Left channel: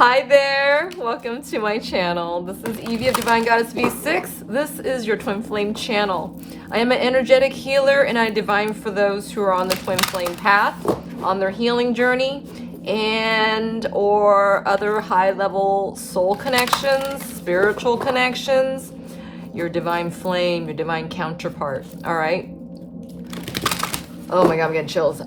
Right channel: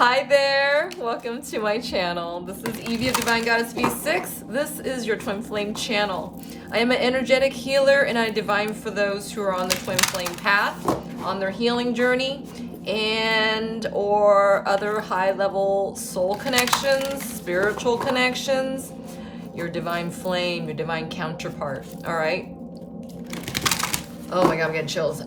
Hi there, welcome to my channel. This is Evee of Divine GoddessV6. This is your twin flame channel. I am an energetic healer and I divine for those who are on the twin flame path, on their healing journey, and or other high level soul connections, spiritual connections, your divine flame, your divine counterpart, all right? Oh my God, I'm getting chills.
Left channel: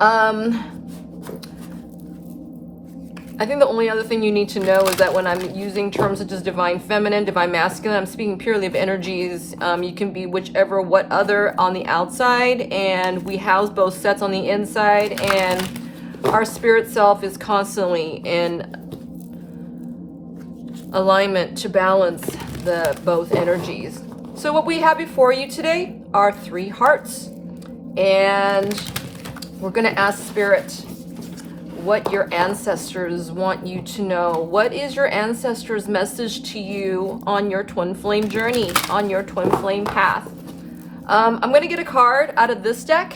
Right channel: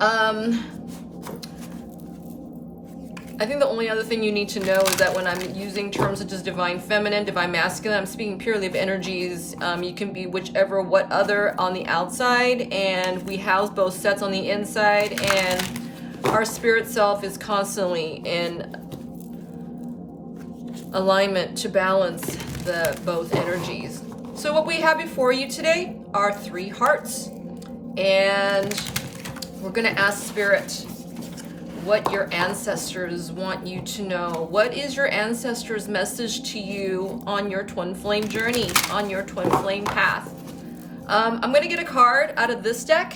I think the only other thing you need to know is that when I'm using terms such as divine feminine, divine masculine, I'm speaking purely of energies. You can be whichever, what other on the outside, and we house both sets on the inside, and our spirit self is constantly in alignment to balance the both energies. So what we have before you today are 3 hearts, and we're going to ask Spirit what your ancestors want you to know. What is your ancestors' message to you on your twin flame journey, on your twin flame path? I'm going to get a card out of this deck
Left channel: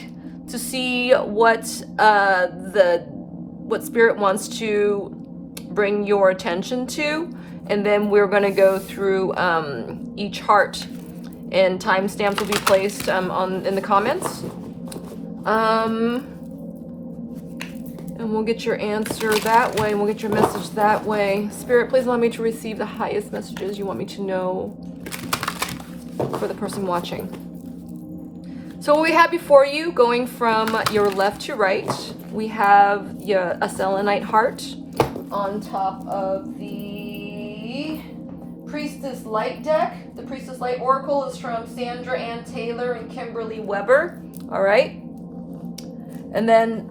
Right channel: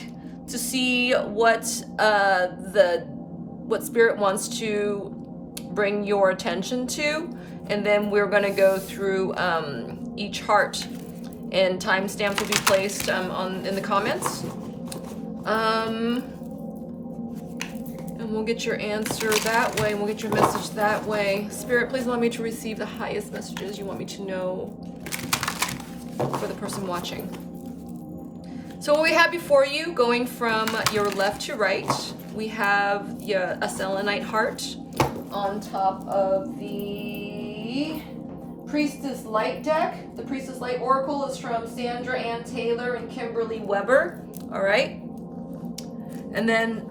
to see what what Spirit wants to bring your attention to, and then we're going to go through each heart, and timestamps will be placed in the comments. And we'll get your answer that way, and we'll get your message that way. Spirit, please allow me to receive the highest messages you want me to know for the person watching. So what we have before you, going from your left to right, we have a selenite heart on top of the Priestess Light deck. The Priestess Light Oracle is from Sandra Ann Taylor and Kimberly Weber. All right. And then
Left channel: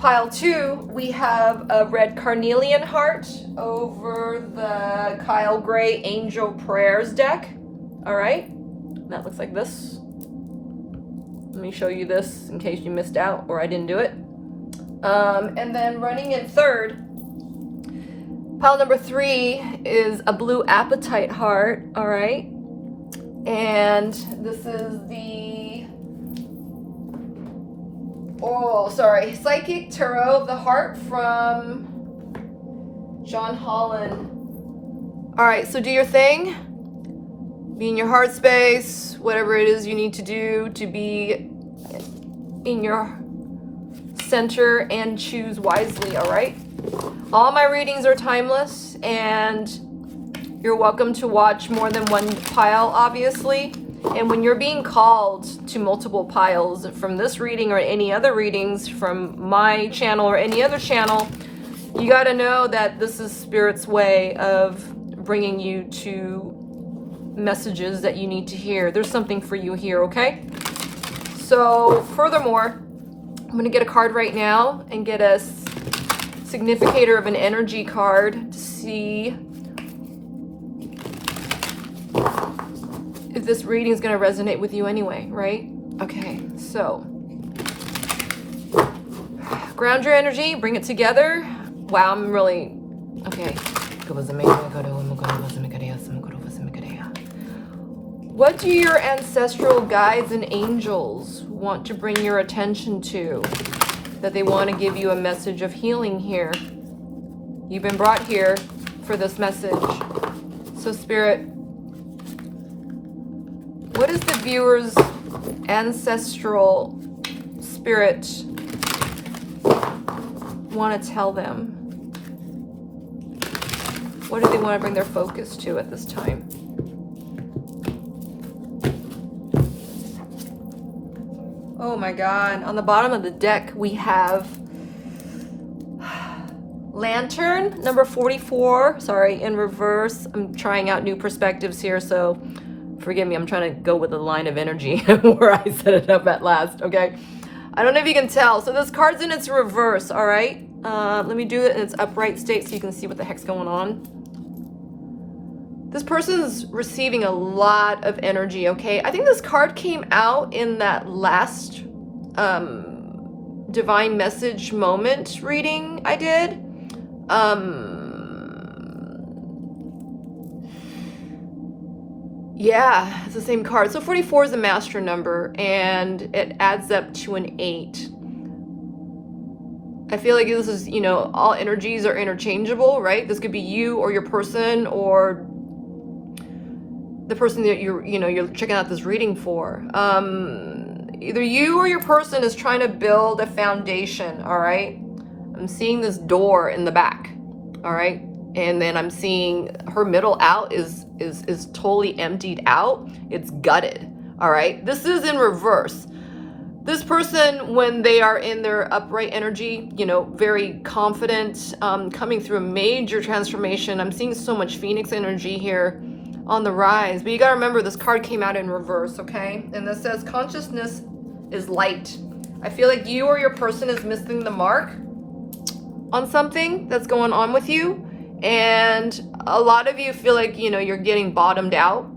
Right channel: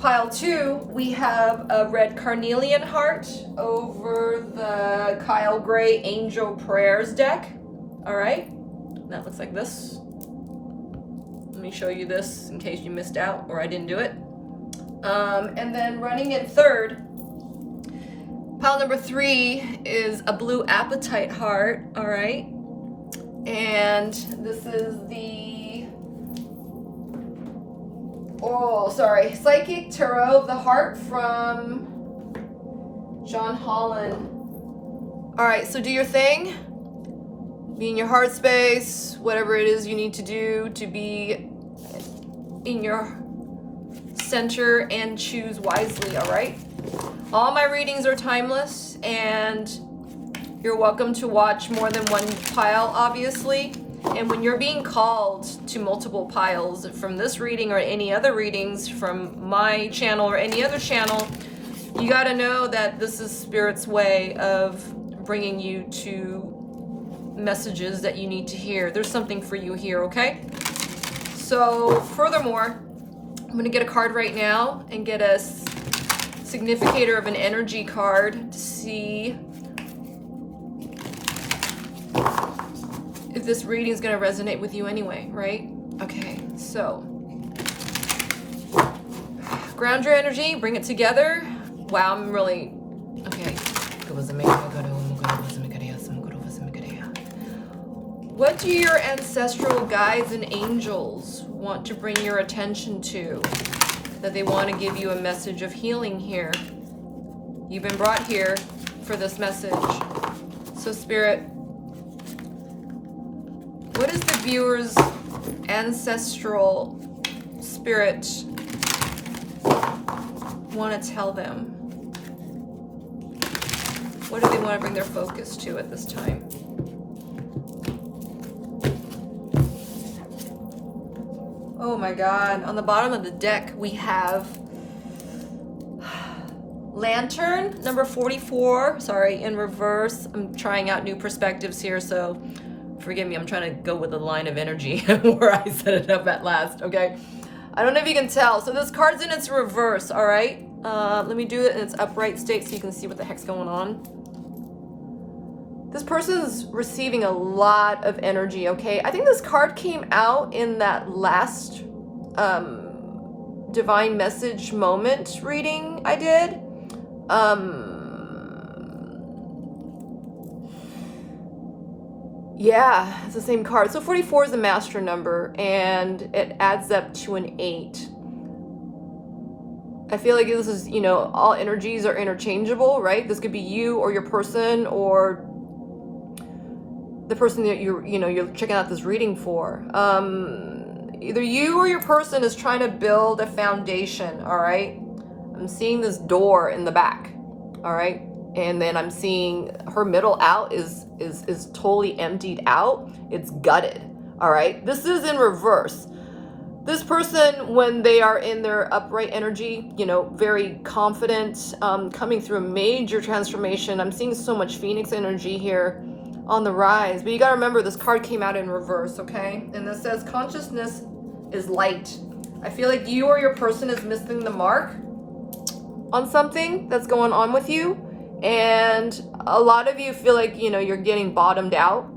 pile 2, we have a red carnelian heart over the Kyle Gray Angel Prayers deck. All right, that looks like this. Let me show you this in case you missed out or I didn't do it. And then running in third, pile number 3 is a blue apatite heart. All right, and this is the Psychic Tarot of the Heart from John Holland. All right, so do your thing. Be in your heart space, whatever it is you need to do to be in your center, and choose wisely, all right? All my readings are timeless, and you're welcome to watch more than one pile, obviously. And when you're being called to multiple piles from this reading or any other readings from my channel or any other channel, you got to know that this is Spirit's way of bringing you to messages that you need to hear. There's something for you here, okay? So furthermore, I'm going to get a card right now and get a significator of an energy card to see if this reading is going to resonate with you anyway, right? Okay, so ground your energy, bring it together. Wow, I'm really, okay. What do your ancestral guides and angels want to bring your attention to? That they want to give you a message of healing here. You've been brought here for this message. So Spirit, what is the viewer's ancestral spirit want to tell them? What do they want to bring their focus to at this time? Oh my God. On the bottom of the deck, we have Lantern, number 44. Sorry, in reverse. I'm trying out new perspectives here, so forgive me, I'm trying to go with the line of energy where I set it up at last, okay? I don't know if you can tell. So this card's in its reverse, all right? Let me do it in its upright state so you can see what the heck's going on. This person's receiving a lot of energy, okay? I think this card came out in that last divine message moment reading I did. Yeah, it's the same card. So 44 is the master number, and it adds up to an 8. I feel like this is, you know, all energies are interchangeable, right? This could be you or your person or the person that you're checking out this reading for. Either you or your person is trying to build a foundation, all right? I'm seeing this door in the back, all right? And then I'm seeing her middle out is totally emptied out. It's gutted, all right? This is in reverse. This person, when they are in their upright energy, you know, very confident, coming through a major transformation. I'm seeing so much Phoenix energy here on the rise. But you gotta remember, this card came out in reverse, okay? And this says consciousness is light. I feel like you or your person is missing the mark on something that's going on with you. And a lot of you feel like, you know, you're getting bottomed out.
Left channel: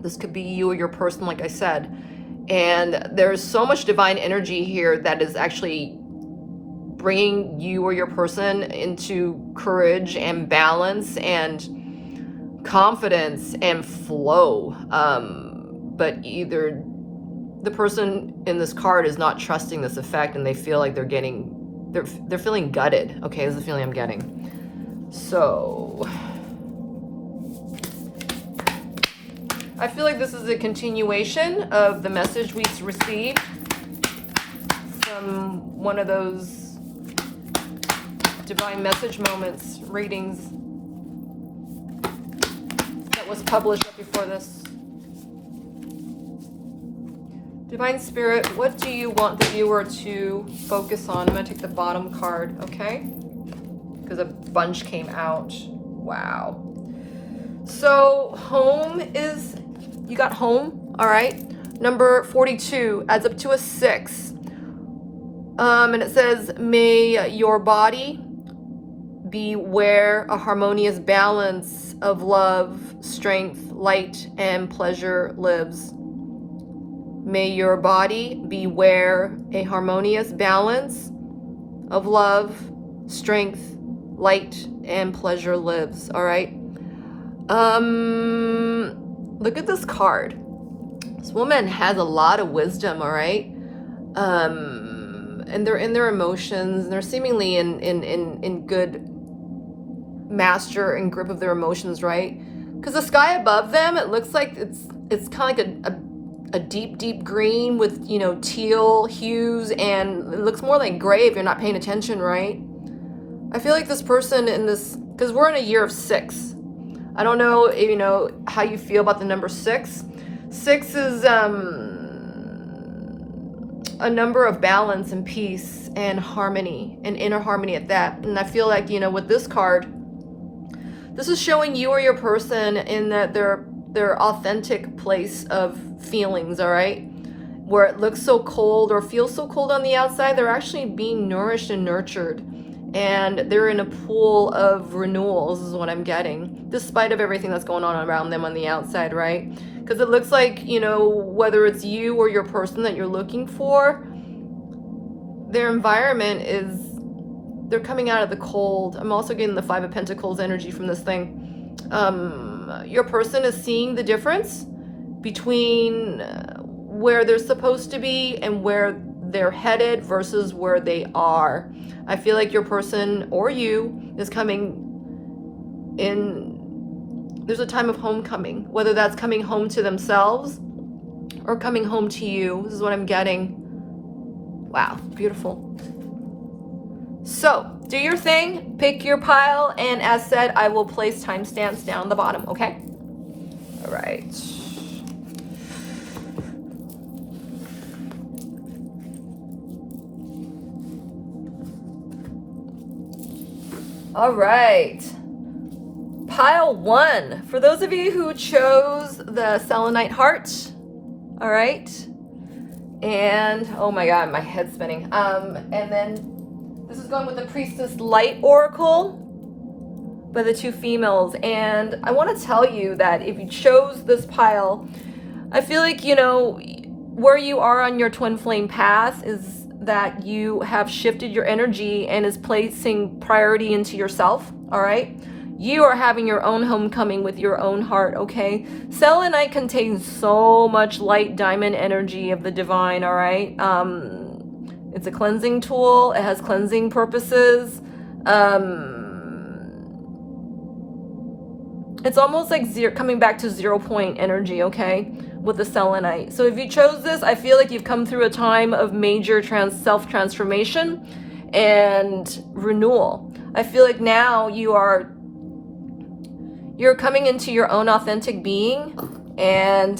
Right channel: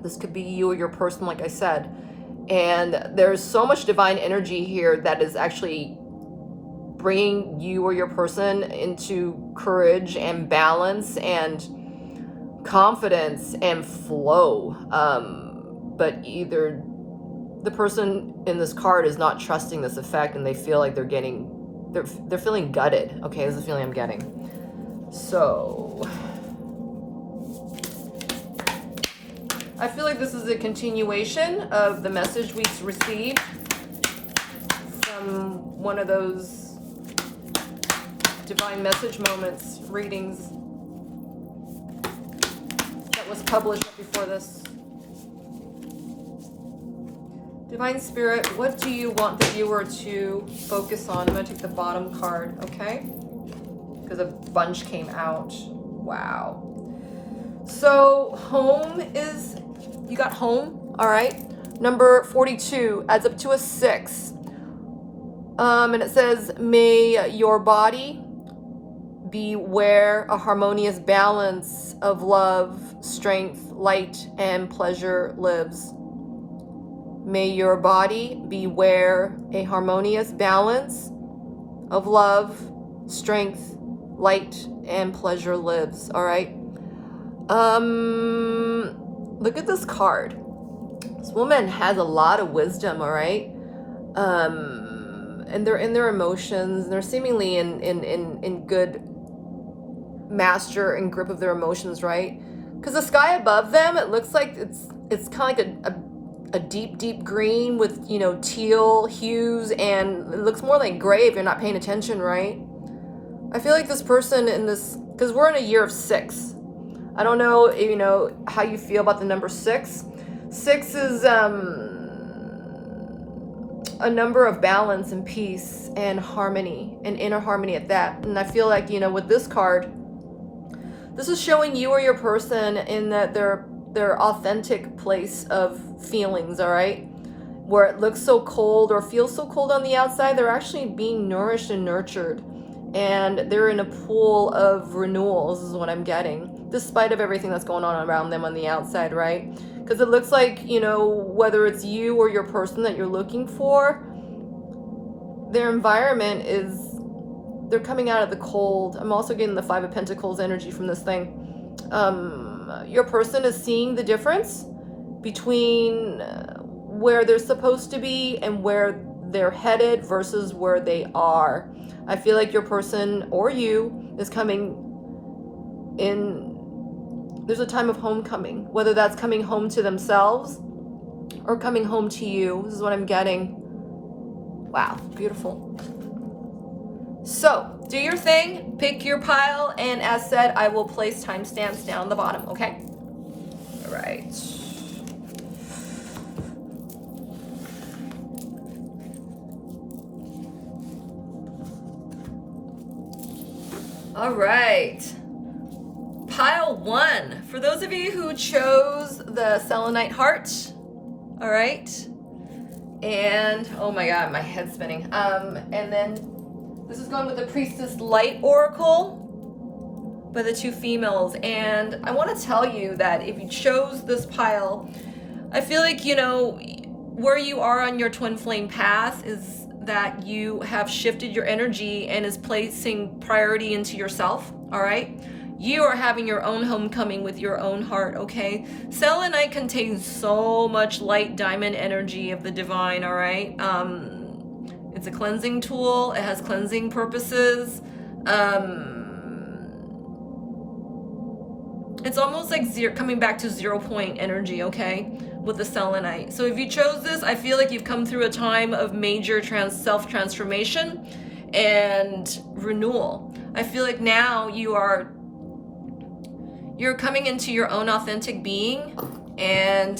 This could be you or your person, like I said. And there's so much divine energy here that is actually bringing you or your person into courage and balance and confidence and flow. But either the person in this card is not trusting this effect, and they feel like they're feeling gutted. Okay, this is the feeling I'm getting. So I feel like this is a continuation of the message we received from one of those divine message moments readings that was published before this. Divine Spirit, what do you want the viewer to focus on? I'm going to take the bottom card, okay? Because a bunch came out. Wow. So home is, you got home, all right? Number 42 adds up to a 6. And it says, may your body be where a harmonious balance of love, strength, light, and pleasure lives. May your body be where a harmonious balance of love, strength, light, and pleasure lives. All right. Look at this card. This woman has a lot of wisdom. All right. And they're in their emotions. They're seemingly in good master and grip of their emotions, right? Because the sky above them, it looks like it's kind of like a deep green with, you know, teal hues, and it looks more like gray if you're not paying attention, right? I feel like this person in this, because we're in a year of 6. I don't know, you know, how you feel about the number 6. 6 is a number of balance and peace and harmony and inner harmony at that. And I feel like, you know, with this card, this is showing you or your person in that their authentic place of feelings, all right? Where it looks so cold or feels so cold on the outside, they're actually being nourished and nurtured. And they're in a pool of renewal, this is what I'm getting, despite of everything that's going on around them on the outside, right? Because it looks like, you know, whether it's you or your person that you're looking for, their environment is, they're coming out of the cold. I'm also getting the 5 of Pentacles energy from this thing. Your person is seeing the difference between where they're supposed to be and where they're headed versus where they are. I feel like your person or you is coming in, there's a time of homecoming, whether that's coming home to themselves or coming home to you. This is what I'm getting. Wow, beautiful. So, do your thing, pick your pile, and as said, I will place timestamps down the bottom, okay? All right. All right. Pile 1. For those of you who chose the selenite heart, all right? And, oh my God, my head's spinning. And then this is going with the Priestess Light Oracle by the 2 females. And I want to tell you that if you chose this pile, I feel like, you know, where you are on your twin flame path is that you have shifted your energy and is placing priority into yourself, all right? You are having your own homecoming with your own heart, okay? Selenite contains so much light diamond energy of the divine, all right? It's a cleansing tool. It has cleansing purposes. It's almost like coming back to 0 point energy, okay, with the selenite. So if you chose this, I feel like you've come through a time of major self-transformation and renewal. I feel like now you're coming into your own authentic being, and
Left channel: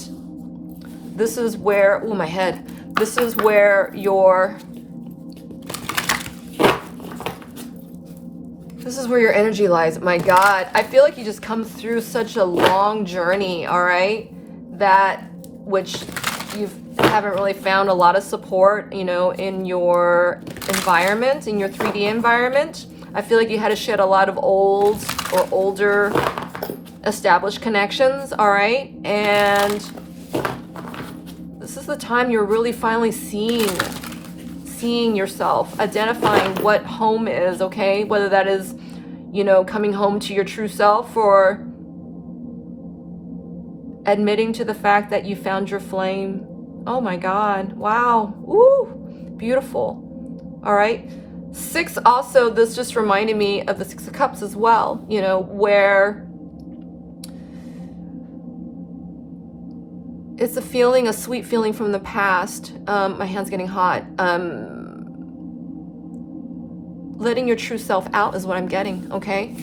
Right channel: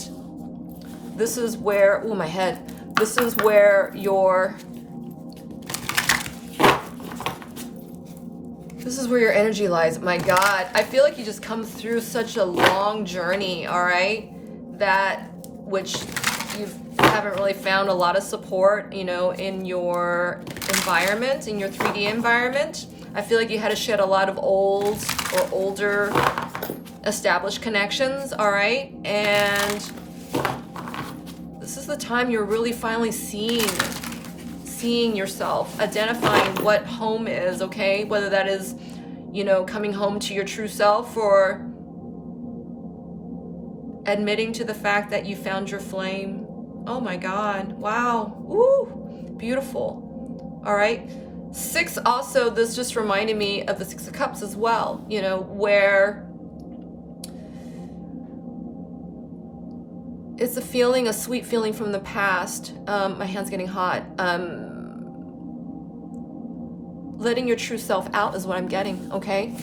this is where, oh, my head. This is where your energy lies. My God, I feel like you just come through such a long journey, all right? That which you haven't really found a lot of support, you know, in your environment, in your 3D environment. I feel like you had to shed a lot of old or older established connections, all right? And this is the time you're really finally seeing yourself, identifying what home is, okay? Whether that is, you know, coming home to your true self, or admitting to the fact that you found your flame. Oh my God, wow, woo, beautiful. All right, 6 also, this just reminded me of the 6 of Cups as well, you know, where it's a feeling, a sweet feeling from the past. My hand's getting hot. Letting your true self out is what I'm getting, okay?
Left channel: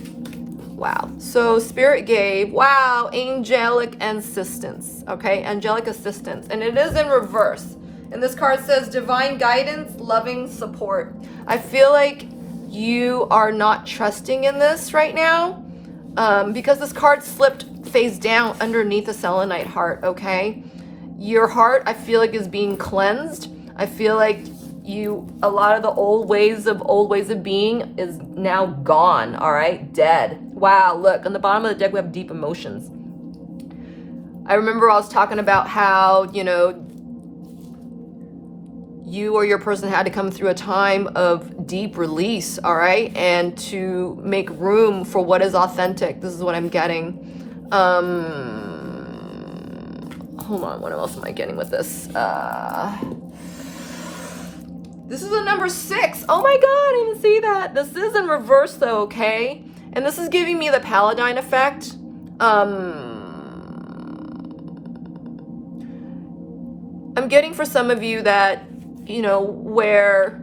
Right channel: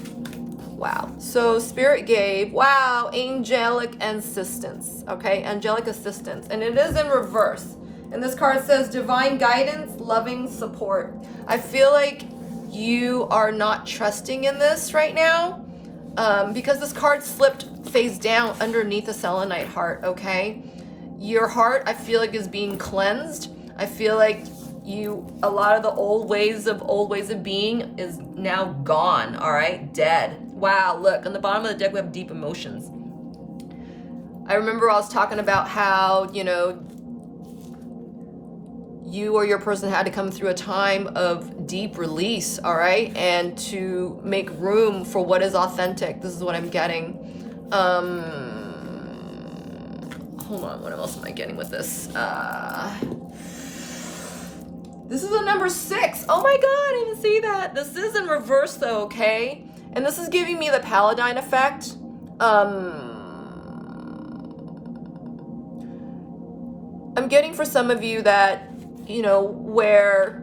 Wow. So Spirit gave, wow, angelic assistance, okay? Angelic assistance. And it is in reverse. And this card says divine guidance, loving support. I feel like you are not trusting in this right now, because this card slipped face down underneath the selenite heart, okay? Your heart, I feel like, is being cleansed. I feel like a lot of the old ways of being is now gone, all right? Dead. Wow, look, on the bottom of the deck we have deep emotions. I remember I was talking about how, you know, you or your person had to come through a time of deep release, all right? And to make room for what is authentic. This is what I'm getting. Hold on, what else am I getting with this? This is a number 6. Oh my God, I didn't see that. This is in reverse though, okay? And this is giving me the Paladin effect. I'm getting for some of you that, you know, where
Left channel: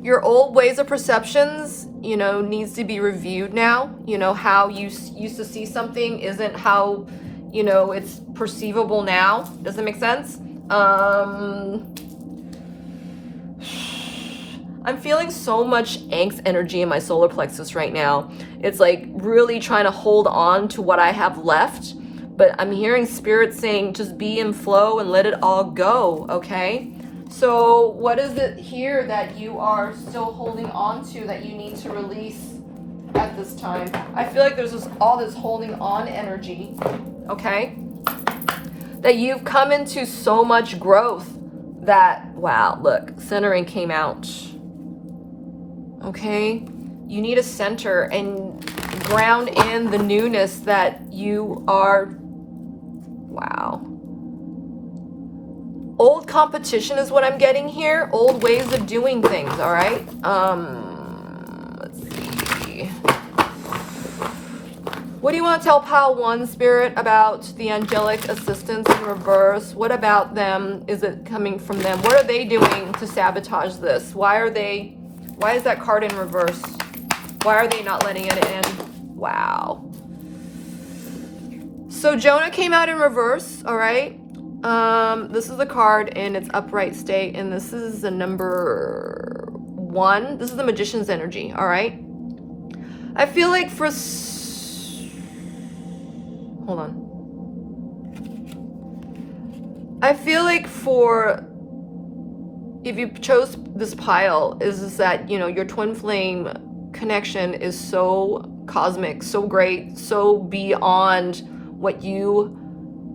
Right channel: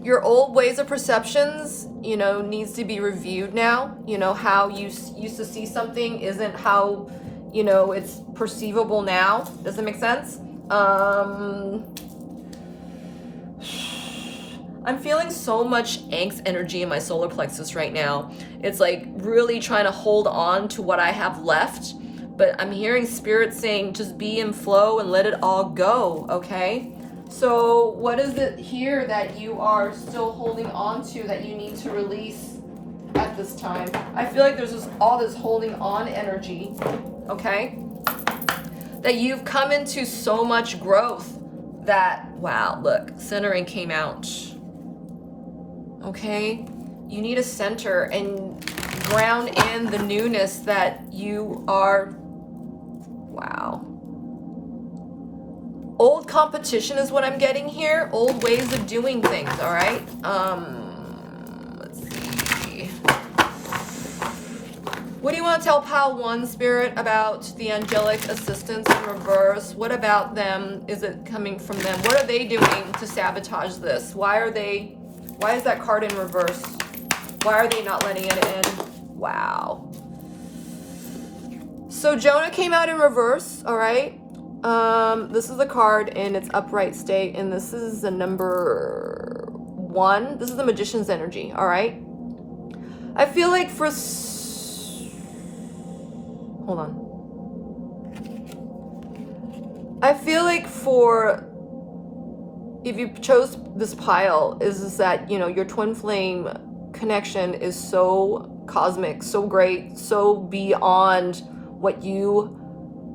your old ways of perceptions, you know, needs to be reviewed now. You know, how you used to see something isn't how, you know, it's perceivable now. Does it make sense? I'm feeling so much angst energy in my solar plexus right now. It's like really trying to hold on to what I have left, but I'm hearing Spirit saying just be in flow and let it all go, okay? So what is it here that you are still holding on to that you need to release at this time? I feel like there's all this holding on energy, okay? That you've come into so much growth that, wow, look, centering came out. Okay, you need a center and ground in the newness that you are. Wow. Old competition is what I'm getting here. Old ways of doing things, all right? Let's see. What do you want to tell Pile 1, Spirit, about the angelic assistance in reverse? What about them? Is it coming from them? What are they doing to sabotage this? Why is that card in reverse? Why are they not letting it in? Wow. So Jonah came out in reverse, all right? This is the card in its upright state, and this is the number 1. This is the Magician's energy, all right? I feel like hold on. I feel like if you chose this pile, is that, you know, your twin flame connection is so cosmic, so great, so beyond what you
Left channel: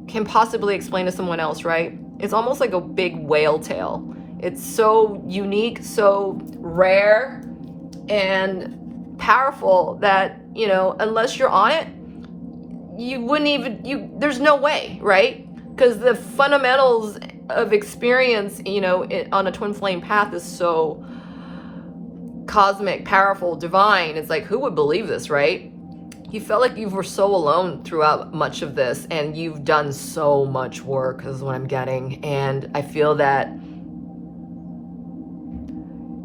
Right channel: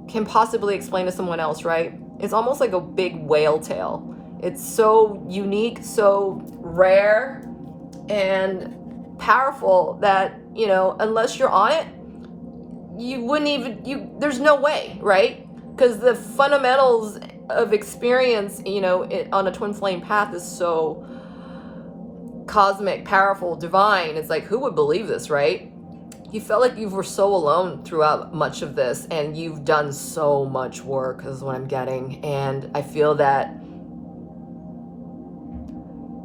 can possibly explain to someone else, right? It's almost like a big whale tail. It's so unique, so rare and powerful that, you know, unless you're on it, you wouldn't even, there's no way, right? Because the fundamentals of experience, you know, on a twin flame path is so cosmic, powerful, divine. It's like, who would believe this, right? You felt like you were so alone throughout much of this, and you've done so much work, is what I'm getting. And I feel that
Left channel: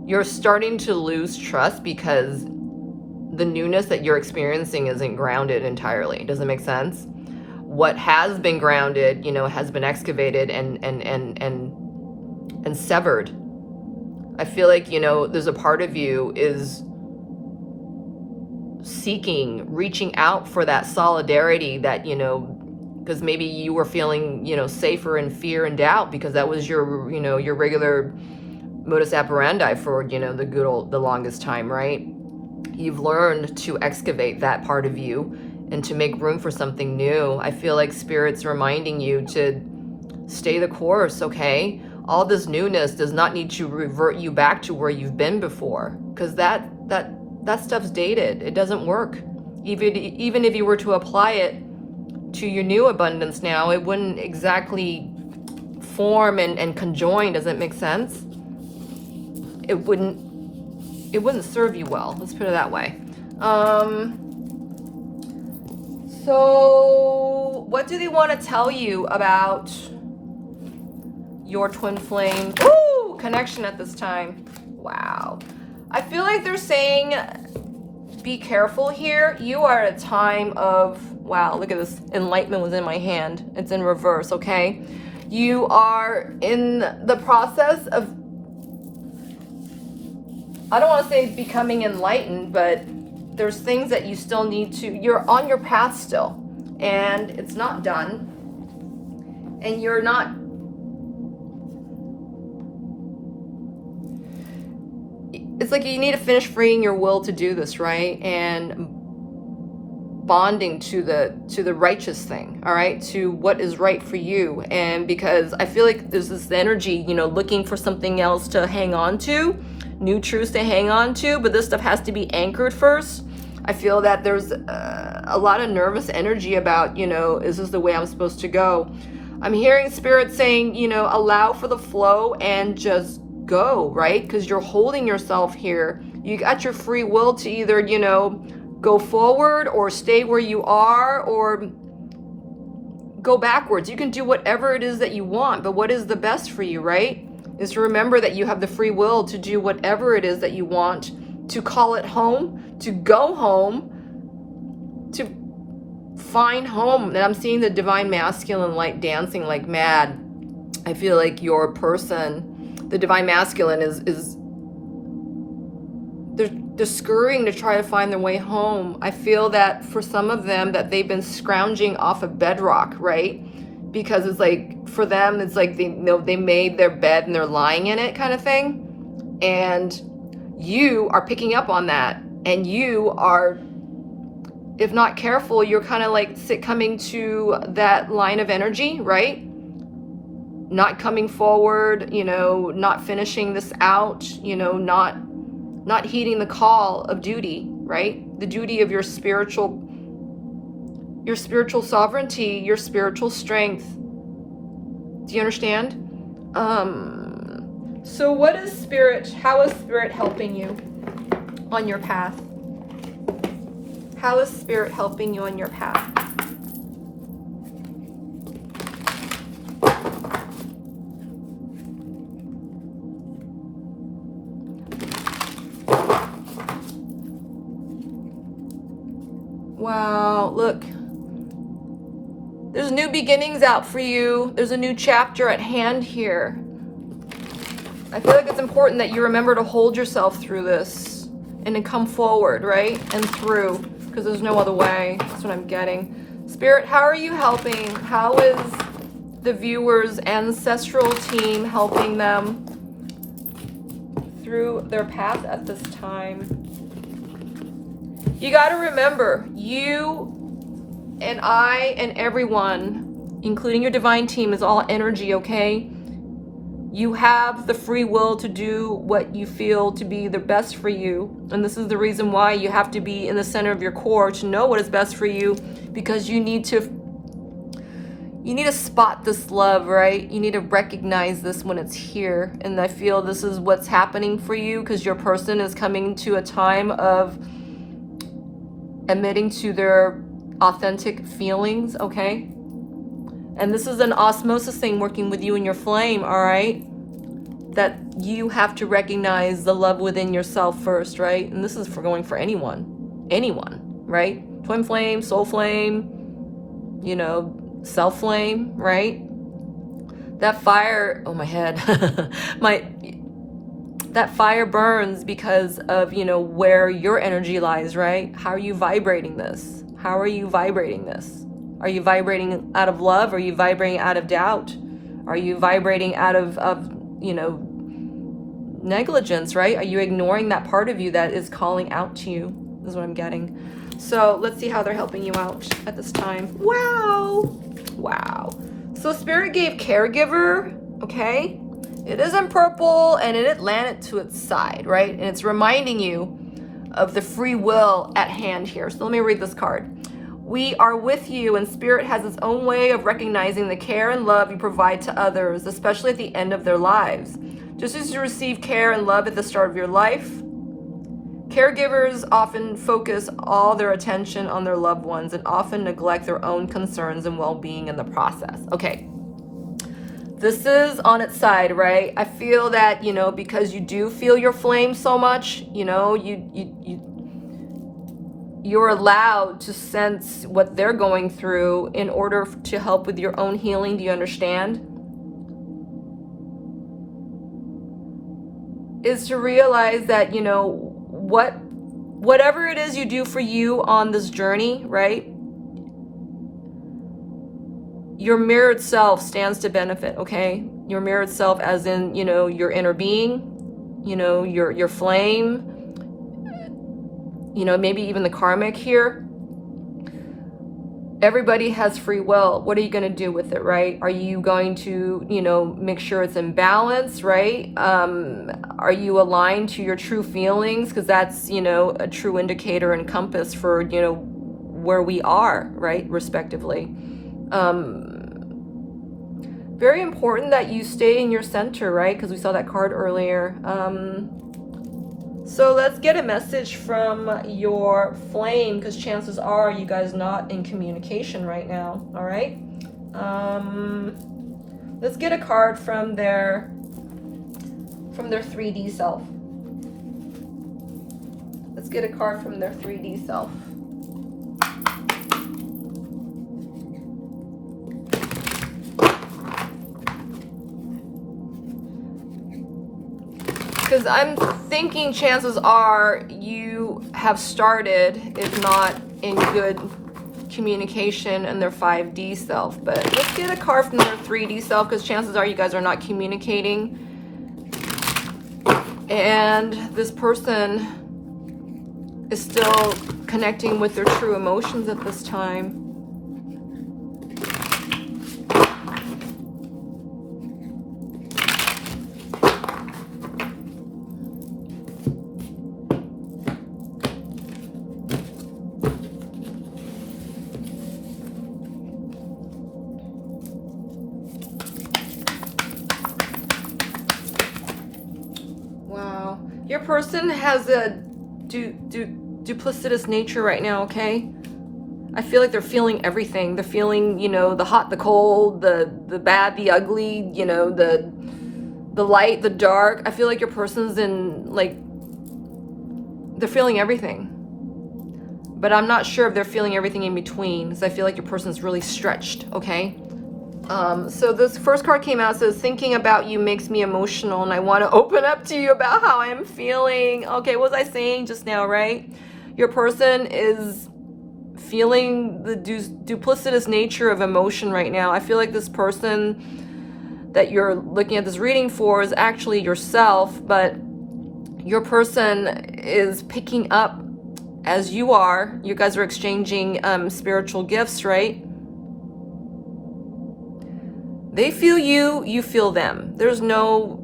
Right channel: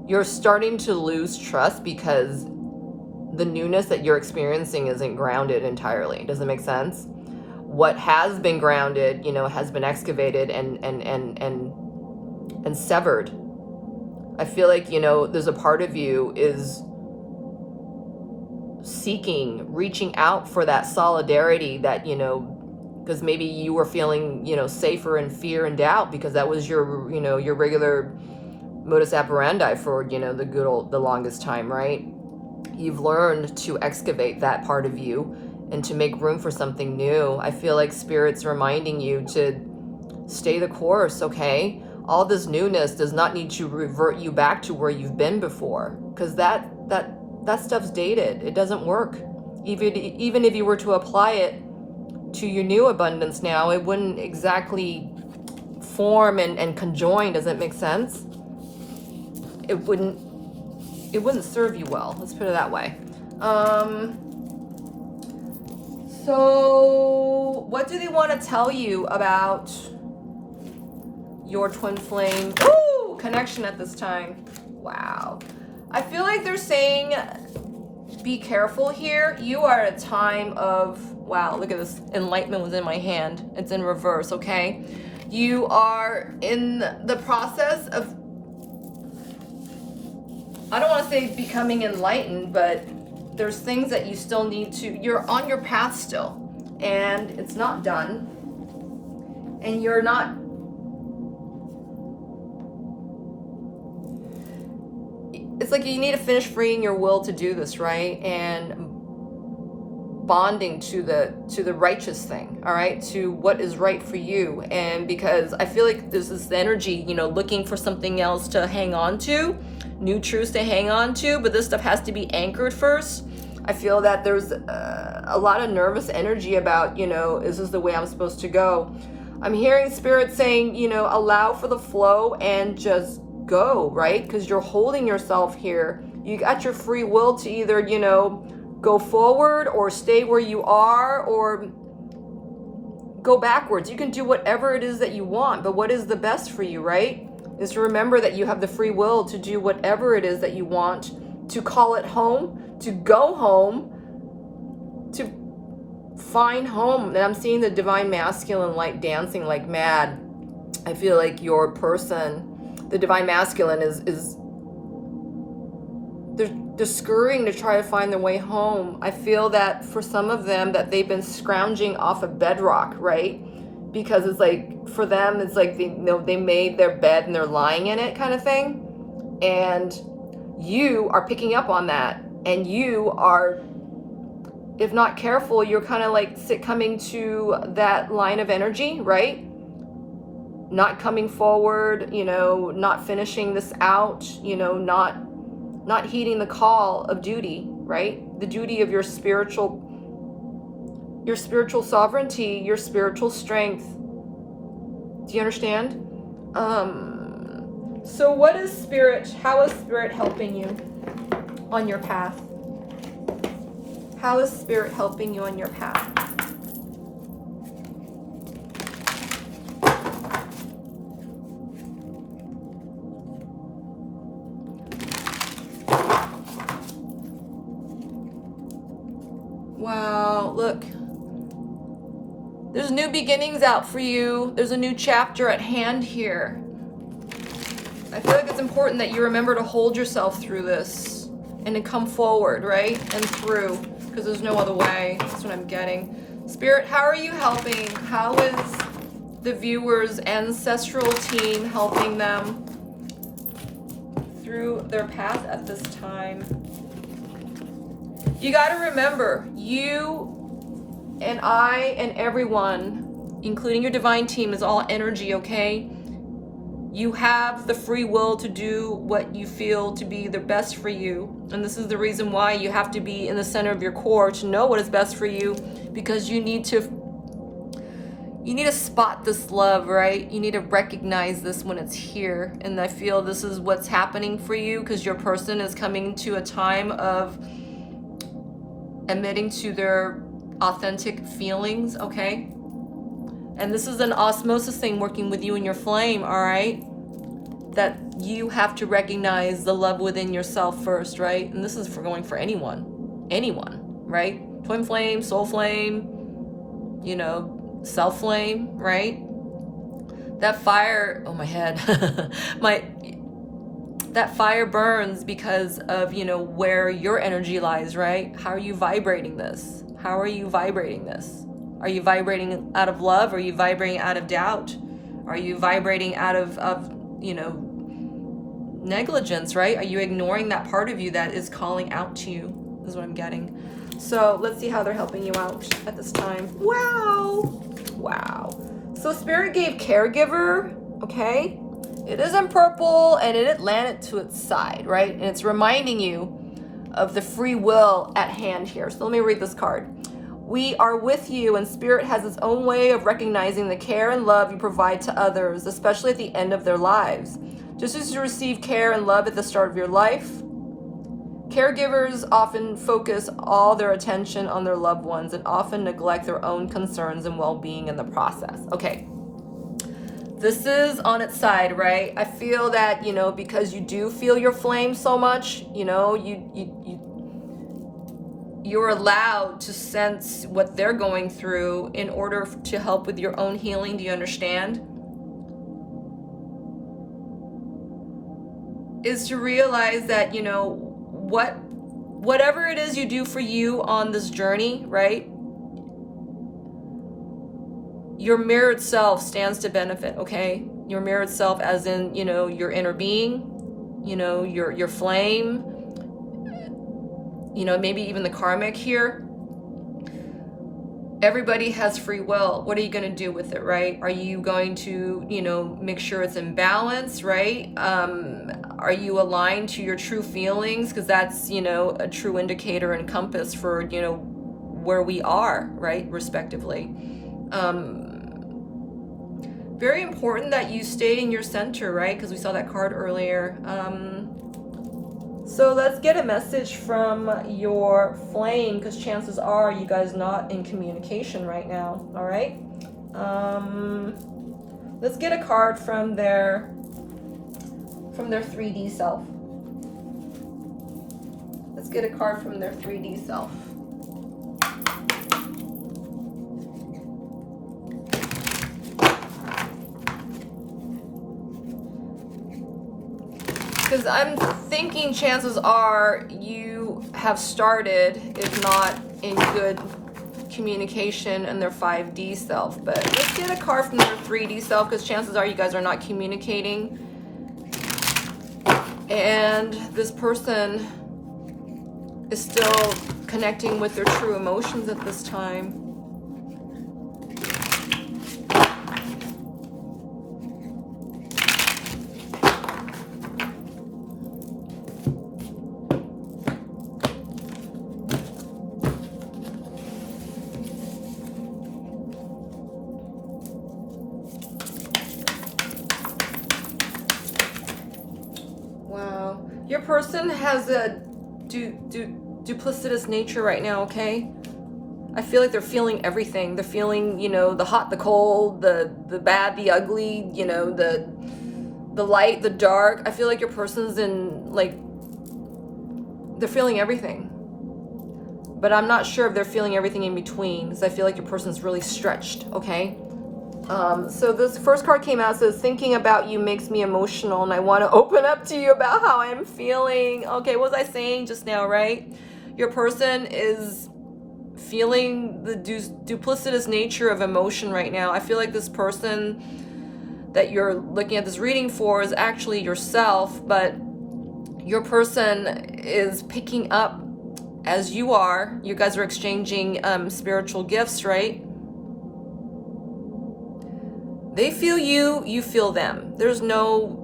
you're starting to lose trust because the newness that you're experiencing isn't grounded entirely. Does it make sense? What has been grounded, you know, has been excavated and severed. I feel like, you know, there's a part of you is seeking, reaching out for that solidarity that, you know, because maybe you were feeling, you know, safer in fear and doubt because that was your, you know, your regular modus operandi for, you know, the longest time, right? You've learned to excavate that part of you and to make room for something new. I feel like Spirit's reminding you to stay the course, okay? All this newness does not need to revert you back to where you've been before, because that stuff's dated. It doesn't work. Even if you were to apply it to your new abundance now, it wouldn't exactly form and conjoin. Does that make sense? It wouldn't serve you well. Let's put it that way. So what do they want to tell you about your twin flame connection at this time? Wow. I feel like they're saying be careful here. You are at a time of, wow, look at this. Enlightenment was in my hand. It's in reverse, okay? You are in the process of, I don't want to say becoming enlightened, but there's things that you still need to, you're on your path still, and it's not done. And you're not, it's like you need to finish freeing your will to do this, right? And bonding to the righteous thing, all right? To what is right for you. And because I feel like there's this energy, you know, looking for something else to hang on to, new truths to hang on to, but this stuff has to be anchored first. I feel that there's a lot of nervous energy about, you know, is this the way I'm supposed to go? I'm hearing Spirit saying, you know, allow for the flow and just go, right? Because you're holding yourself here. You got your free will to either, you know, go forward or stay where you are or go backwards. You can do whatever it is that you want, but what is the best for you, right? Is to remember that you have the free will to do whatever it is that you want, to call it home, to go home, to find home. And I'm seeing the divine masculine light dancing like mad. I feel like your person, the divine masculine is they're scurrying to try to find their way home. I feel that for some of them that they've been scrounging off of bedrock, right? Because it's like, for them, it's like they made their bed and they're lying in it kind of thing. And you are picking up on that. And you are, if not careful, you're kind of like coming to that line of energy, right? Not coming forward, you know, not finishing this out, you know, not heeding the call of duty, right? The duty of your spiritual sovereignty, your spiritual strength. Do you understand? So what is Spirit, how is Spirit helping you on your path? How is Spirit helping you on your path? Wow, look. There's new beginnings out for you. There's a new chapter at hand here. I feel like it's important that you remember to hold yourself through this and to come forward, right? And through, because there's no other way. That's what I'm getting. Spirit, how are you helping? How is the viewers' ancestral team helping them through their path at this time? You got to remember, you and I and everyone, including your divine team, is all energy, okay? You have the free will to do what you feel to be the best for you. And this is the reason why you have to be in the center of your core to know what is best for you, because you need to You need to spot this love, right? You need to recognize this when it's here. And I feel this is what's happening for you, because your person is coming to a time of admitting to their authentic feelings, okay? And this is an osmosis thing working with you and your flame, all right? That you have to recognize the love within yourself first, right? And this is for going for anyone, right? Twin flame, soul flame, you know, self flame, right? That fire, oh my head, that fire burns because of, you know, where your energy lies, right? How are you vibrating this? How are you vibrating this? Are you vibrating out of love? Are you vibrating out of doubt? Are you vibrating out of you know, negligence, right? Are you ignoring that part of you that is calling out to you? Is what I'm getting. So let's see how they're helping you out at this time. Wow. So Spirit gave caregiver, okay? It is in purple and it landed to its side, right? And it's reminding you of the free will at hand here. So let me read this card. We are with you, and Spirit has its own way of recognizing the care and love you provide to others, especially at the end of their lives. Just as you receive care and love at the start of your life, caregivers often focus all their attention on their loved ones and often neglect their own concerns and well-being in the process. Okay, this is on its side, right? I feel that, you know, because you do feel your flame so much, you know, you're allowed to sense what they're going through in order to help with your own healing. Do you understand? Is to realize that, you know, whatever it is you do for you on this journey, right? Your mirrored self stands to benefit, okay? Your mirrored self as in, you know, your inner being, you know, your flame, you know, maybe even the karmic here. Everybody has free will. What are you going to do with it, right? Are you going to, you know, make sure it's in balance, right? Are you aligned to your true feelings? Because that's, you know, a true indicator and compass for, you know, where we are, right, respectively. Very important that you stay in your center, right? Because we saw that card earlier. So let's get a message from your flame, because chances are you guys not in communication right now, all right? Let's get a card from their 3D self. Let's get a card from their 3D self. Because I'm thinking chances are you have started, if not in good communication, in their 5D self. But let's get a card from their 3D self, because chances are you guys are not communicating. And this person is still connecting with their true emotions at this time. Your person has a duplicitous nature right now, okay? I feel like they're feeling everything. They're feeling, you know, the hot, the cold, the bad, the ugly, you know, the light, the dark. I feel like your person's in, like, they're feeling everything. But I'm not sure if they're feeling everything in between, because I feel like your person's really stretched, okay? So this first card came out, says, thinking about you makes me emotional, and I want to open up to you about how I'm feeling. Okay, what was I saying just now, right? Your person is feeling the duplicitous nature of emotion right now. I feel like this person that you're looking at this reading for is actually yourself, but your person is picking up as you are. You guys are exchanging spiritual gifts, right? They feel you, you feel them. There's no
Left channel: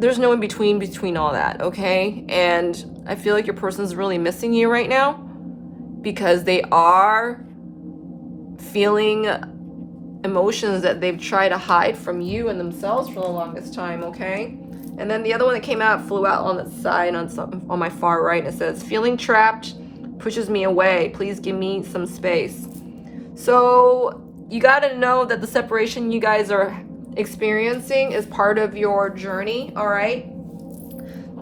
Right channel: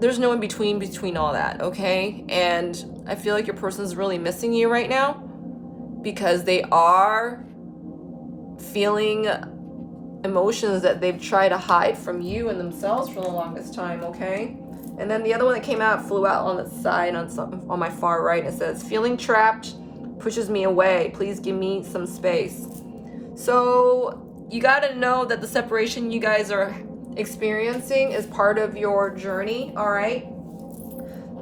in between all that, okay? And I feel like your person's really missing you right now, because they are feeling emotions that they've tried to hide from you and themselves for the longest time, okay? And then the other one that came out flew out on the side on my far right. It says, feeling trapped pushes me away. Please give me some space. So you got to know that the separation you guys are experiencing is part of your journey, all right?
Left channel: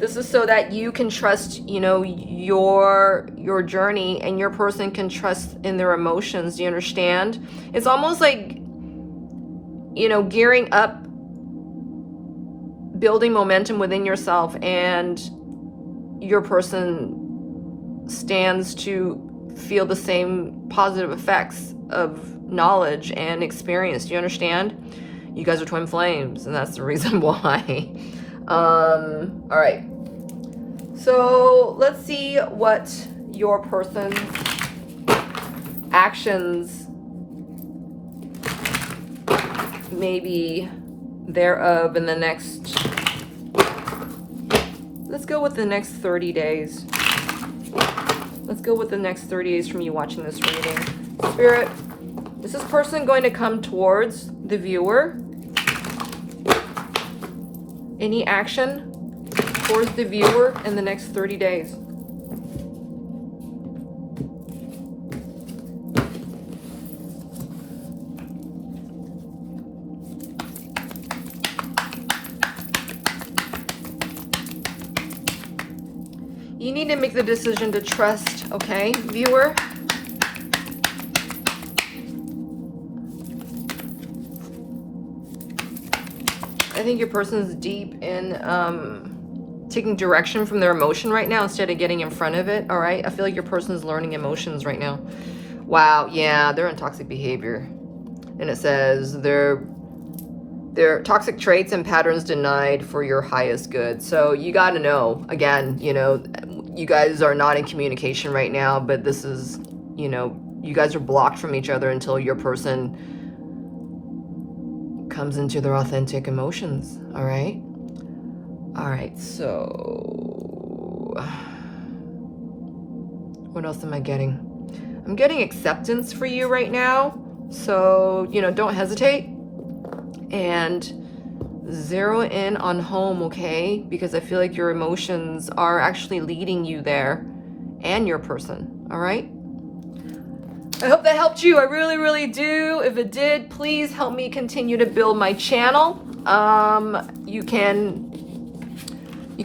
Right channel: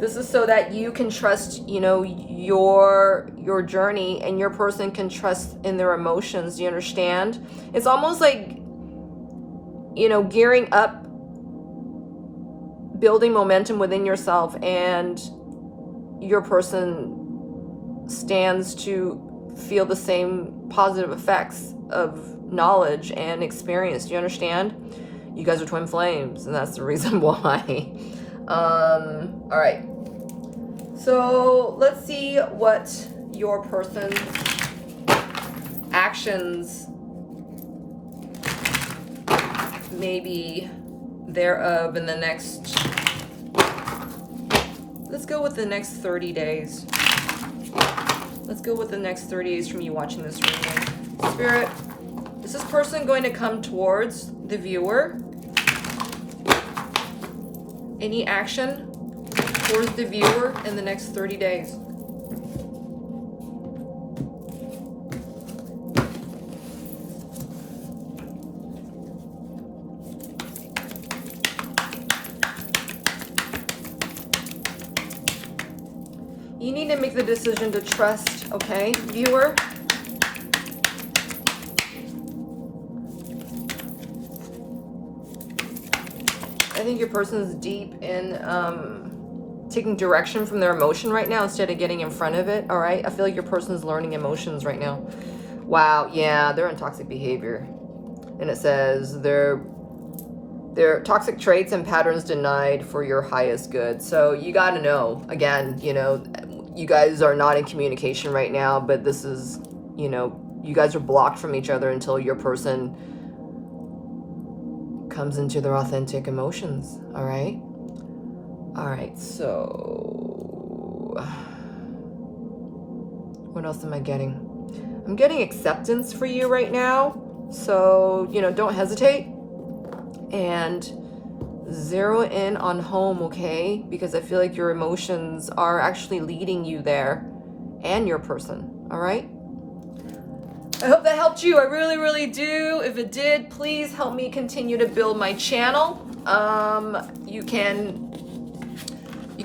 This is so that you can trust, you know, your journey, and your person can trust in their emotions. Do you understand? It's almost like, you know, gearing up, building momentum within yourself, and your person stands to feel the same positive effects of knowledge and experience. Do you understand? You guys are twin flames, and that's the reason why. All right. So let's see what your person's actions maybe thereof in the next, let's go with the next 30 days. Let's go with the next 30 days from you watching this reading. Spirit, is this person going to come towards the viewer? Any action towards the viewer in the next 30 days? You need to make the decision to trust, okay, viewer? I think your person's deep in taking direction from their emotion right now instead of getting in front of it, all right? I feel like your person's learning emotions right now. Wow, yeah, they're in toxic behavior. And it says their toxic traits and patterns denied for your highest good. So you got to know, again, you know, you guys are not in communication right now, but this is, you know, you guys are blocked from each other until your person comes into their authentic emotions, all right? All right, so what else am I getting? I'm getting acceptance for you right now. So, you know, don't hesitate and zero in on home, okay? Because I feel like your emotions are actually leading you there, and your person, all right? I hope that helped you. I really, really do. If it did, please help me continue to build my channel. You can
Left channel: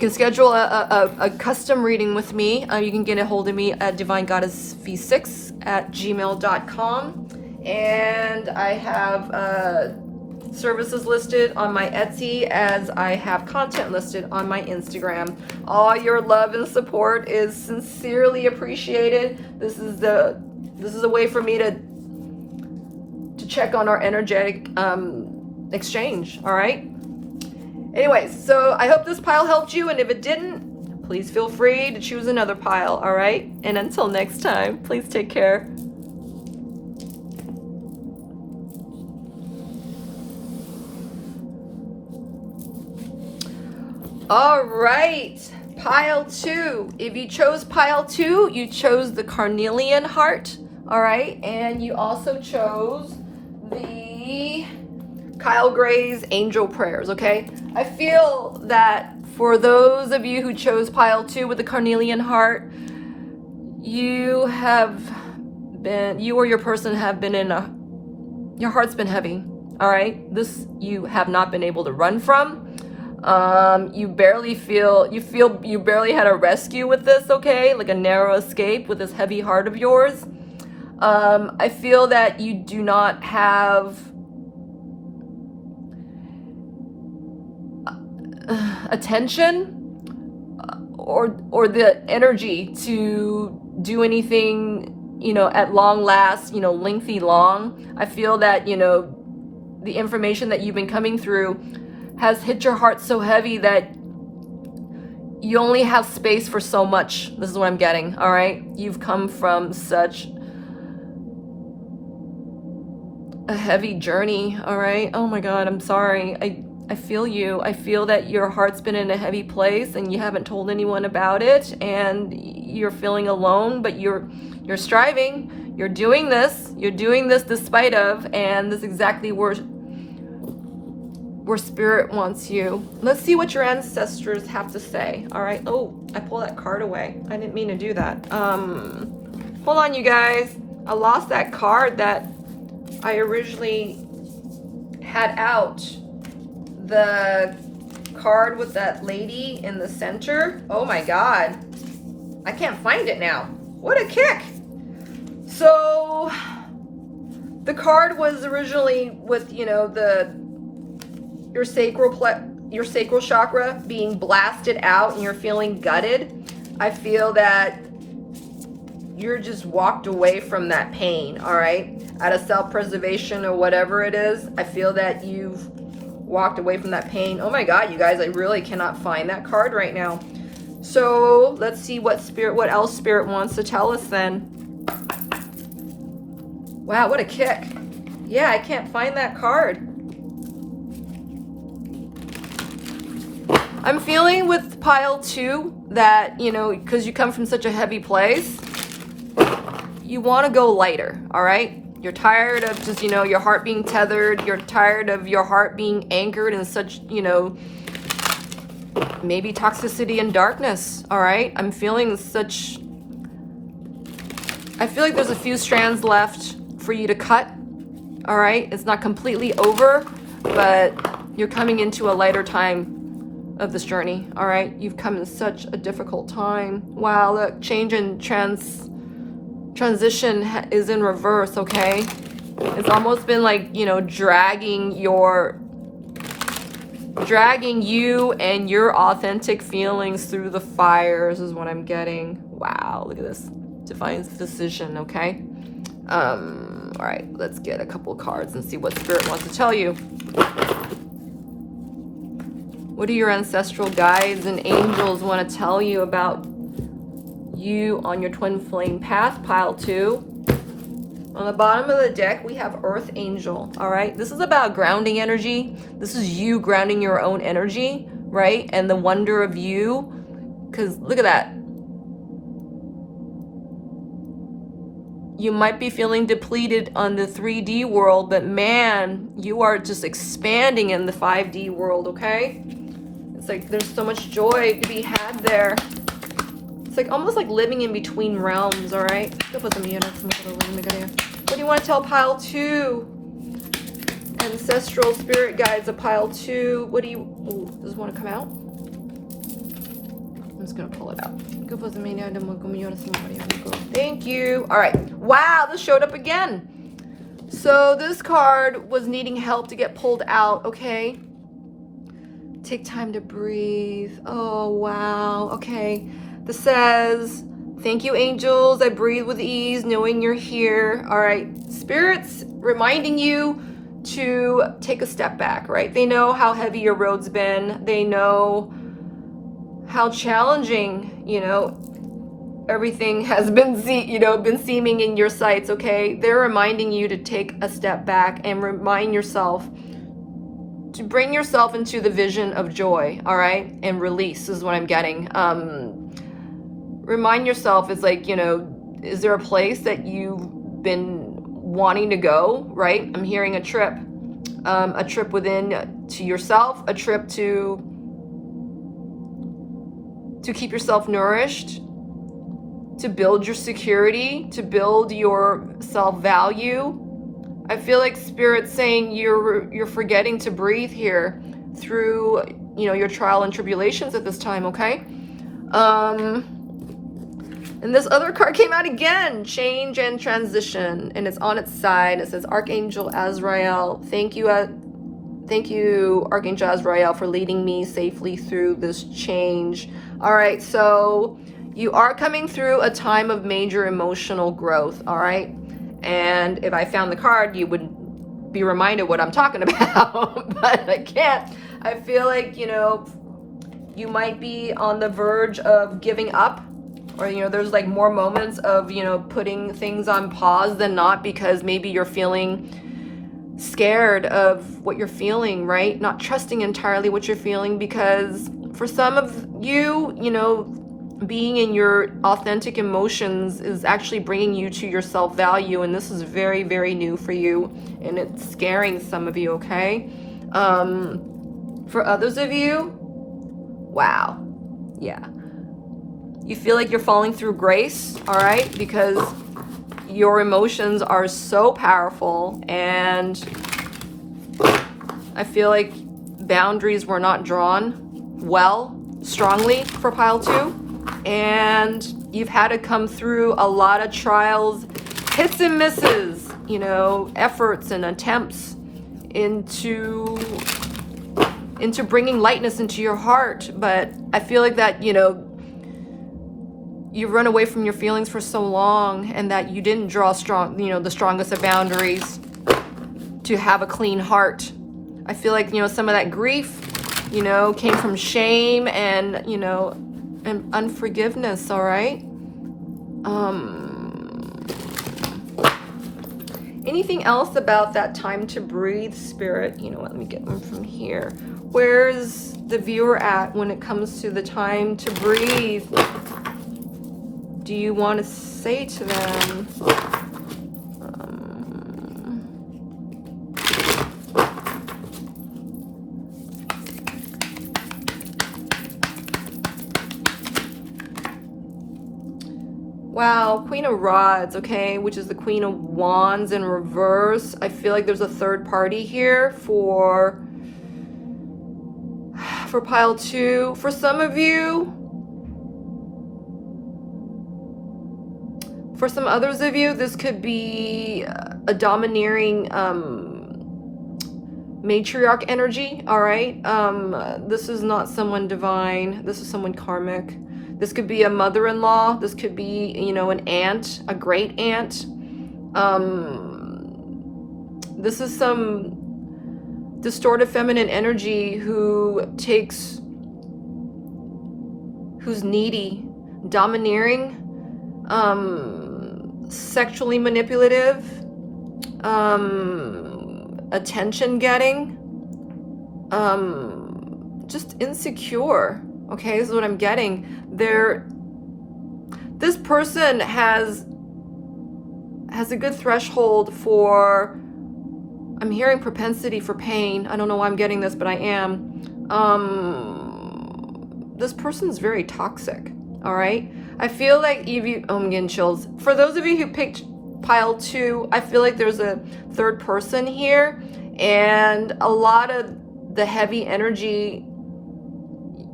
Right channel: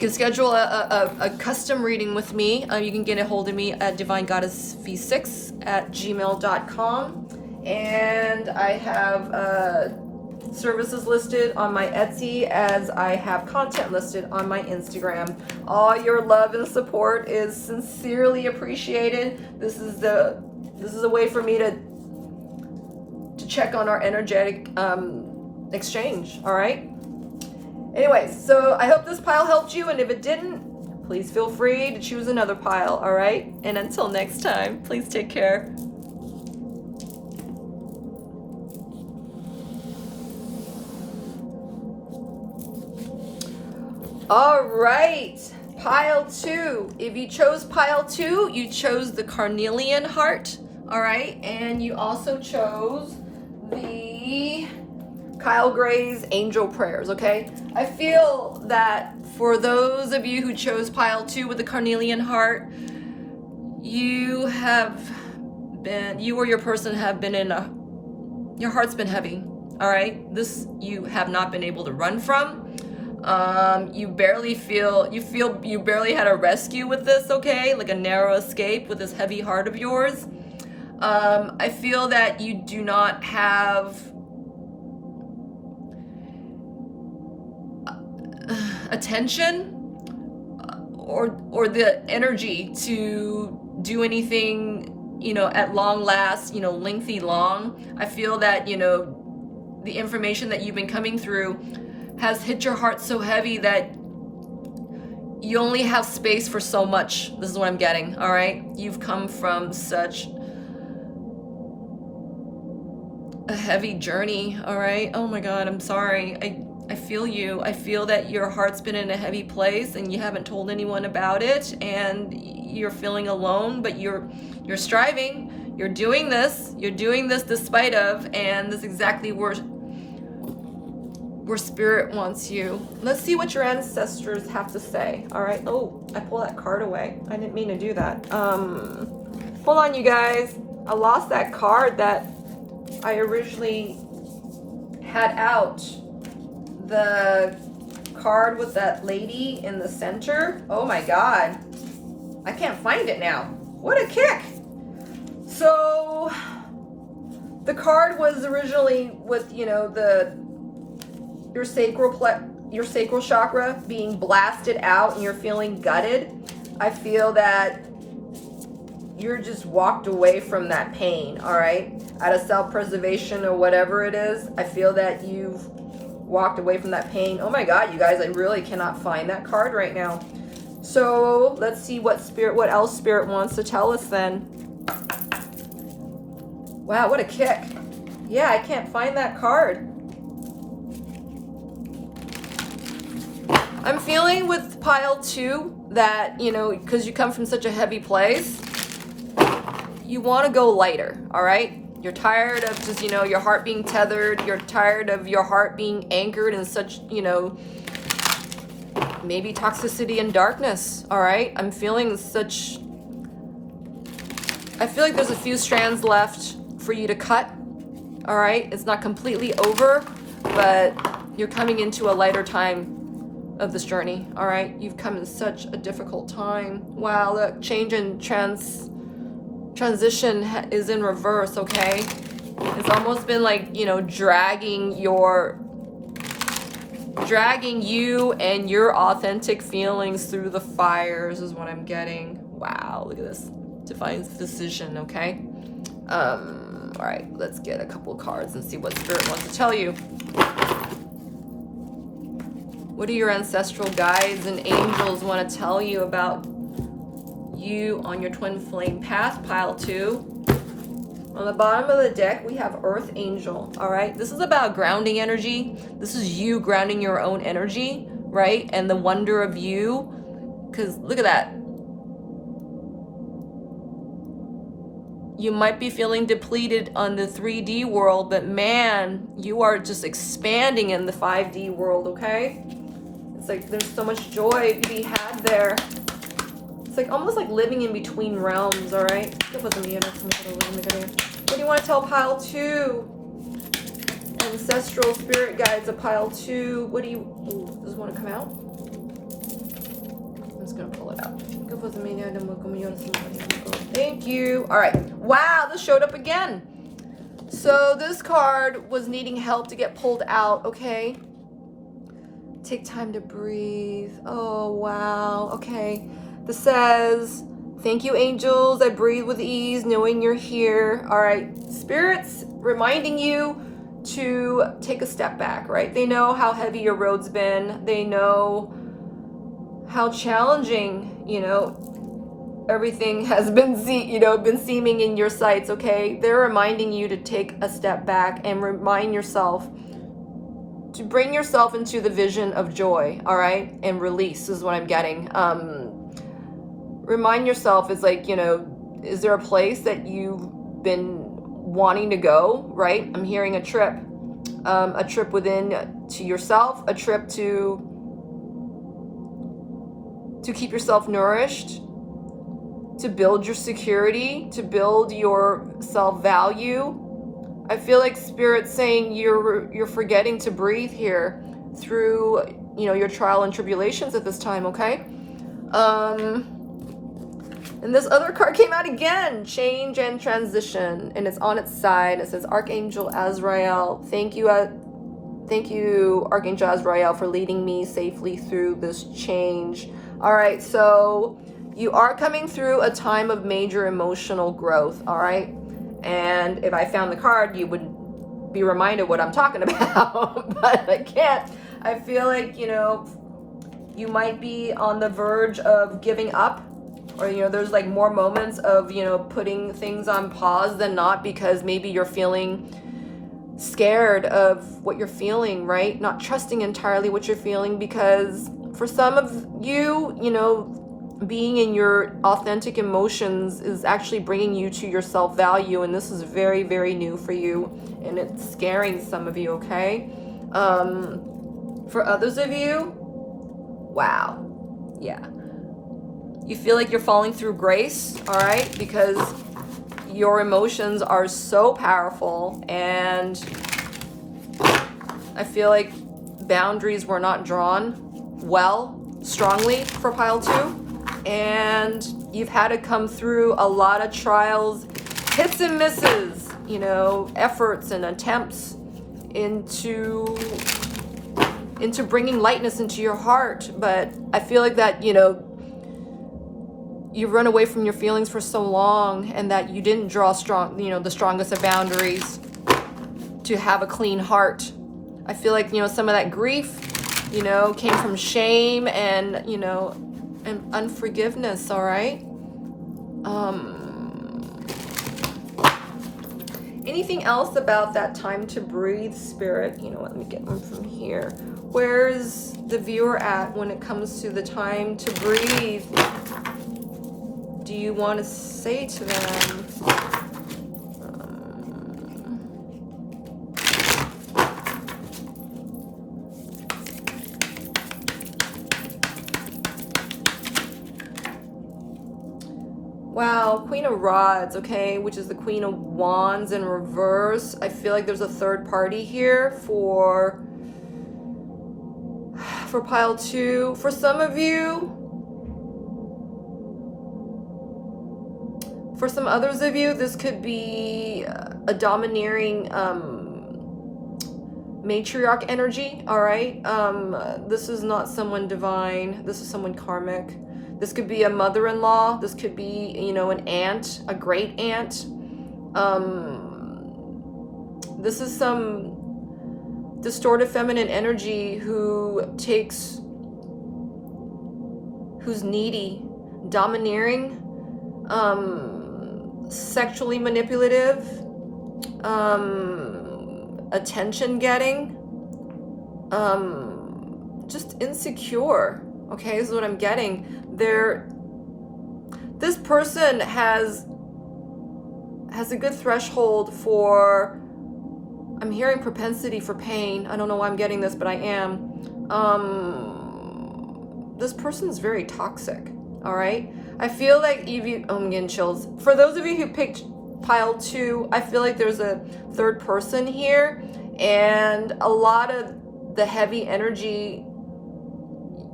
schedule a custom reading with me. You can get a hold of me at Divine GoddessV6 at gmail.com. And I have services listed on my Etsy, as I have content listed on my Instagram. All your love and support is sincerely appreciated. This is a way for me to check on our energetic exchange, all right? Anyway, so I hope this pile helped you, and if it didn't, please feel free to choose another pile, all right? And until next time, please take care. All right, pile 2. If you chose pile 2, you chose the carnelian heart, all right? And you also chose the Kyle Gray's angel prayers, okay? I feel that for those of you who chose pile 2 with the carnelian heart, you or your person have been your heart's been heavy, all right? This you have not been able to run from. You barely had a rescue with this, okay? Like a narrow escape with this heavy heart of yours. I feel that you do not have attention or the energy to do anything, you know, at long last, you know, lengthy long. I feel that, you know, the information that you've been coming through has hit your heart so heavy that you only have space for so much. This is what I'm getting, all right? You've come from such a heavy journey, all right? Oh my God, I'm sorry. I feel you. I feel that your heart's been in a heavy place and you haven't told anyone about it, and you're feeling alone, but you're striving. You're doing this despite of, and this is exactly where Spirit wants you. Let's see what your ancestors have to say. All right. Oh, I pulled that card away. I didn't mean to do that. Hold on, you guys. I lost that card that I originally had out. The card with that lady in the center. Oh my God. I can't find it now. What a kick. So the card was originally with, you know, your sacral chakra being blasted out and you're feeling gutted. I feel that you're just walked away from that pain, all right? Out of self-preservation or whatever it is, I feel that you've walked away from that pain. Oh my God, you guys, I really cannot find that card right now. So let's see what else Spirit wants to tell us then. Wow, what a kick. Yeah, I can't find that card. I'm feeling with pile 2 that, you know, because you come from such a heavy place, you want to go lighter, all right? You're tired of just, you know, your heart being tethered. You're tired of your heart being anchored in such, you know, maybe toxicity and darkness, all right? I'm feeling such, I feel like there's a few strands left for you to cut, all right? It's not completely over, but you're coming into a lighter time of this journey, all right? You've come in such a difficult time. Wow, look, change and transition is in reverse, okay? It's almost been like, you know, dragging you and your authentic feelings through the fires is what I'm getting. Wow, look at this. Divine decision, okay? All right, let's get a couple of cards and see what Spirit wants to tell you. What do your ancestral guides and angels want to tell you about you on your twin flame path, pile 2? On the bottom of the deck, we have Earth Angel, all right? This is about grounding energy. This is you grounding your own energy, right? And the wonder of you, because look at that. You might be feeling depleted on the 3D world, but man, you are just expanding in the 5D world, okay? It's like there's so much joy to be had there. It's like almost like living in between realms, all right? What do you want to tell pile 2? Ancestral spirit guides of pile 2. What do you, oh, does it want to come out? I'm just going to pull it out. Thank you. All right. Wow, this showed up again. So this card was needing help to get pulled out, okay? Take time to breathe. Oh, wow. Okay. This says, thank you, angels. I breathe with ease, knowing you're here. All right. Spirits reminding you to take a step back, right? They know how heavy your road's been. They know how challenging, you know, everything has been, been seeming in your sights, okay? They're reminding you to take a step back and remind yourself to bring yourself into the vision of joy, all right? And release is what I'm getting. Remind yourself, is like, you know, is there a place that you've been wanting to go, right? I'm hearing a trip within to yourself, a trip to keep yourself nourished, to build your security, to build your self-value. I feel like Spirit's saying you're forgetting to breathe here through, you know, your trial and tribulations at this time, okay? And this other card came out again, change and transition, and it's on its side. It says, Archangel Azrael, thank you, Archangel Azrael, for leading me safely through this change. All right, so you are coming through a time of major emotional growth, all right? And if I found the card, you would be reminded what I'm talking about, but I can't. I feel like, you know, you might be on the verge of giving up, or, you know, there's like more moments of, you know, putting things on pause than not, because maybe you're feeling scared of what you're feeling, right? Not trusting entirely what you're feeling, because for some of you, you know, being in your authentic emotions is actually bringing you to your self-value, and this is very, very new for you, and it's scaring some of you, okay? For others of you, wow, yeah. You feel like you're falling through grace, all right? Because your emotions are so powerful, and I feel like boundaries were not drawn well, strongly for pile 2, and you've had to come through a lot of trials, hits and misses, you know, efforts and attempts into bringing lightness into your heart. But I feel like that, you know, you've run away from your feelings for so long, and that you didn't draw strong, you know, the strongest of boundaries to have a clean heart. I feel like, you know, some of that grief, you know, came from shame and, you know, and unforgiveness, all right? Anything else about that time to breathe, Spirit? You know, let me get them from here. Where's the viewer at when it comes to the time to breathe? Do you want to say to them? Wow, Queen of Rods, okay, which is the Queen of Wands in reverse. I feel like there's a third party here for pile 2. For some of you, for some others of you, this could be a domineering matriarch energy, all right? This is not someone divine. This is someone karmic. This could be a mother-in-law. This could be, you know, an aunt, a great aunt. This is some distorted feminine energy who's needy, domineering, sexually manipulative, attention getting, just insecure. Okay, this is what I'm getting. This person has a good threshold for, I'm hearing propensity for pain. I don't know why I'm getting this, but I am. This person's very toxic, all right? I feel like Evie, oh, I'm getting chills. For those of you who picked pile 2, I feel like there's a third person here, and a lot of the heavy energy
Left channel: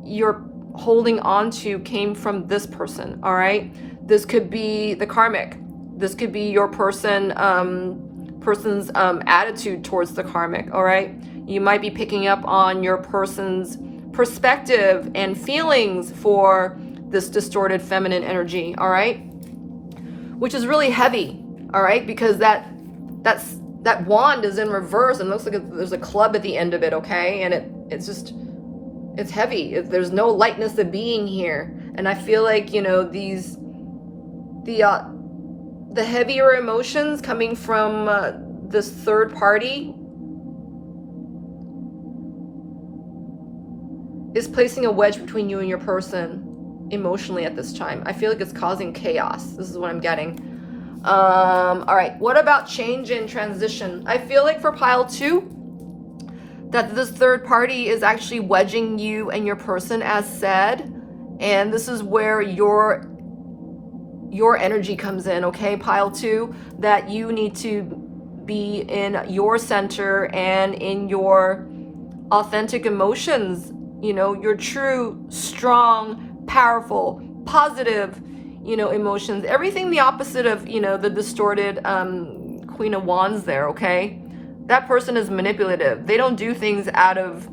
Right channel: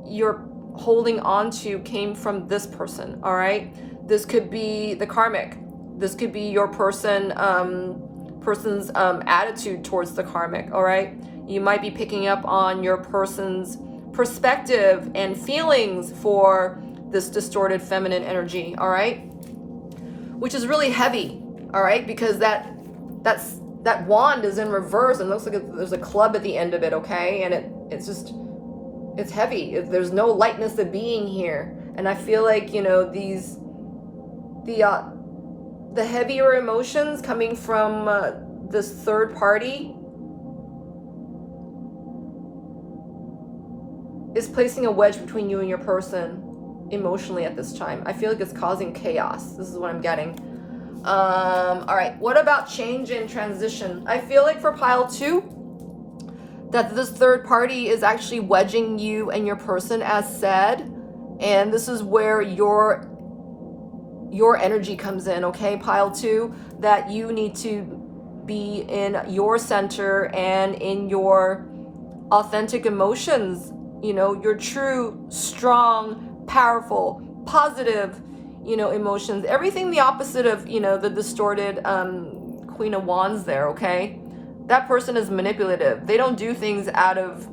you're holding on to came from this person, all right? This could be the karmic. This could be your person's attitude towards the karmic, all right? You might be picking up on your person's perspective and feelings for this distorted feminine energy, all right? Which is really heavy, all right? Because that wand is in reverse, and it looks like there's a club at the end of it, okay? And it's heavy. There's no lightness of being here. And I feel like, you know, the heavier emotions coming from this third party is placing a wedge between you and your person emotionally at this time. I feel like it's causing chaos. This is what I'm getting. All right, what about change and transition? I feel like for pile 2, that this third party is actually wedging you and your person, as said, and this is where your energy comes in, okay, pile 2, that you need to be in your center and in your authentic emotions, you know, your true, strong, powerful, positive, you know, emotions, everything the opposite of, you know, the distorted Queen of Wands there, okay? That person is manipulative. They don't do things out of,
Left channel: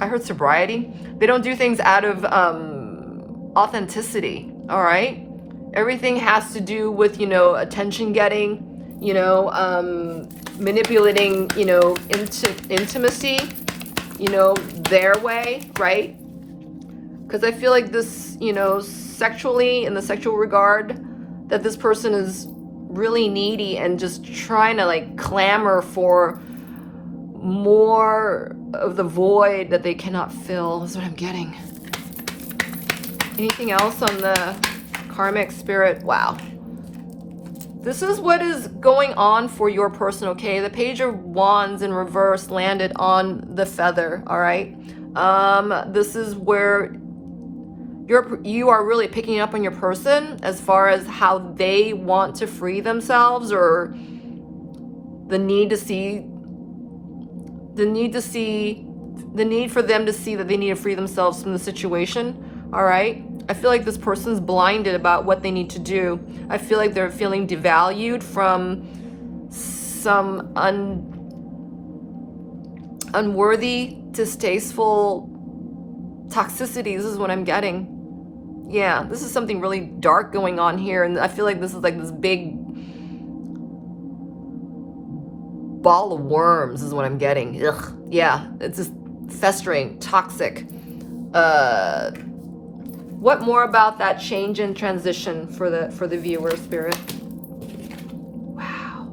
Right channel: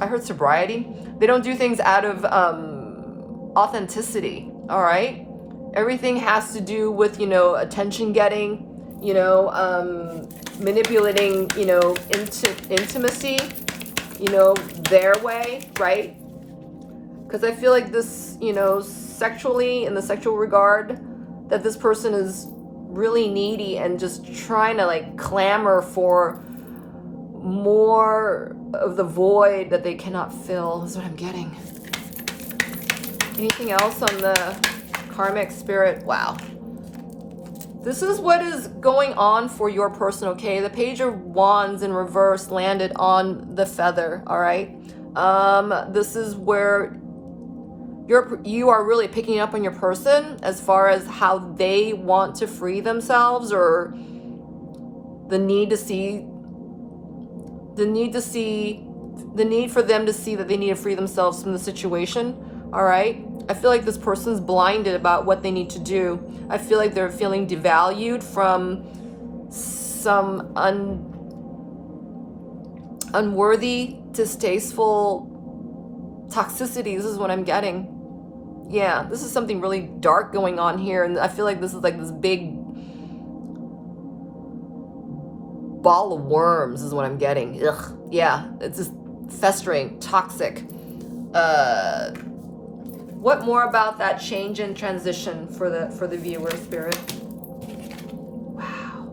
I heard sobriety. They don't do things out of authenticity, all right? Everything has to do with, you know, attention getting, you know, manipulating, you know, intimacy, you know, their way, right? Because I feel like this, you know, sexually, in the sexual regard, that this person is really needy and just trying to like clamor for more of the void that they cannot fill, is what I'm getting. Anything else on the karmic spirit? Wow. This is what is going on for your person, okay? The Page of Wands in reverse landed on the feather, all right? This is where you are really picking up on your person as far as how they want to free themselves, or the need for them to see that they need to free themselves from the situation, all right? I feel like this person's blinded about what they need to do. I feel like they're feeling devalued from some unworthy, distasteful toxicity. This is what I'm getting. Yeah, this is something really dark going on here, and I feel like this is like this big ball of worms is what I'm getting. Ugh. Yeah, it's just festering, toxic. What more about that change and transition for the viewer, Spirit? Wow.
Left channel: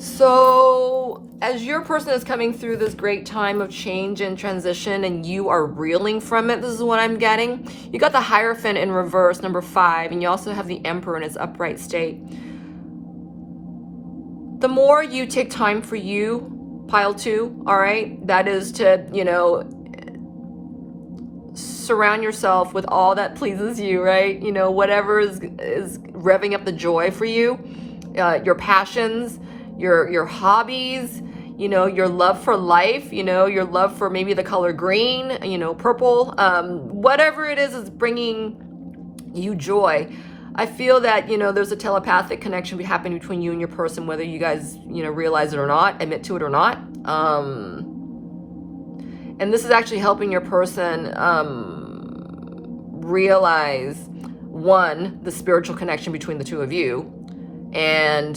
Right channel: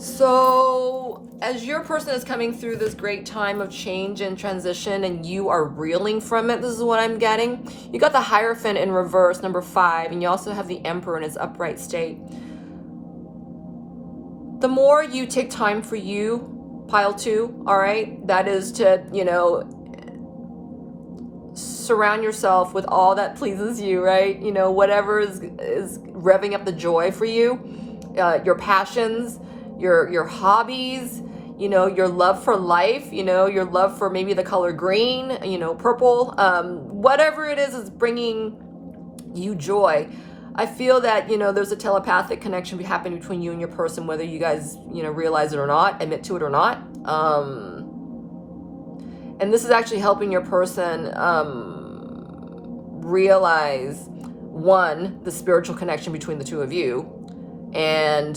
So as your person is coming through this great time of change and transition, and you are reeling from it, this is what I'm getting. You got the Hierophant in reverse, number 5, and you also have the Emperor in its upright state. The more you take time for you, pile 2, all right, that is to, you know, surround yourself with all that pleases you, right? You know, whatever is revving up the joy for you, your passions, your hobbies, you know, your love for life, you know, your love for maybe the color green, you know, purple, whatever it is bringing you joy. I feel that, you know, there's a telepathic connection happening between you and your person, whether you guys, you know, realize it or not, admit to it or not. And this is actually helping your person realize, 1, the spiritual connection between the two of you, and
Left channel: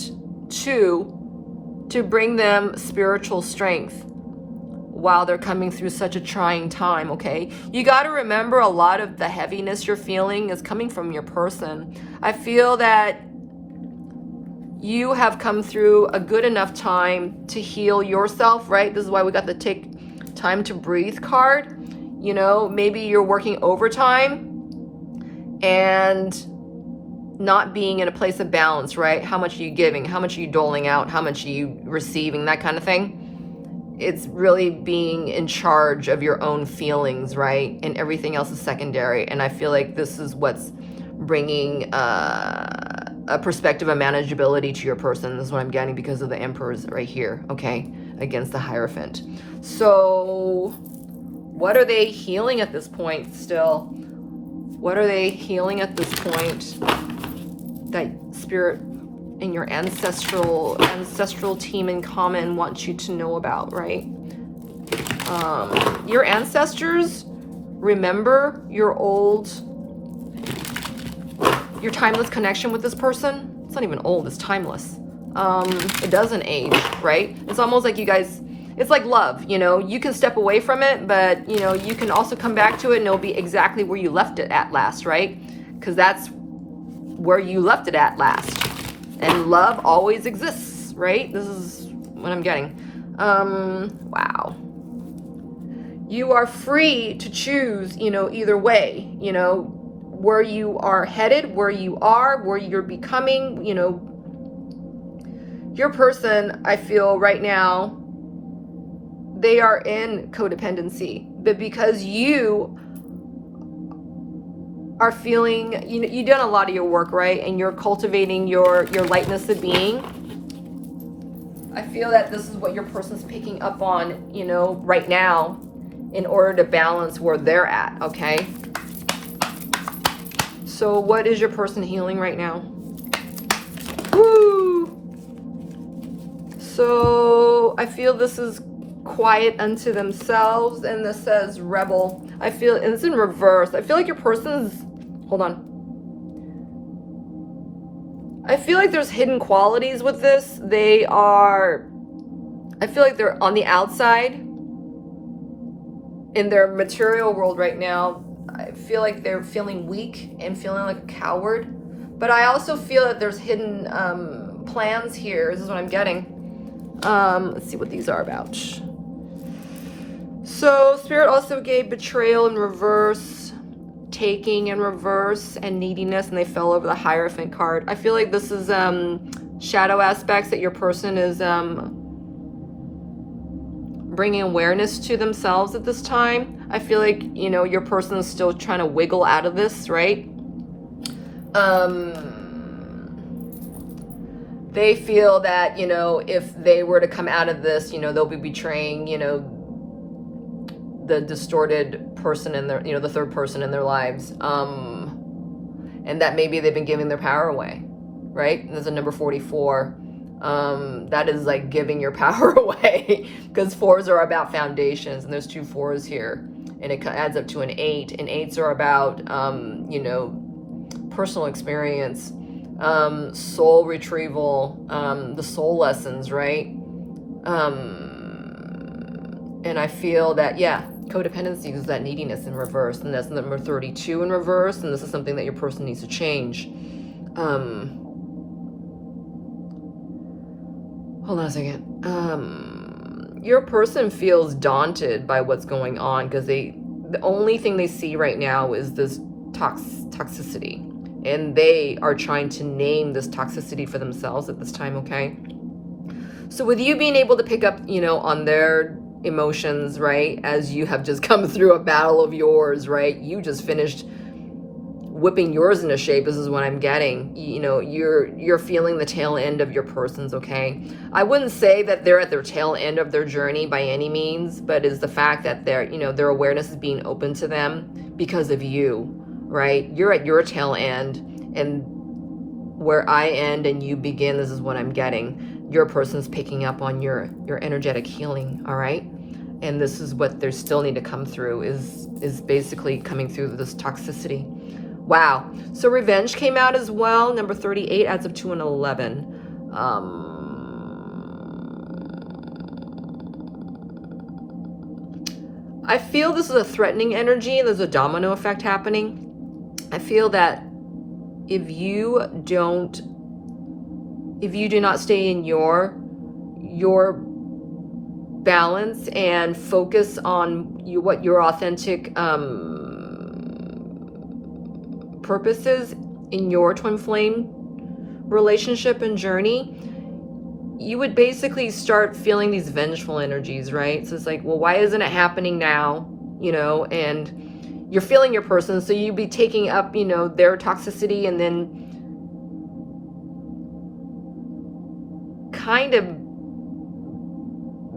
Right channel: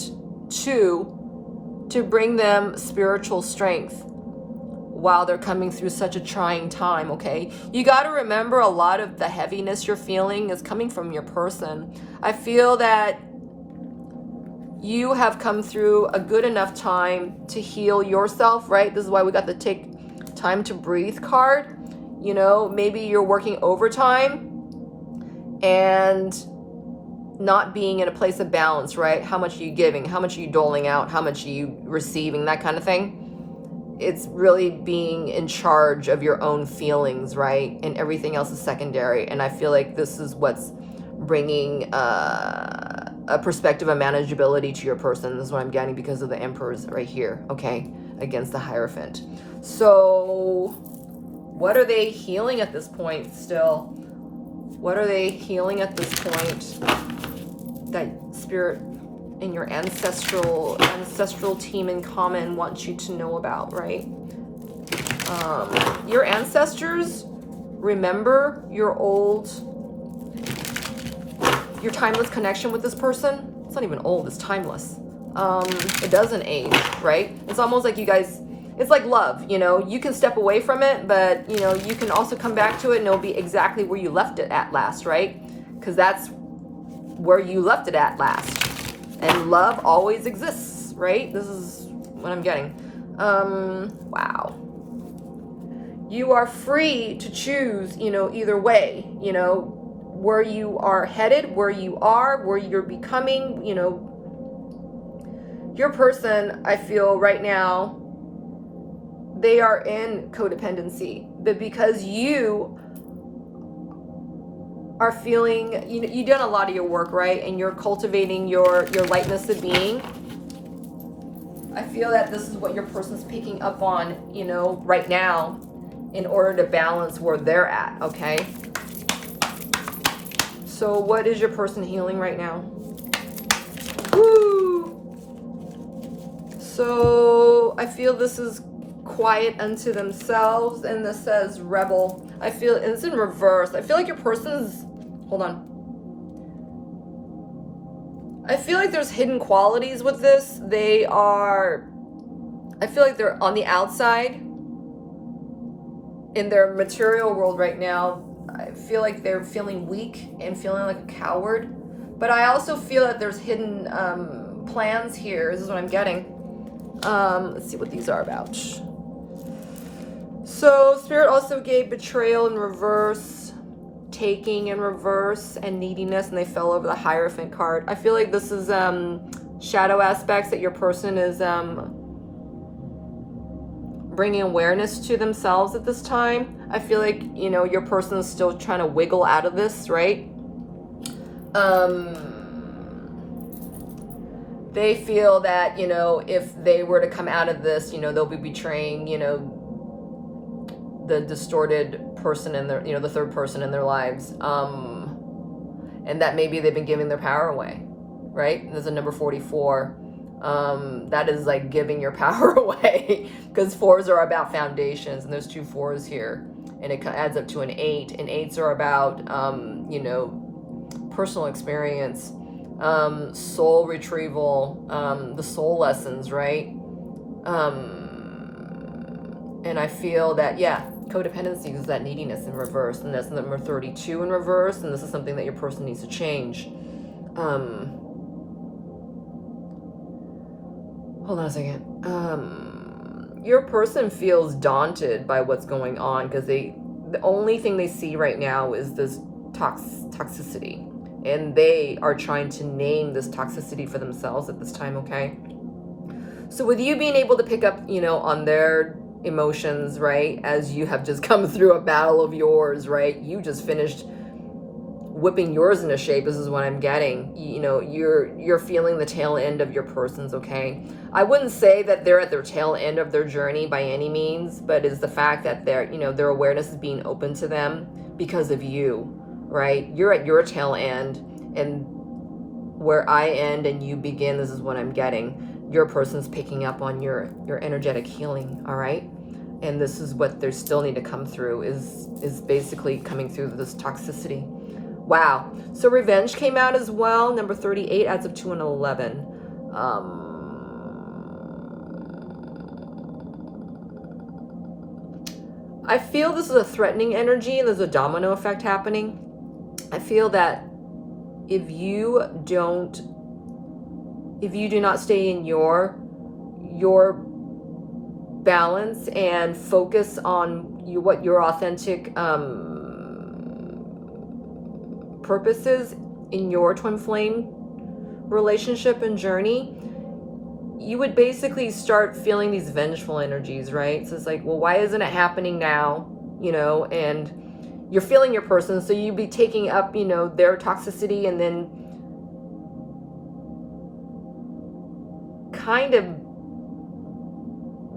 2, to bring them spiritual strength while they're coming through such a trying time, okay? You got to remember, a lot of the heaviness you're feeling is coming from your person. I feel that you have come through a good enough time to heal yourself, right? This is why we got the take time to breathe card. You know, maybe you're working overtime and not being in a place of balance, right? How much are you giving? How much are you doling out? How much are you receiving? That kind of thing. It's really being in charge of your own feelings, right? And everything else is secondary. And I feel like this is what's bringing a perspective of manageability to your person. This is what I'm getting because of the Emperors right here, okay? Against the Hierophant. So what are they healing at this point still? What are they healing at this point that Spirit and your ancestral team in common wants you to know about, right? Your ancestors remember your timeless connection with this person. It's not even old, it's timeless. It doesn't age, right? It's almost like you guys, it's like love, you know, you can step away from it, but you know, you can also come back to it and it'll be exactly where you left it at last, right? Because that's where you left it at last. And love always exists, right? This is what I'm getting. Wow. You are free to choose, you know, either way, you know, where you are headed, where you are, where you're becoming, you know. Your person, I feel right now, they are in codependency, but because you are feeling, you know, you've done a lot of your work, right? And you're cultivating your lightness of being. I feel that this is what your person's picking up on, you know, right now in order to balance where they're at, okay? So what is your person healing right now? Woo! So I feel this is quiet unto themselves, and this says rebel. I feel it's in reverse. I feel like your person's, hold on. I feel like there's hidden qualities with this. They are, I feel like they're on the outside in their material world right now. I feel like they're feeling weak and feeling like a coward. But I also feel that there's hidden plans here. This is what I'm getting. Let's see what these are about. So Spirit also gave betrayal in reverse, taking in reverse and neediness, and they fell over the Hierophant card. I feel like this is shadow aspects that your person is bringing awareness to themselves at this time. I feel like, you know, your person is still trying to wiggle out of this, right? They feel that, you know, if they were to come out of this, you know, they'll be betraying, you know, the distorted person in their, you know, the third person in their lives. And that maybe they've been giving their power away, right? And there's a number 44. That is like giving your power away, because 4s are about foundations, and there's 2 4s here, and it adds up to an 8, and 8s are about, you know, personal experience, soul retrieval, the soul lessons, right? And I feel that, yeah, codependency is that neediness in reverse, and that's number 32 in reverse, and this is something that your person needs to change. Hold on a second. Your person feels daunted by what's going on, because the only thing they see right now is this toxicity, and they are trying to name this toxicity for themselves at this time, okay? So with you being able to pick up, you know, on their emotions, right, as you have just come through a battle of yours, right? You just finished whipping yours into shape. This is what I'm getting. You know, you're feeling the tail end of your person's, okay? I wouldn't say that they're at their tail end of their journey by any means, but is the fact that they're, you know, their awareness is being open to them because of you, right? You're at your tail end, and where I end and you begin, this is what I'm getting. Your person's picking up on your energetic healing, all right? And this is what they still need to come through, is basically coming through this toxicity. Wow. So revenge came out as well. Number 38 adds up to an 11. I feel this is a threatening energy. There's a domino effect happening. I feel that if you do not stay in your balance and focus on what your authentic purposes in your twin flame relationship and journey, you would basically start feeling these vengeful energies, right? So it's like, well, why isn't it happening now? You know, and you're feeling your person, so you'd be taking up, you know, their toxicity, and then kind of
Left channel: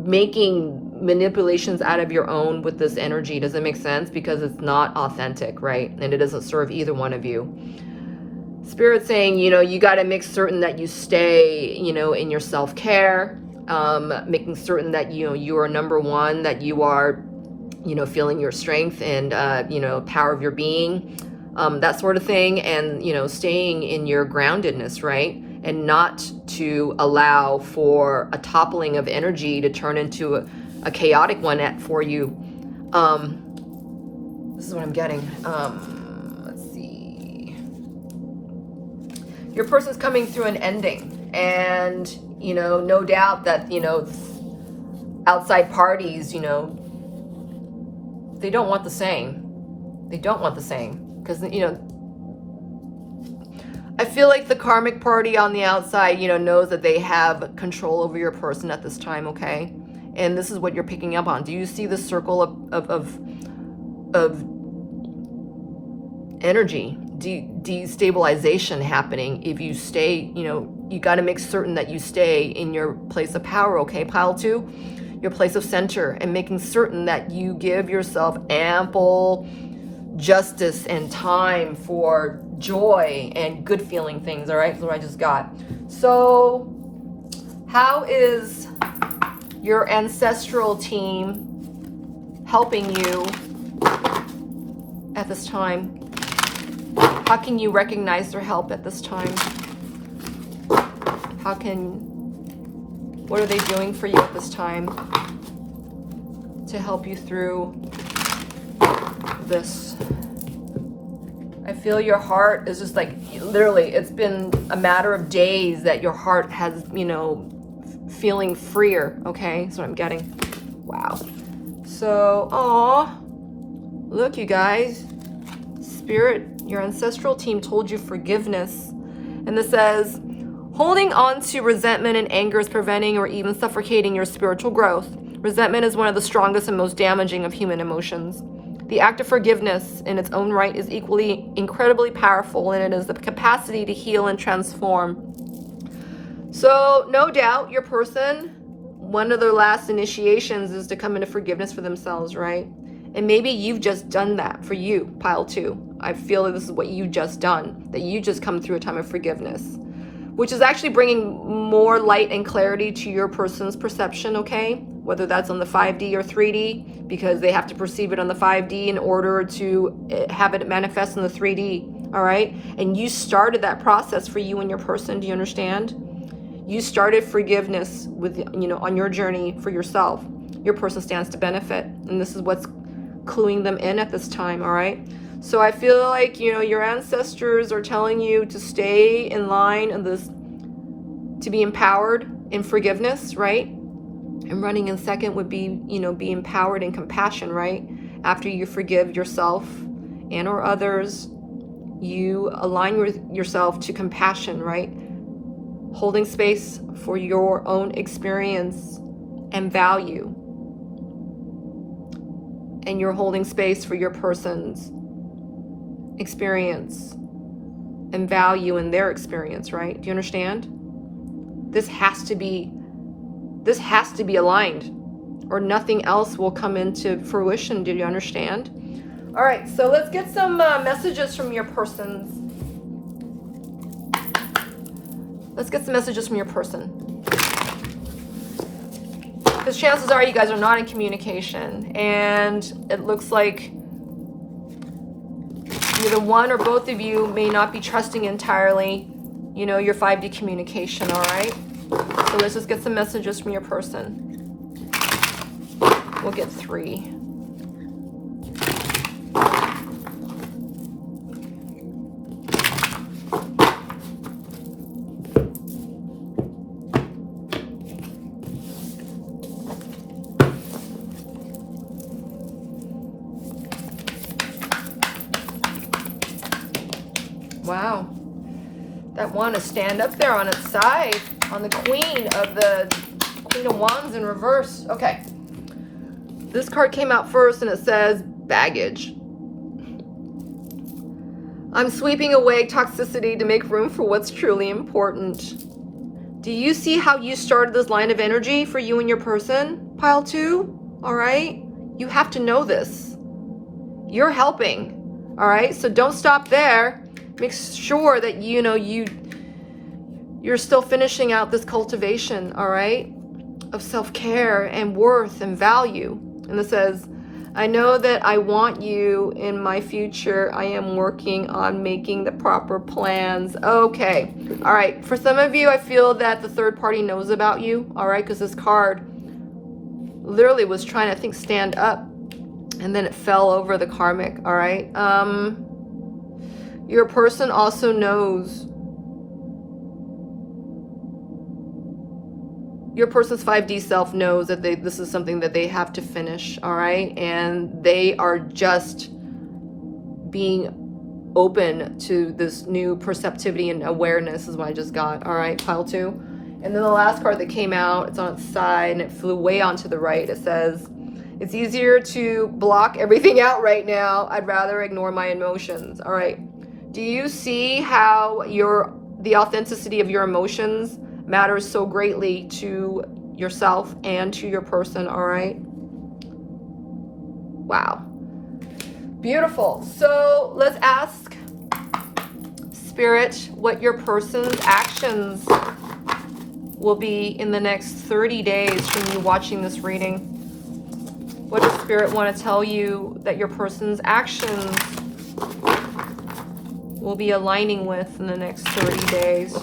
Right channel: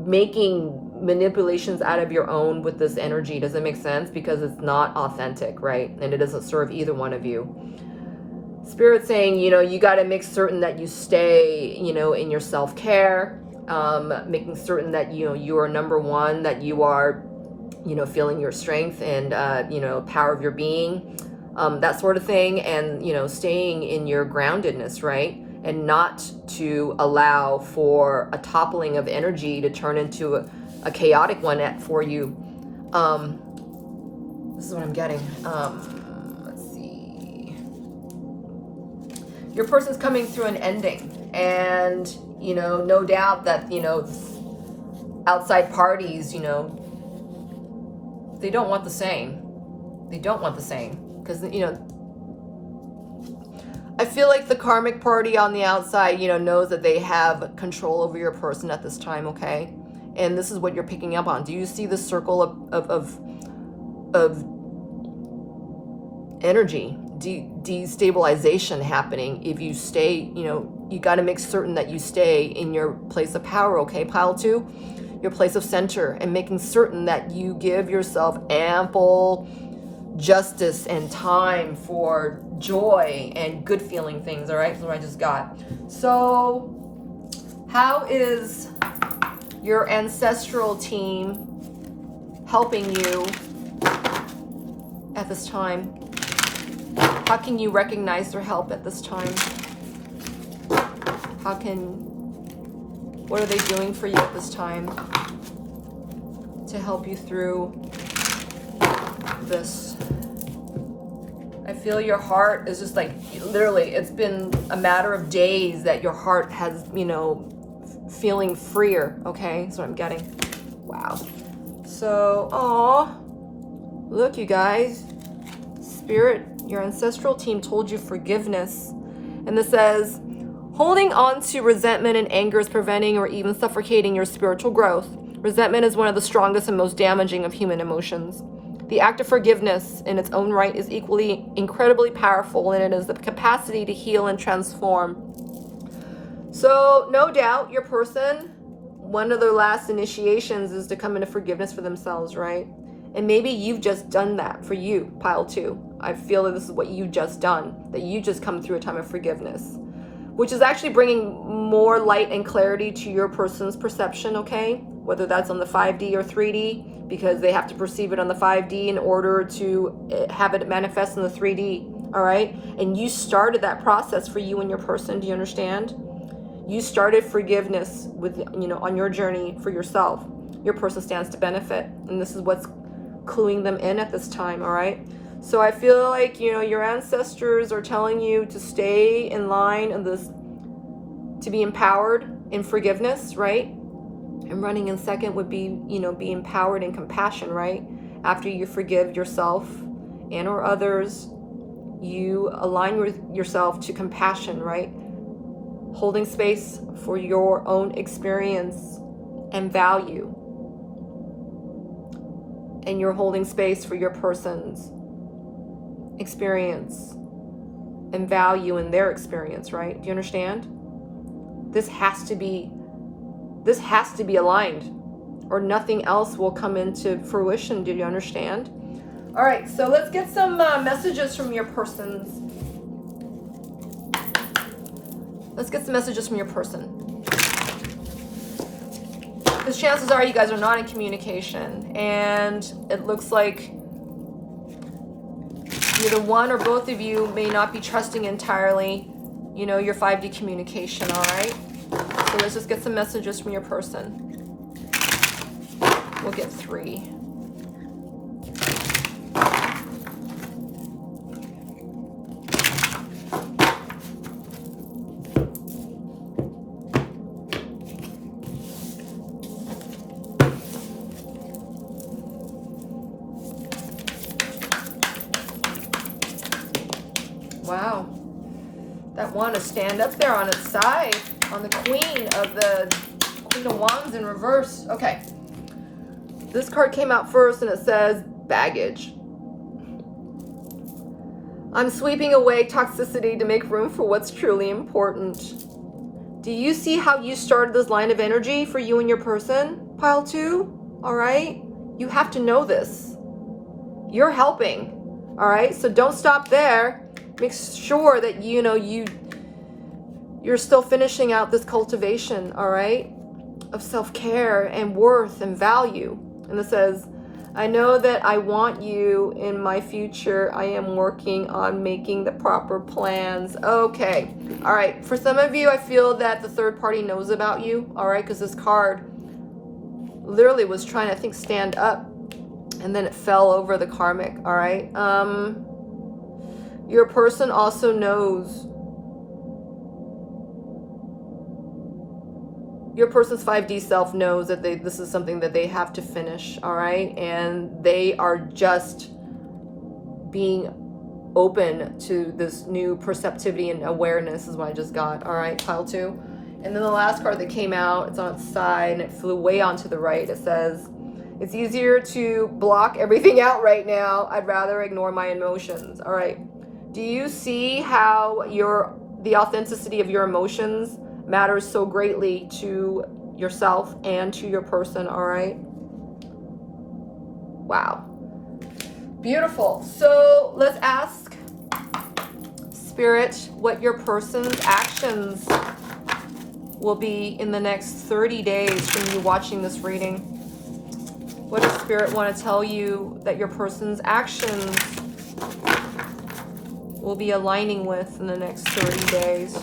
making manipulations out of your own with this energy. Does it make sense? Because it's not authentic, right? And it doesn't serve either one of you. Spirit saying, you know, you got to make certain that you stay, you know, in your self-care, making certain that, you know, you are number one, that you are, you know, feeling your strength and, you know, power of your being, that sort of thing. And, you know, staying in your groundedness, right? And not to allow for a toppling of energy to turn into a chaotic one for you. This is what I'm getting. Let's see. Your person's coming through an ending, and, you know, no doubt that, you know, outside parties, you know, they don't want the same. They don't want the same, because, you know, I feel like the karmic party on the outside, you know, knows that they have control over your person at this time, okay? And this is what you're picking up on. Do you see the circle of energy, destabilization happening if you stay, you know, you got to make certain that you stay in your place of power, okay? Pile 2, your place of center, and making certain that you give yourself ample justice and time for joy and good feeling things, all right? That's what I just got. So how is your ancestral team helping you at this time? How can you recognize their help at this time? What are they doing for you at this time to help you through this? I feel your heart is just like, literally, it's been a matter of days that your heart has, you know, feeling freer, okay? That's what I'm getting. Wow. So, look, you guys. Spirit, your ancestral team told you forgiveness. And this says, holding on to resentment and anger is preventing or even suffocating your spiritual growth. Resentment is one of the strongest and most damaging of human emotions. The act of forgiveness in its own right is equally incredibly powerful, and it is the capacity to heal and transform. So no doubt your person, one of their last initiations is to come into forgiveness for themselves, right? And maybe you've just done that for you, pile 2. I feel that this is what you just done, that you just come through a time of forgiveness, which is actually bringing more light and clarity to your person's perception, okay? Whether that's on the 5D or 3D, because they have to perceive it on the 5D in order to have it manifest in the 3D, all right? And you started that process for you and your person, do you understand? You started forgiveness with, on your journey for yourself. Your person stands to benefit, and this is what's cluing them in at this time, all right? So I feel like, your ancestors are telling you to stay in line in this, to be empowered in forgiveness, right? And running in second would be, be empowered in compassion, right? After you forgive yourself and or others, you align yourself to compassion, right? Holding space for your own experience and value. And you're holding space for your person's experience and value in their experience, right? Do you understand? This has to be aligned, or nothing else will come into fruition. Do you understand? All right, so let's get some messages from your persons. Let's get some messages from your person. Because chances are you guys are not in communication, and it looks like either one or both of you may not be trusting entirely, your 5D communication, all right? So let's just get some messages from your person. We'll get 3. Wow. That one is stand up there on its side, on the Queen of Wands in reverse. Okay. This card came out first and it says baggage. I'm sweeping away toxicity to make room for what's truly important. Do you see how you started this line of energy for you and your person, pile 2? All right? You have to know this. You're helping. All right? So don't stop there. Make sure that you're still finishing out this cultivation, all right, of self-care and worth and value. And it says, I know that I want you in my future. I am working on making the proper plans. Okay. All right. For some of you, I feel that the third party knows about you, all right, because this card literally was trying to, stand up, and then it fell over the karmic, all right? Your person also knows. Your person's 5D self knows that this is something that they have to finish, all right? And they are just being open to this new perceptivity and awareness is what I just got, all right, pile 2. And then the last card that came out, it's on its side and it flew way onto the right. It says, it's easier to block everything out right now. I'd rather ignore my emotions, all right? Do you see how the authenticity of your emotions matters so greatly to yourself and to your person, all right? Wow. Beautiful. So let's ask Spirit what your person's actions will be in the next 30 days from you watching this reading. What does Spirit want to tell you that your person's actions will be aligning with in the next 30 days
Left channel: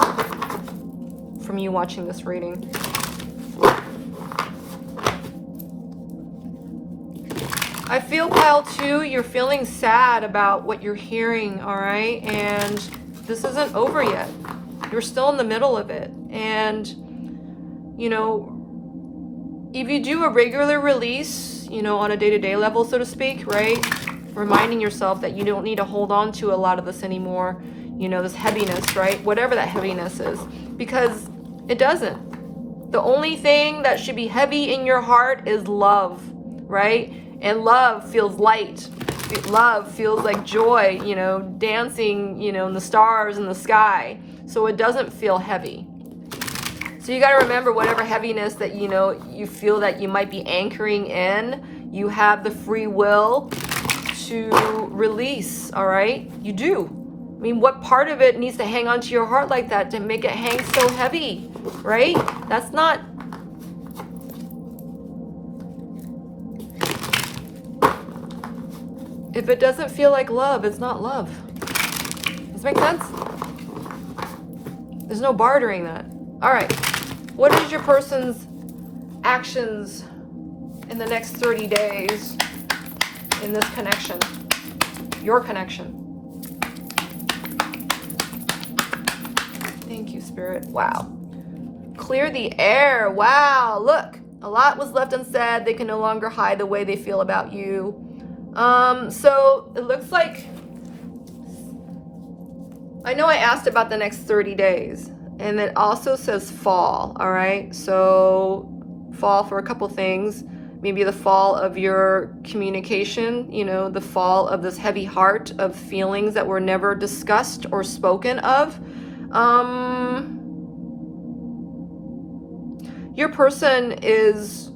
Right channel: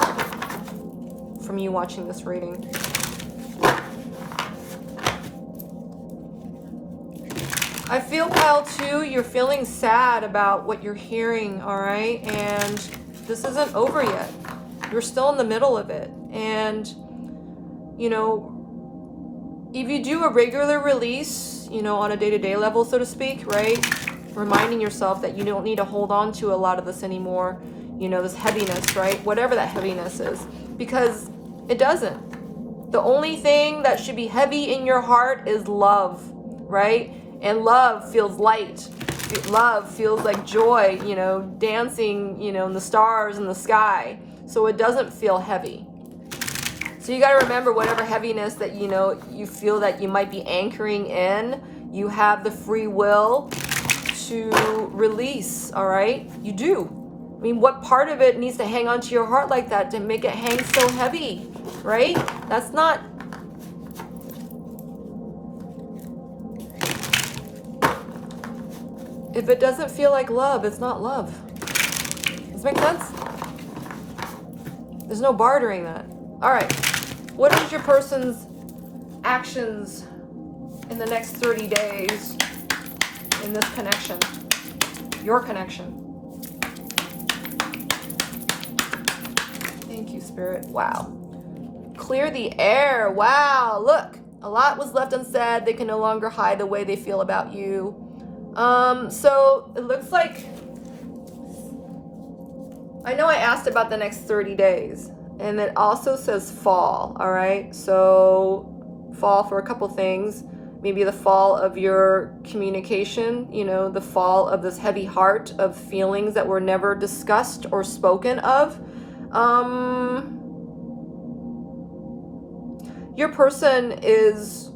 from you watching this reading? I feel, pile 2, you're feeling sad about what you're hearing, all right? And this isn't over yet. You're still in the middle of it. And, if you do a regular release, on a day-to-day level, so to speak, right? reminding yourself that you don't need to hold on to a lot of this anymore, you know, this heaviness, right? Whatever that heaviness is, because it doesn't. The only thing that should be heavy in your heart is love, right? And love feels light. Love feels like joy, you know, dancing, you know, in the stars in the sky. So it doesn't feel heavy. So you got to remember, whatever heaviness that, you know, you feel that you might be anchoring in, you have the free will to release, all right? You do. I mean, what part of it needs to hang onto your heart like that to make it hang so heavy, right? That's not... If it doesn't feel like love, it's not love. Does that make sense? There's no bartering that. All right. What is your person's actions in the next 30 days in this connection? Your connection. Thank you, Spirit. Wow. Clear the air. Wow. Look, a lot was left unsaid. They can no longer hide the way they feel about you. So it looks like, I know I asked about the next 30 days, and it also says fall, all right? So fall for a couple things, maybe the fall of your communication, you know, the fall of this heavy heart of feelings that were never discussed or spoken of. Your person is,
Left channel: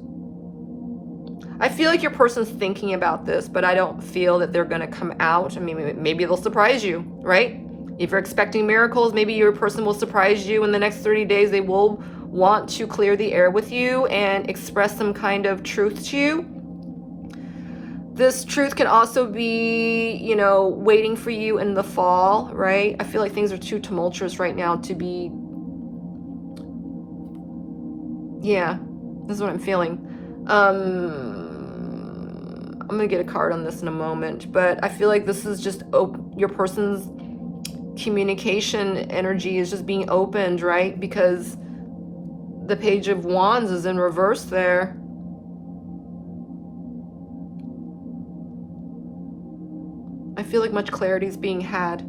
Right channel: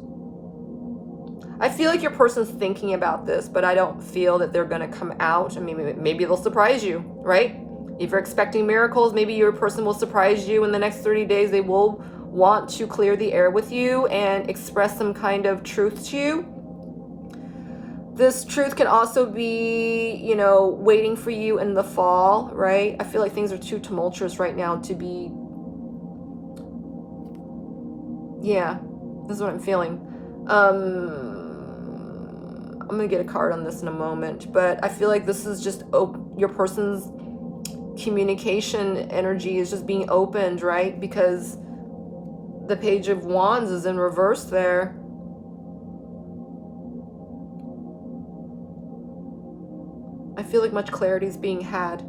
I feel like your person's thinking about this, but I don't feel that they're going to come out. I mean, maybe they'll surprise you, right? If you're expecting miracles, maybe your person will surprise you in the next 30 days. They will want to clear the air with you and express some kind of truth to you. This truth can also be, you know, waiting for you in the fall, right? I feel like things are too tumultuous right now to be, yeah, this is what I'm feeling. I'm gonna get a card on this in a moment, but I feel like this is just your person's communication energy is just being opened, right? Because the Page of Wands is in reverse there. I feel like much clarity is being had,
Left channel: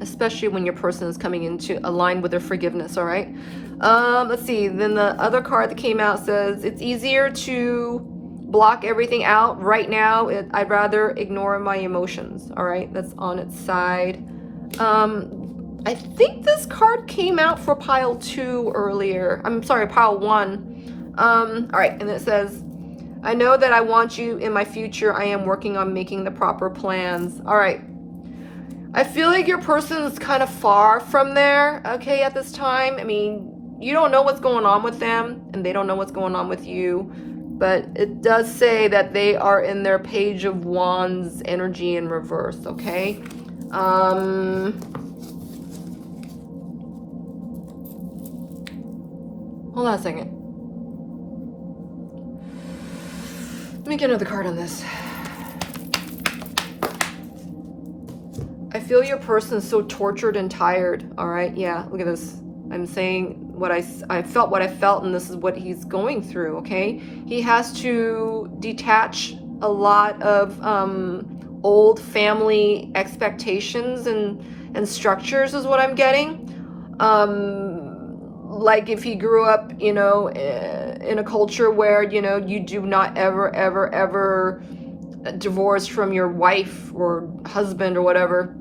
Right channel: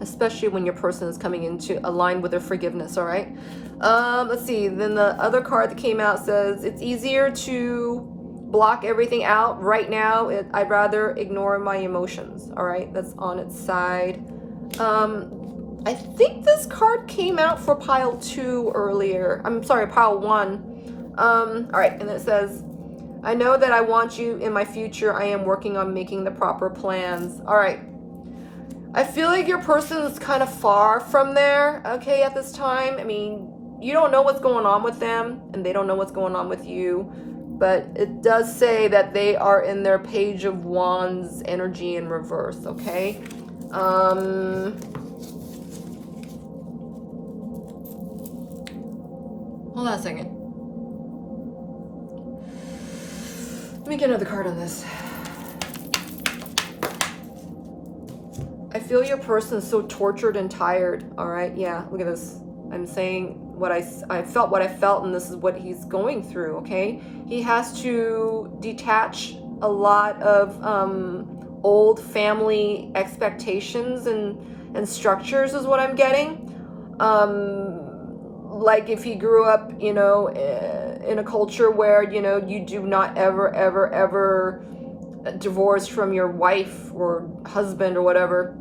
especially when your person is coming into aligned with their forgiveness, all right? Let's see, then the other card that came out says, it's easier to block everything out right now. I'd rather ignore my emotions, all right? That's on its side. I think this card came out for pile 2 earlier. I'm sorry, pile 1. All right, and it says, I know that I want you in my future. I am working on making the proper plans. All right. I feel like your person is kind of far from there, okay, at this time. I mean, you don't know what's going on with them, and they don't know what's going on with you. But it does say that they are in their Page of Wands energy in reverse, okay? Hold on a second. Let me get another card on this. I feel your person's so tortured and tired, all right? Yeah, look at this. I'm saying what I felt what I felt, and this is what he's going through, okay? He has to detach a lot of old family expectations and structures is what I'm getting. Like if he grew up, you know, in a culture where, you know, you do not ever divorce from your wife or husband or whatever.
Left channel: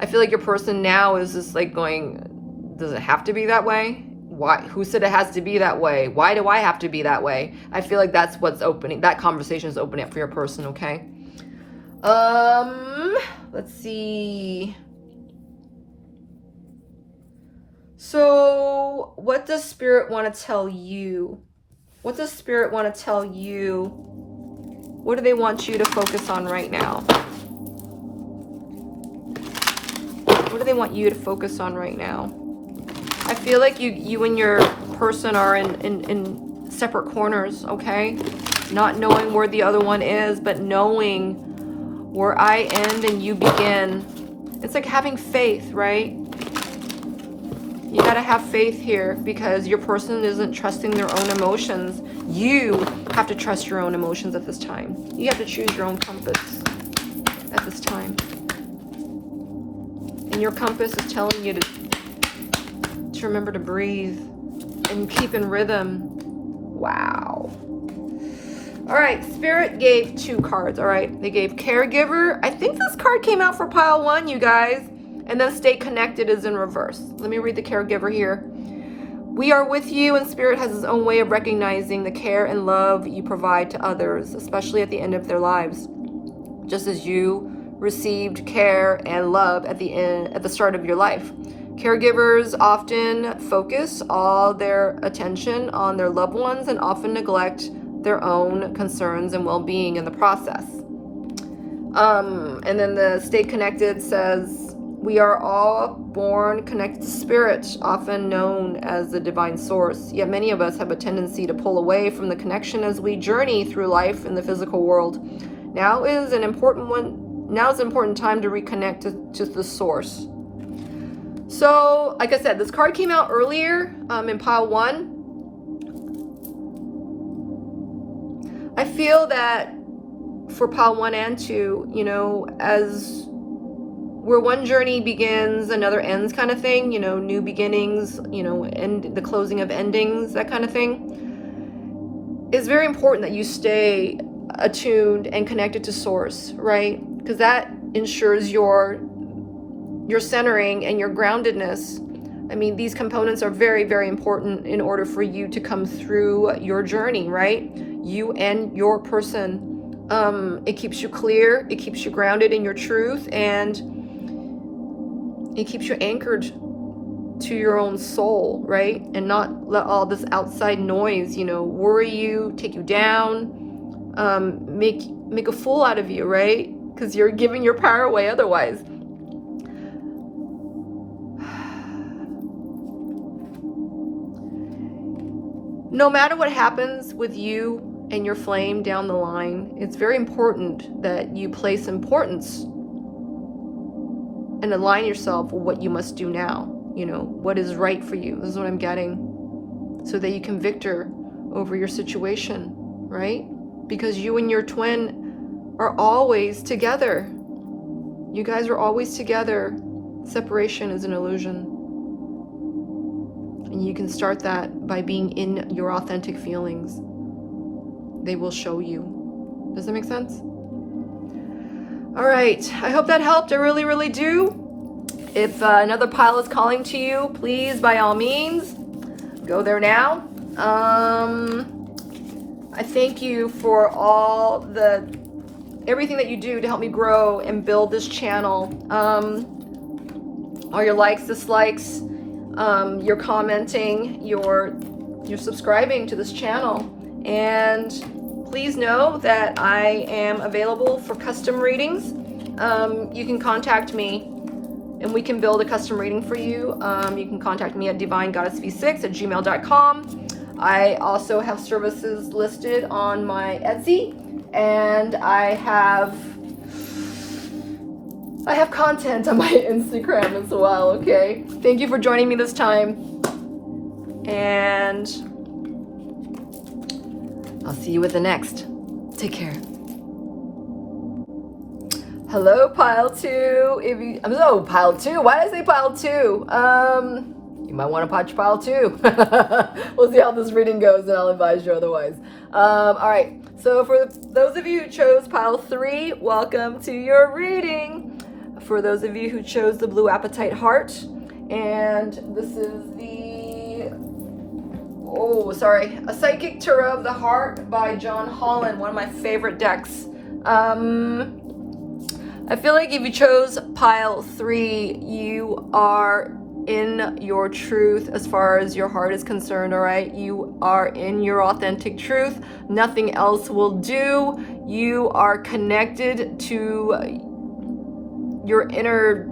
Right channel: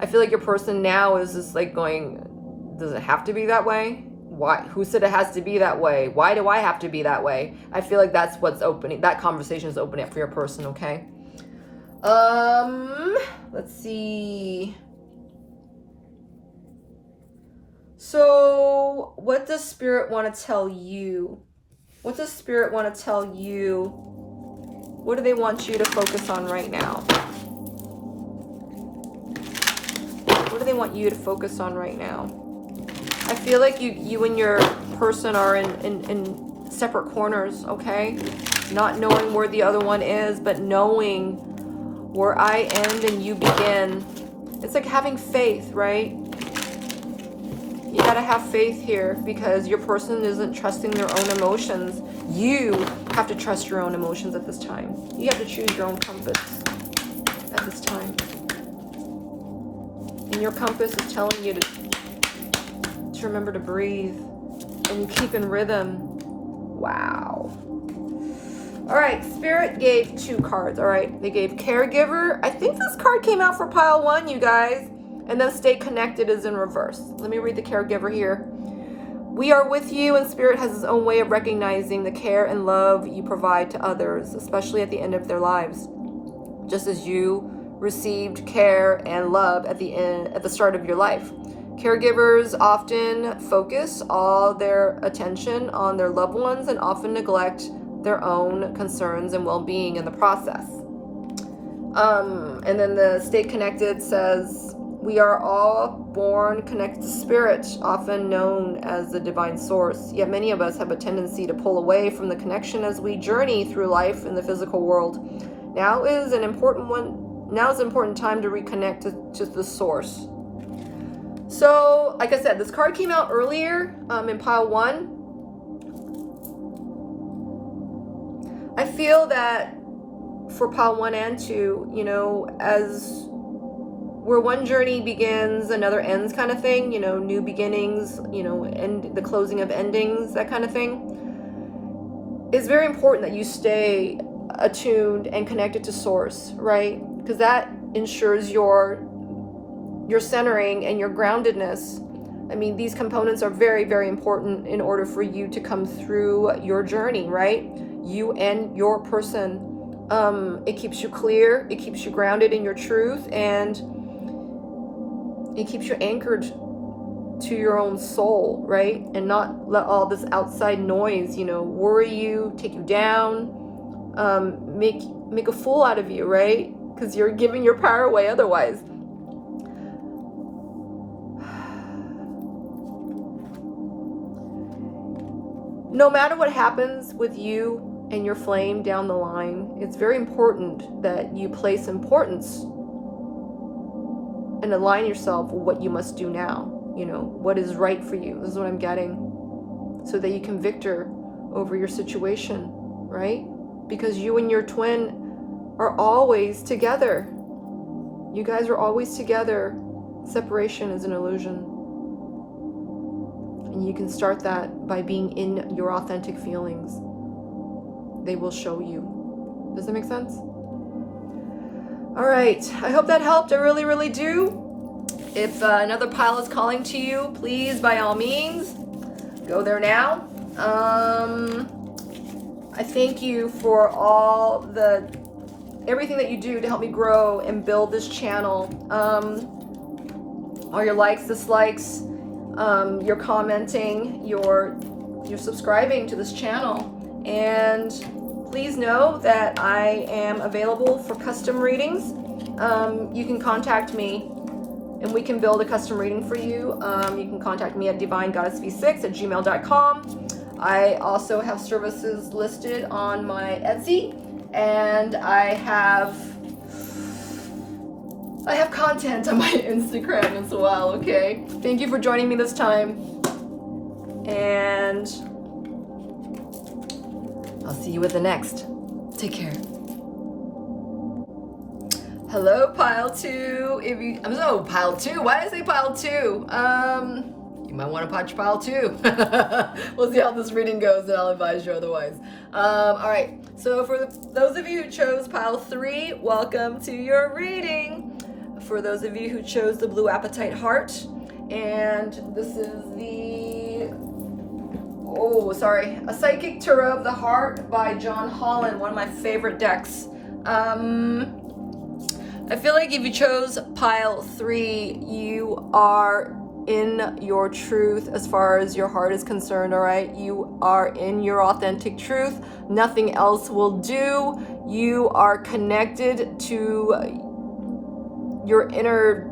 I feel like your person now is just like going, does it have to be that way? Why? Who said it has to be that way? Why do I have to be that way? I feel like that's what's opening. That conversation is opening up for your person, okay? Let's see. So, what does Spirit want to tell you? What does Spirit want to tell you? What do they want you to focus on right now? What do they want you to focus on right now? I feel like you and your person are in separate corners, okay? Not knowing where the other one is, but knowing where I end and you begin. It's like having faith, right? You gotta have faith here because your person isn't trusting their own emotions. You have to trust your own emotions at this time. You have to choose your own compass. your compass is telling you to remember to breathe and keep in rhythm. Wow. All right, Spirit gave 2 cards, all right? They gave Caregiver. I think this card came out for pile 1, you guys. And then Stay Connected is in reverse. Let me read the Caregiver here. We are with you, and Spirit has its own way of recognizing the care and love you provide to others, especially at the end of their lives. Just as you received care and love at the start of your life. Caregivers often focus all their attention on their loved ones and often neglect their own concerns and well-being in the process. And then the Stay Connected says, we are all born connected to Spirit, often known as the divine source. Yet many of us have a tendency to pull away from the connection as we journey through life in the physical world. Now is an important time to reconnect to the source. So, like I said, this card came out earlier in pile 1. I feel that for pile 1 and 2, you know, as where one journey begins, another ends kind of thing, you know, new beginnings, you know, and the closing of endings, that kind of thing. It's very important that you stay attuned and connected to source, right? Because that ensures your centering and your groundedness. I mean, these components are very, very important in order for you to come through your journey, right? You and your person. It keeps you clear, it keeps you grounded in your truth, and it keeps you anchored to your own soul, right? And not let all this outside noise, you know, worry you, take you down, make a fool out of you, right? Because you're giving your power away otherwise. No matter what happens with you and your flame down the line, it's very important that you place importance and align yourself with what you must do now. You know, what is right for you. This is what I'm getting. So that you can victor over your situation, right? Because you and your twin are always together. You guys are always together. Separation is an illusion. And you can start that by being in your authentic feelings. They will show you. Does that make sense? All right, I hope that helped. I really, really do. If another pile is calling to you, please, by all means, go there now. I thank you for everything that you do to help me grow and build this channel. All your likes, dislikes, your commenting, your subscribing to this channel. And please know that I am available for custom readings. You can contact me and we can build a custom reading for you. You can contact me at Divine GoddessV6 at gmail.com. I also have services listed on my Etsy, and I have content on my Instagram as well, okay? Thank you for joining me this time, and I'll see you with the next. Take care. Hello, pile 2. Pile 2. Why did I say pile 2? You might want to watch pile 2. We'll see how this reading goes, and I'll advise you otherwise. All right. So for those of you who chose pile 3, welcome to your reading. For those of you who chose the Blue Apatite Heart, and this is A Psychic Tarot of the Heart by John Holland, one of my favorite decks. I feel like if you chose pile 3, you are in your truth as far as your heart is concerned, all right? You are in your authentic truth. Nothing else will do. You are connected to your inner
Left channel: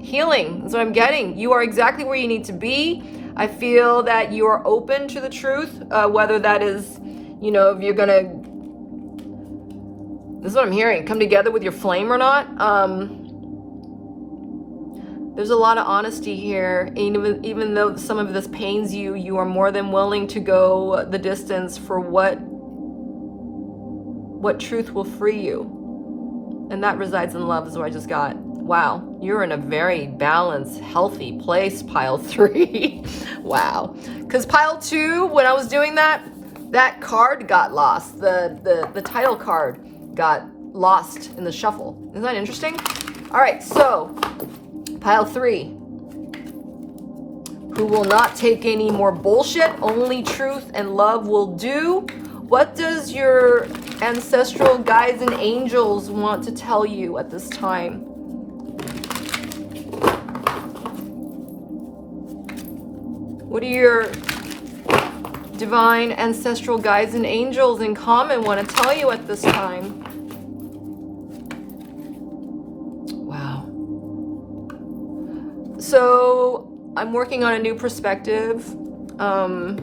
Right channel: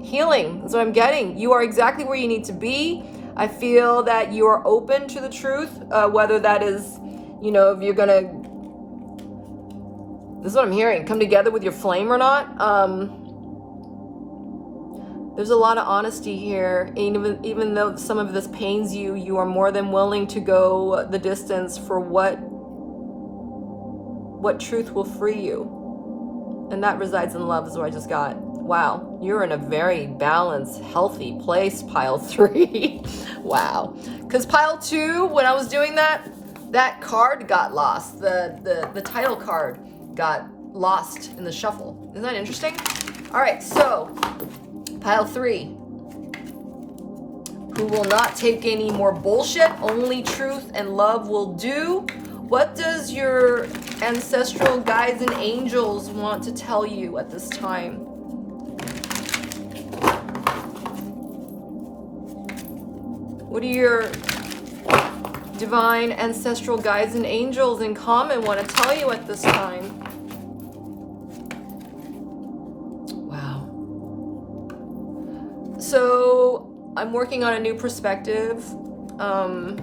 healing. That's what I'm getting. You are exactly where you need to be. I feel that you are open to the truth, whether that is, you know, if you're gonna, this is what I'm hearing, come together with your flame or not. There's a lot of honesty here. Even though some of this pains you, you are more than willing to go the distance for what truth will free you. And that resides in love is what I just got. Wow. You're in a very balanced, healthy place, pile 3. Wow. Because pile 2, when I was doing that, that card got lost. The title card got lost in the shuffle. Isn't that interesting? All right, so pile 3. Who will not take any more bullshit, only truth and love will do. What does your ancestral guides and angels want to tell you at this time? What do your divine ancestral guides and angels in common want to tell you at this time? Wow. So I'm working on a new perspective. I'm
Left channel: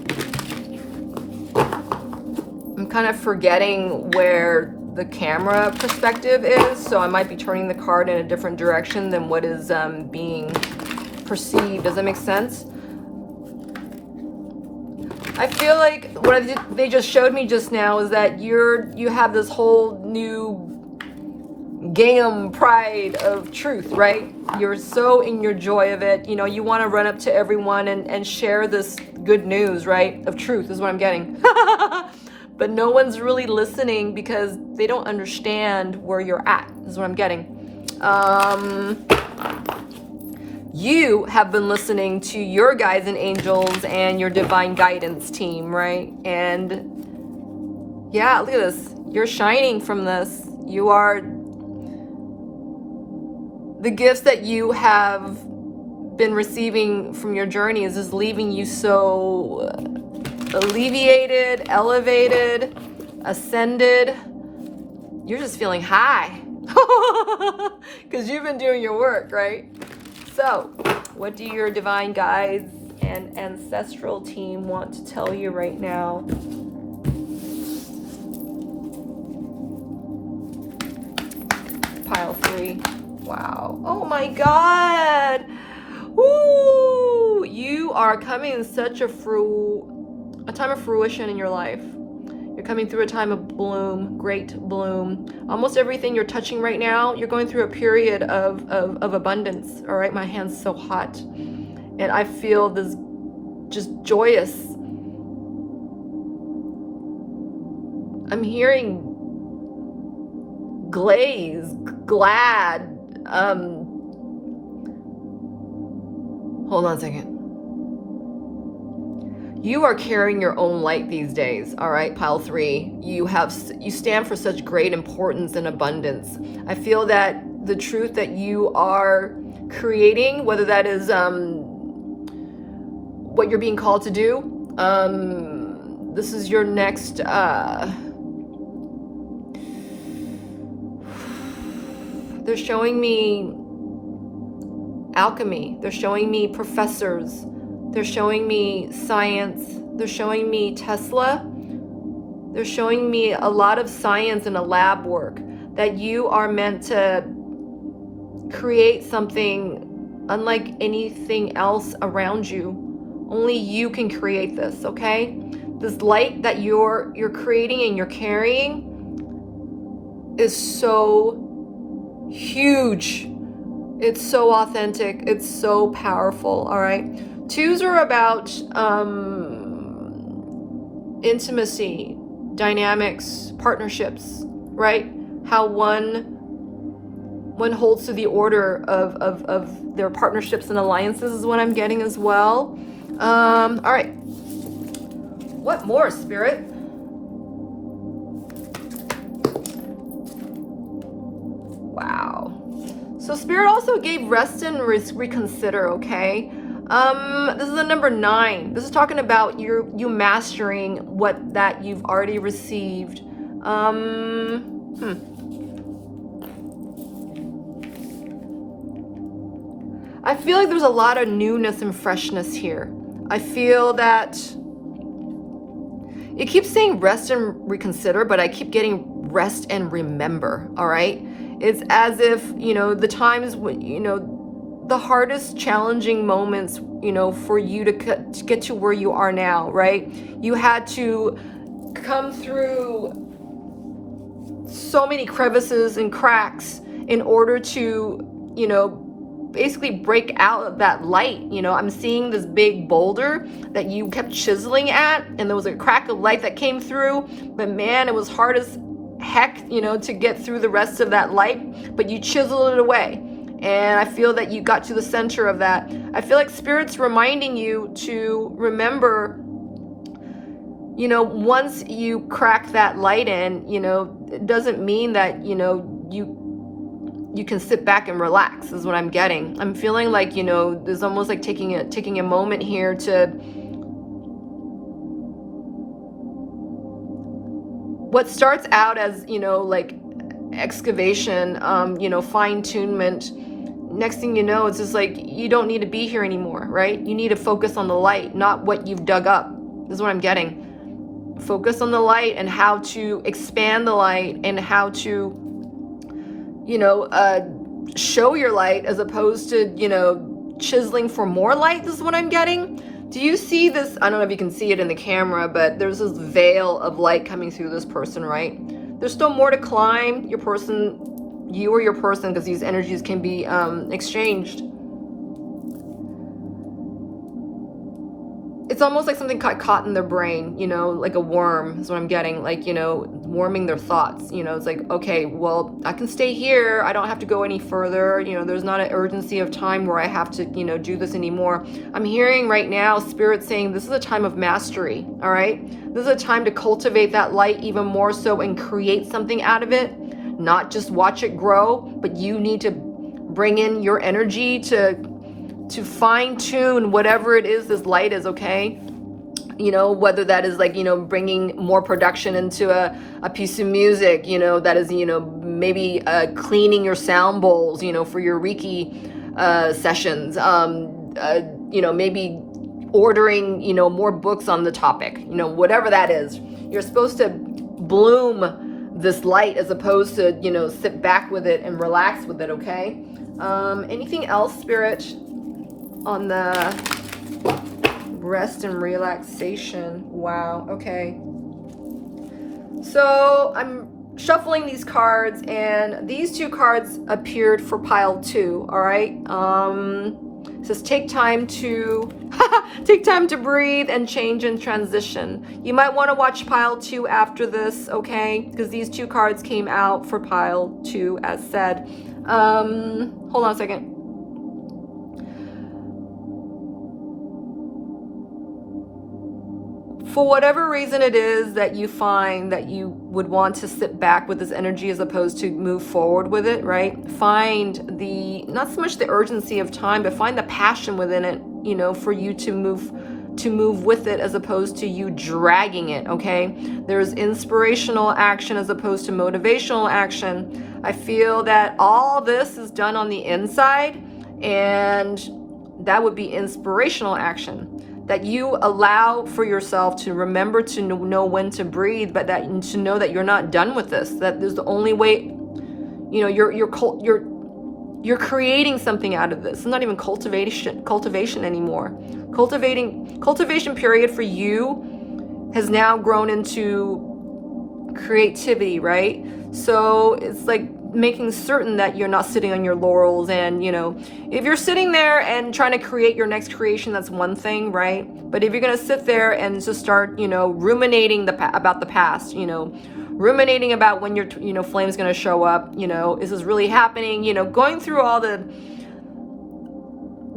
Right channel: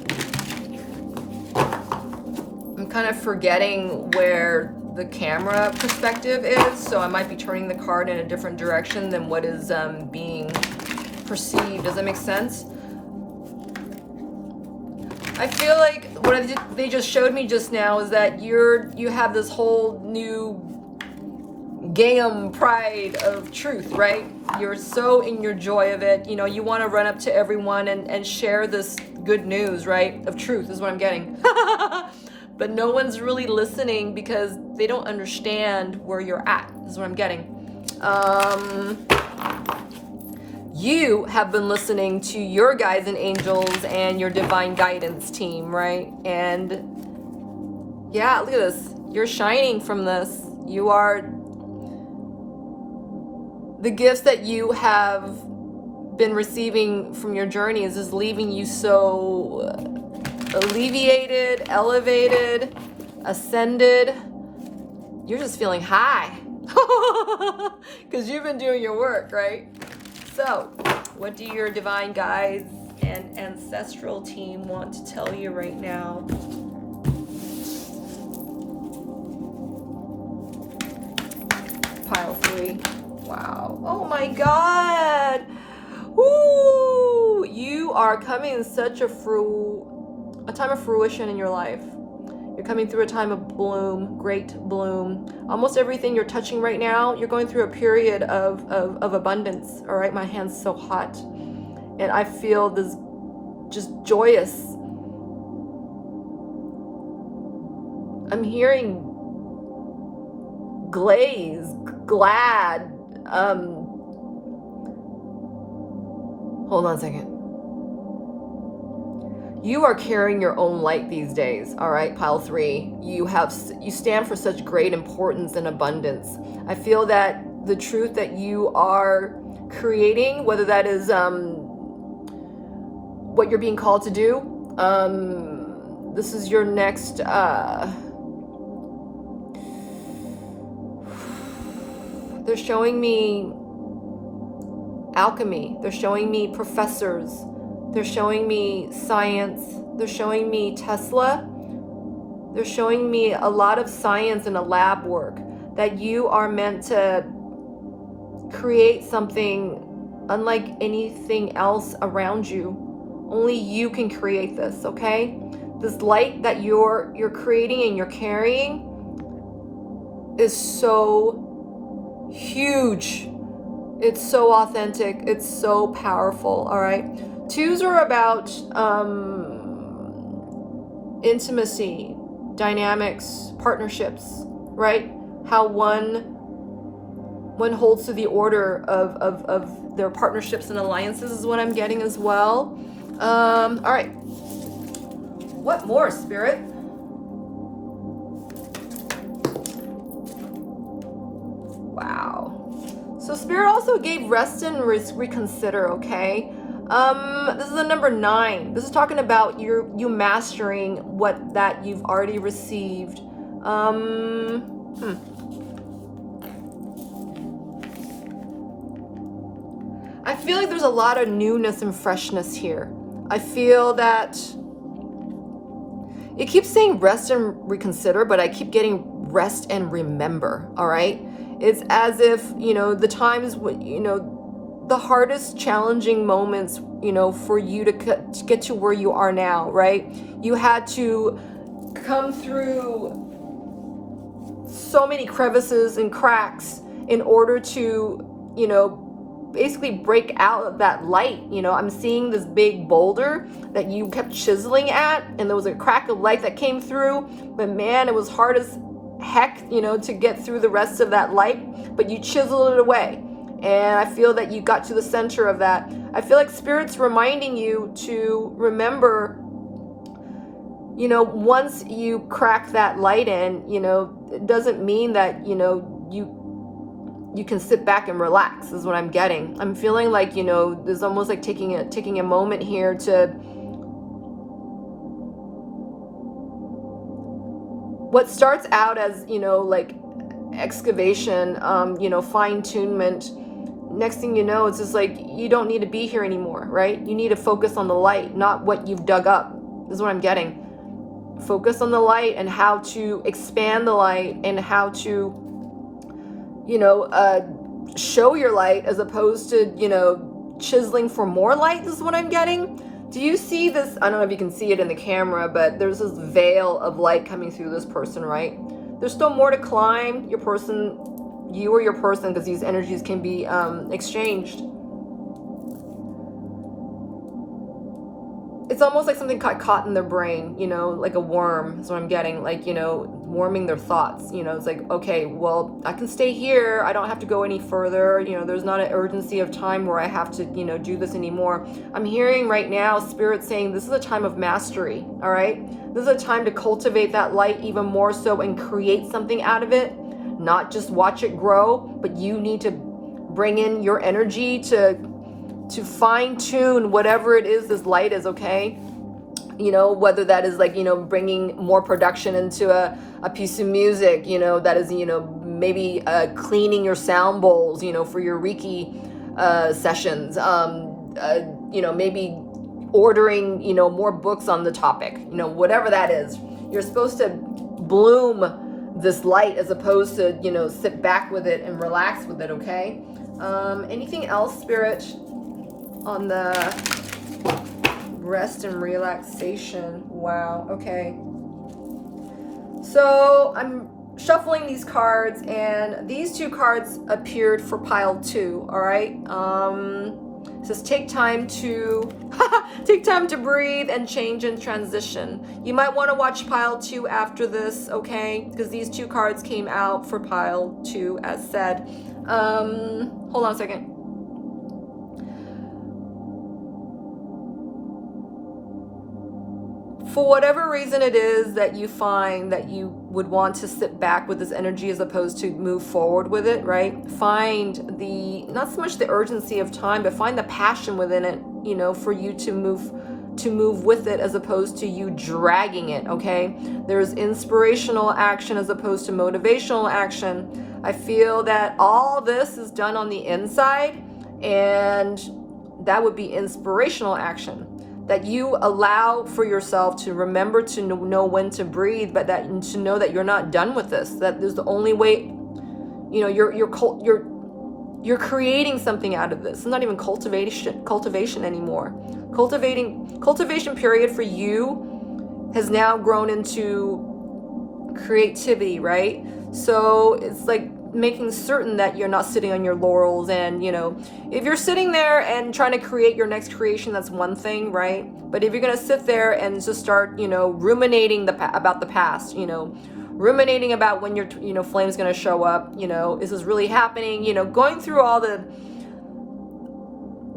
kind of forgetting where the camera perspective is, so I might be turning the card in a different direction than what is being perceived. Does that make sense? I feel like what they just showed me just now is that you have this whole new Gingham pride of truth, right? You're so in your joy of it. You know, you want to run up to everyone and share this good news, right? Of truth is what I'm getting. But no one's really listening because they don't understand where you're at, is what I'm getting. You have been listening to your guides and angels and your divine guidance team, right? And yeah, look at this. You're shining from this. You are, the gifts that you have been receiving from your journeys is leaving you so alleviated, elevated, ascended. You're just feeling high because you've been doing your work, right? So, what do your divine guides and ancestral team want to tell you right now? Pile 3. Wow. Oh my God. Woo! You are coming in such a time of fruition in your life. You're coming through a time of bloom, great bloom. Almost everything you're touching right now, you're going through a period of abundance. All right, my hand's so hot. And I feel this just joyous. I'm hearing glaze, glad. Hold on a second. You are carrying your own light these days, all right, pile 3. You stand for such great importance and abundance. I feel that the truth that you are creating, whether that is what you're being called to do, this is your next, they're showing me alchemy. They're showing me professors. They're showing me science. They're showing me Tesla. They're showing me a lot of science and a lab work, that you are meant to create something unlike anything else around you. Only you can create this, okay? This light that you're creating and you're carrying is so huge. It's so authentic. It's so powerful, all right? 2s are about intimacy, dynamics, partnerships, right? How one holds to the order of their partnerships and alliances is what I'm getting as well. All right. What more, Spirit? So Spirit also gave rest and reconsider, okay? This is the number 9. This is talking about you mastering what that you've already received. I feel like there's a lot of newness and freshness here. I feel that it keeps saying rest and reconsider, but I keep getting rest and remember, all right? It's as if, the times when, the hardest challenging moments, for you to get to where you are now, right? You had to come through so many crevices and cracks in order to, basically break out of that light. You know, I'm seeing this big boulder that you kept chiseling at, and there was a crack of light that came through, but man, it was hard as heck, you know, to get through the rest of that light, but you chiseled it away. And I feel that you got to the center of that. I feel like Spirit's reminding you to remember, you know, once you crack that light in, you know, it doesn't mean that, you know, you can sit back and relax, is what I'm getting. I'm feeling like, you know, there's almost like taking a moment here to, what starts out as, you know, like excavation, you know, fine-tunement, next thing you know, it's just like, you don't need to be here anymore, right? You need to focus on the light, not what you've dug up. This is what I'm getting. Focus on the light and how to expand the light and how to, you know, show your light as opposed to, you know, chiseling for more light. This is what I'm getting. Do you see this? I don't know if you can see it in the camera, but there's this veil of light coming through this person, right? There's still more to climb. Your person, you or your person, because these energies can be exchanged. It's almost like something got caught in their brain, you know, like a worm is what I'm getting, like, you know, warming their thoughts. You know, it's like, okay, well, I can stay here. I don't have to go any further. You know, there's not an urgency of time where I have to, you know, do this anymore. I'm hearing right now Spirit saying this is a time of mastery, all right? This is a time to cultivate that light even more so and create something out of it, not just watch it grow, but you need to bring in your energy to fine-tune whatever it is this light is, okay? You know, whether that is like, you know, bringing more production into a piece of music, you know, that is, you know, maybe cleaning your sound bowls, you know, for your Reiki sessions, you know, maybe ordering, you know, more books on the topic, you know, whatever that is. You're supposed to bloom this light as opposed to, you know, sit back with it and relax with it, okay? Anything else, Spirit, on the rest and relaxation? Wow, okay. So I'm shuffling these cards, and these two cards appeared for pile 2, all right? It says take time to take time to breathe and change and transition. You might want to watch pile 2 after this, okay? Because these two cards came out for pile 2 as said. Hold on a second. For whatever reason it is that you find that you would want to sit back with this energy as opposed to move forward with it, right? Find the, not so much the urgency of time, but find the passion within it, you know, for you to move with it as opposed to you dragging it, okay? There's inspirational action as opposed to motivational action. I feel that all this is done on the inside, and that would be inspirational action. That you allow for yourself to remember to know when to breathe, but that to know that you're not done with this. That there's the only way, you know, you're creating something out of this. It's not even cultivation anymore. Cultivation period for you has now grown into creativity, right? So it's like making certain that you're not sitting on your laurels, and, you know, if you're sitting there and trying to create your next creation, that's one thing, right? But if you're gonna sit there and just start, you know, ruminating about the past, you know, ruminating about when your, you know, flame's gonna show up, you know, is this really happening, you know, going through all the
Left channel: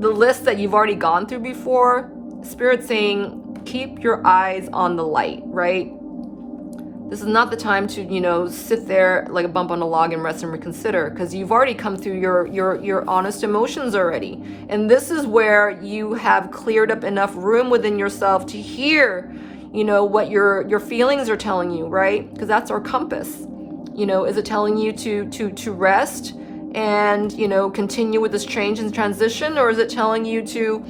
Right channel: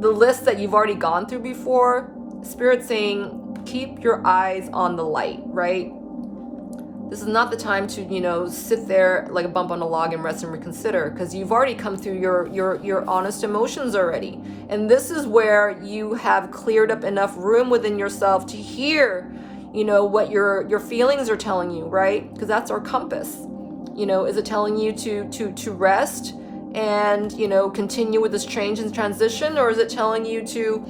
lists that you've already gone through before, Spirit saying keep your eyes on the light, right? This is not the time to, you know, sit there like a bump on a log and rest and reconsider, because you've already come through your honest emotions already. And this is where you have cleared up enough room within yourself to hear, you know, what your feelings are telling you, right? Because that's our compass. You know, is it telling you to rest and, you know, continue with this change and transition, or is it telling you to,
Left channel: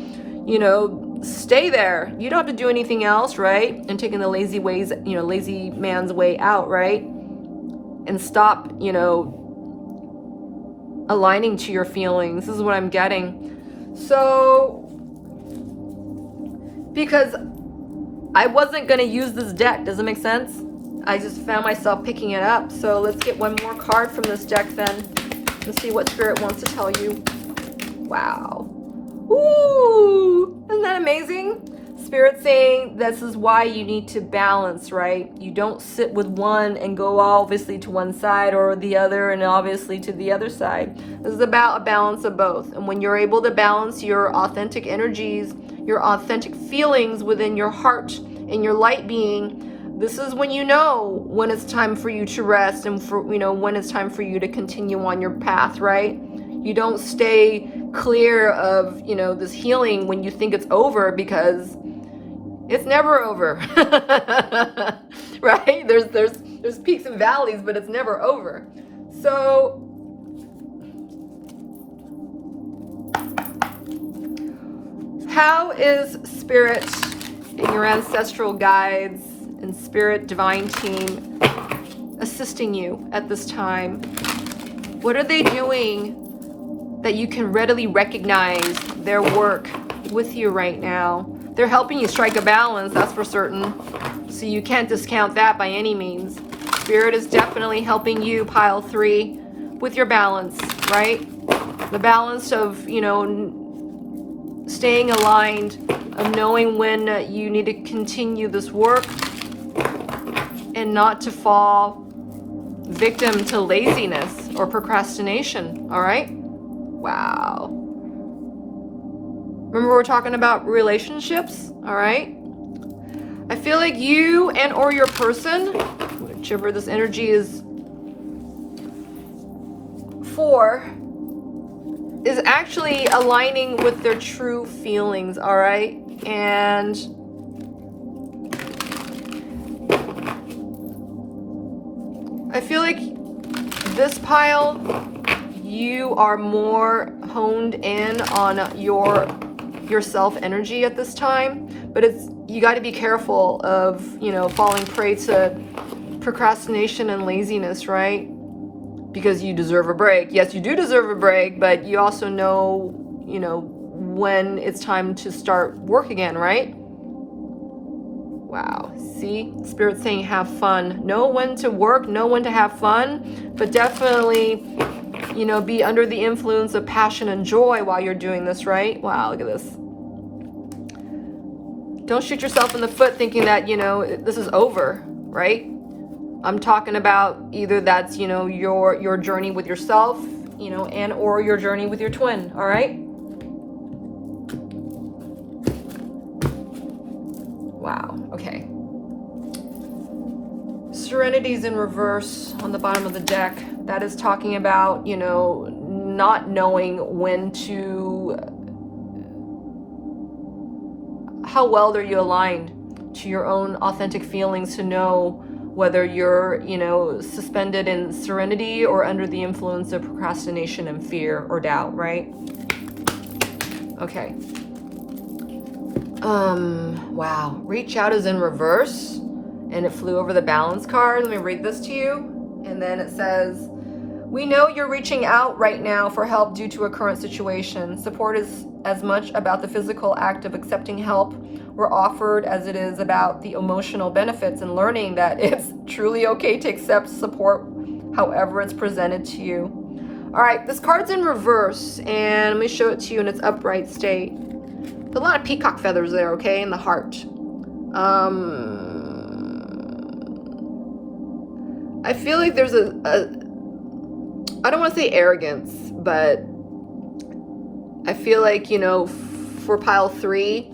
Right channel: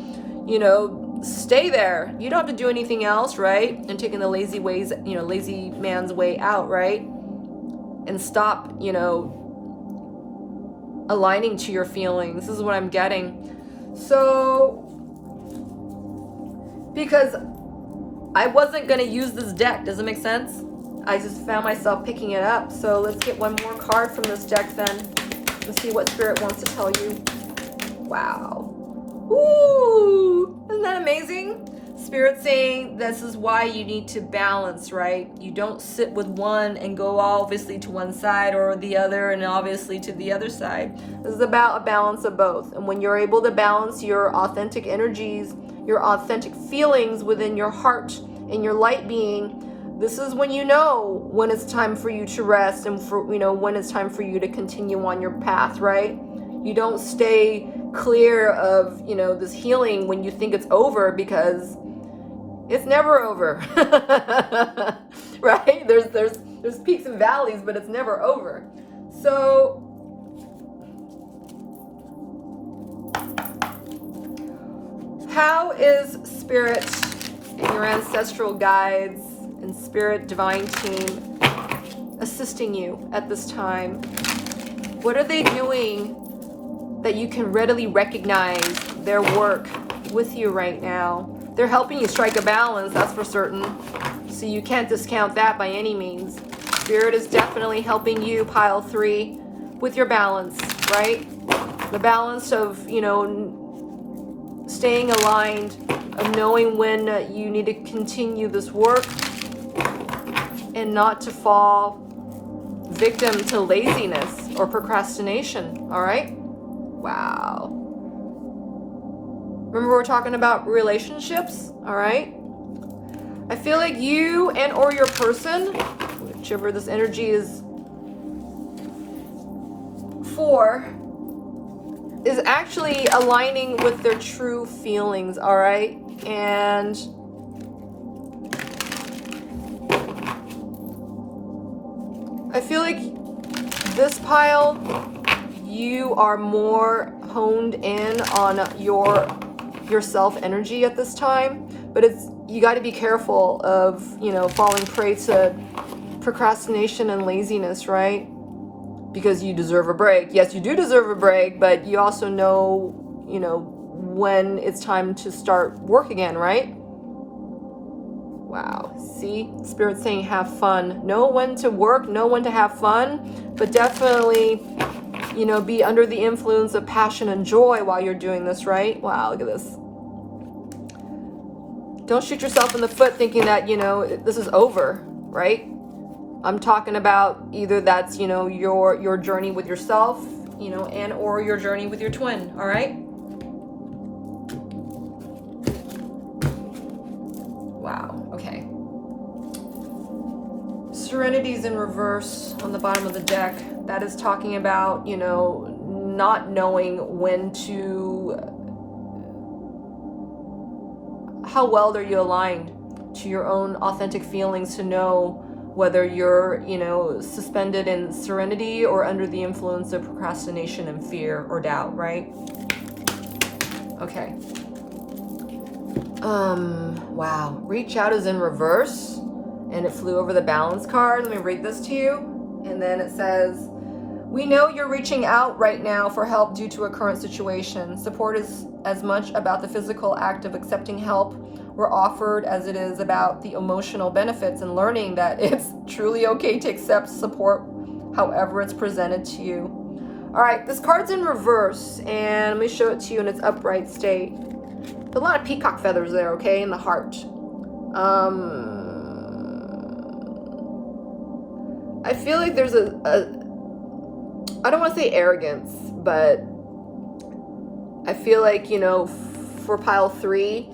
you know, stay there? You don't have to do anything else, right? And taking the lazy ways, you know, lazy man's way out, right? And stop, you know, aligning to your feelings. This is what I'm getting. So, because I wasn't going to use this deck, does it make sense? I just found myself picking it up. So let's get one more card from this deck then and see what Spirit wants to tell you. Wow. Ooh, isn't that amazing? Spirit saying this is why you need to balance, right? You don't sit with one and go obviously to one side or the other and obviously to the other side. This is about a balance of both. And when you're able to balance your authentic energies, your authentic feelings within your heart and your light being, this is when you know when it's time for you to rest and for, when it's time for you to continue on your path, right? You don't stay clear of, this healing when you think it's over, because it's never over. Right? There's peaks and valleys, but it's never over. So how is Spirit and your ancestral guides and Spirit Divine team assisting you at this time? What are they doing that you can readily recognize their work with you right now? They're helping you strike a balance, that's for certain. So you can't discount that by any means. Spirit is definitely helping you, pile 3, with your balance, right? The balance of, staying aligned and knowing when you need to continue this work and not to fall victim to laziness or procrastination, all right? Wow. Remember, we're talking about relationships, all right? I feel like you and or your person, whichever this energy is for, is actually aligning with their true feelings, all right? And I feel like this pile, you are more honed in on your self energy at this time, but you got to be careful of falling prey to procrastination and laziness, right? Because you deserve a break. Yes, you do deserve a break, but you also know when it's time to start work again, right? Wow. See, Spirit's saying have fun. Know when to work, know when to have fun, but definitely be under the influence of passion and joy while you're doing this, right? Wow, look at this. Don't shoot yourself in the foot thinking that, this is over, right? I'm talking about either that's, your journey with yourself, and or your journey with your twin, all right? Wow, okay. Serenity's in reverse on the bottom of the deck. That is talking about, not knowing when to, how well are you aligned to your own authentic feelings to know whether you're, suspended in serenity or under the influence of procrastination and fear or doubt, right? Okay. Wow. Reach out is in reverse, and it flew over the balance card. Let me read this to you. And then it says, we know you're reaching out right now for help due to a current situation. Support is as much about the physical act of accepting help we're offered as it is about the emotional benefits and learning that it's truly okay to accept support however it's presented to you. All right, this card's in reverse, and let me show it to you in its upright state. There's a lot of peacock feathers there, okay, in the heart. I feel like there's a I don't want to say arrogance, but I feel like, for pile 3,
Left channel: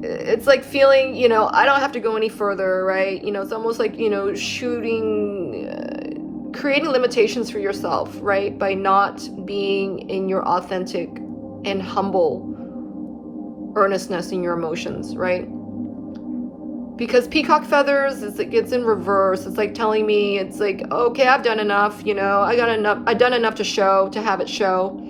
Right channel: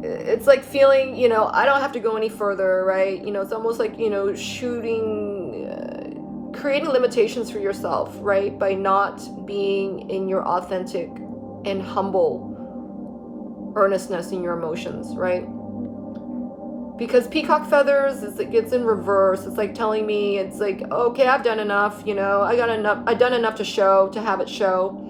it's like feeling, I don't have to go any further, right? It's almost like, creating limitations for yourself, right? By not being in your authentic and humble earnestness in your emotions, right? Because peacock feathers, it gets in reverse. It's like telling me, it's like, okay, I've done enough, I've done enough to have it show.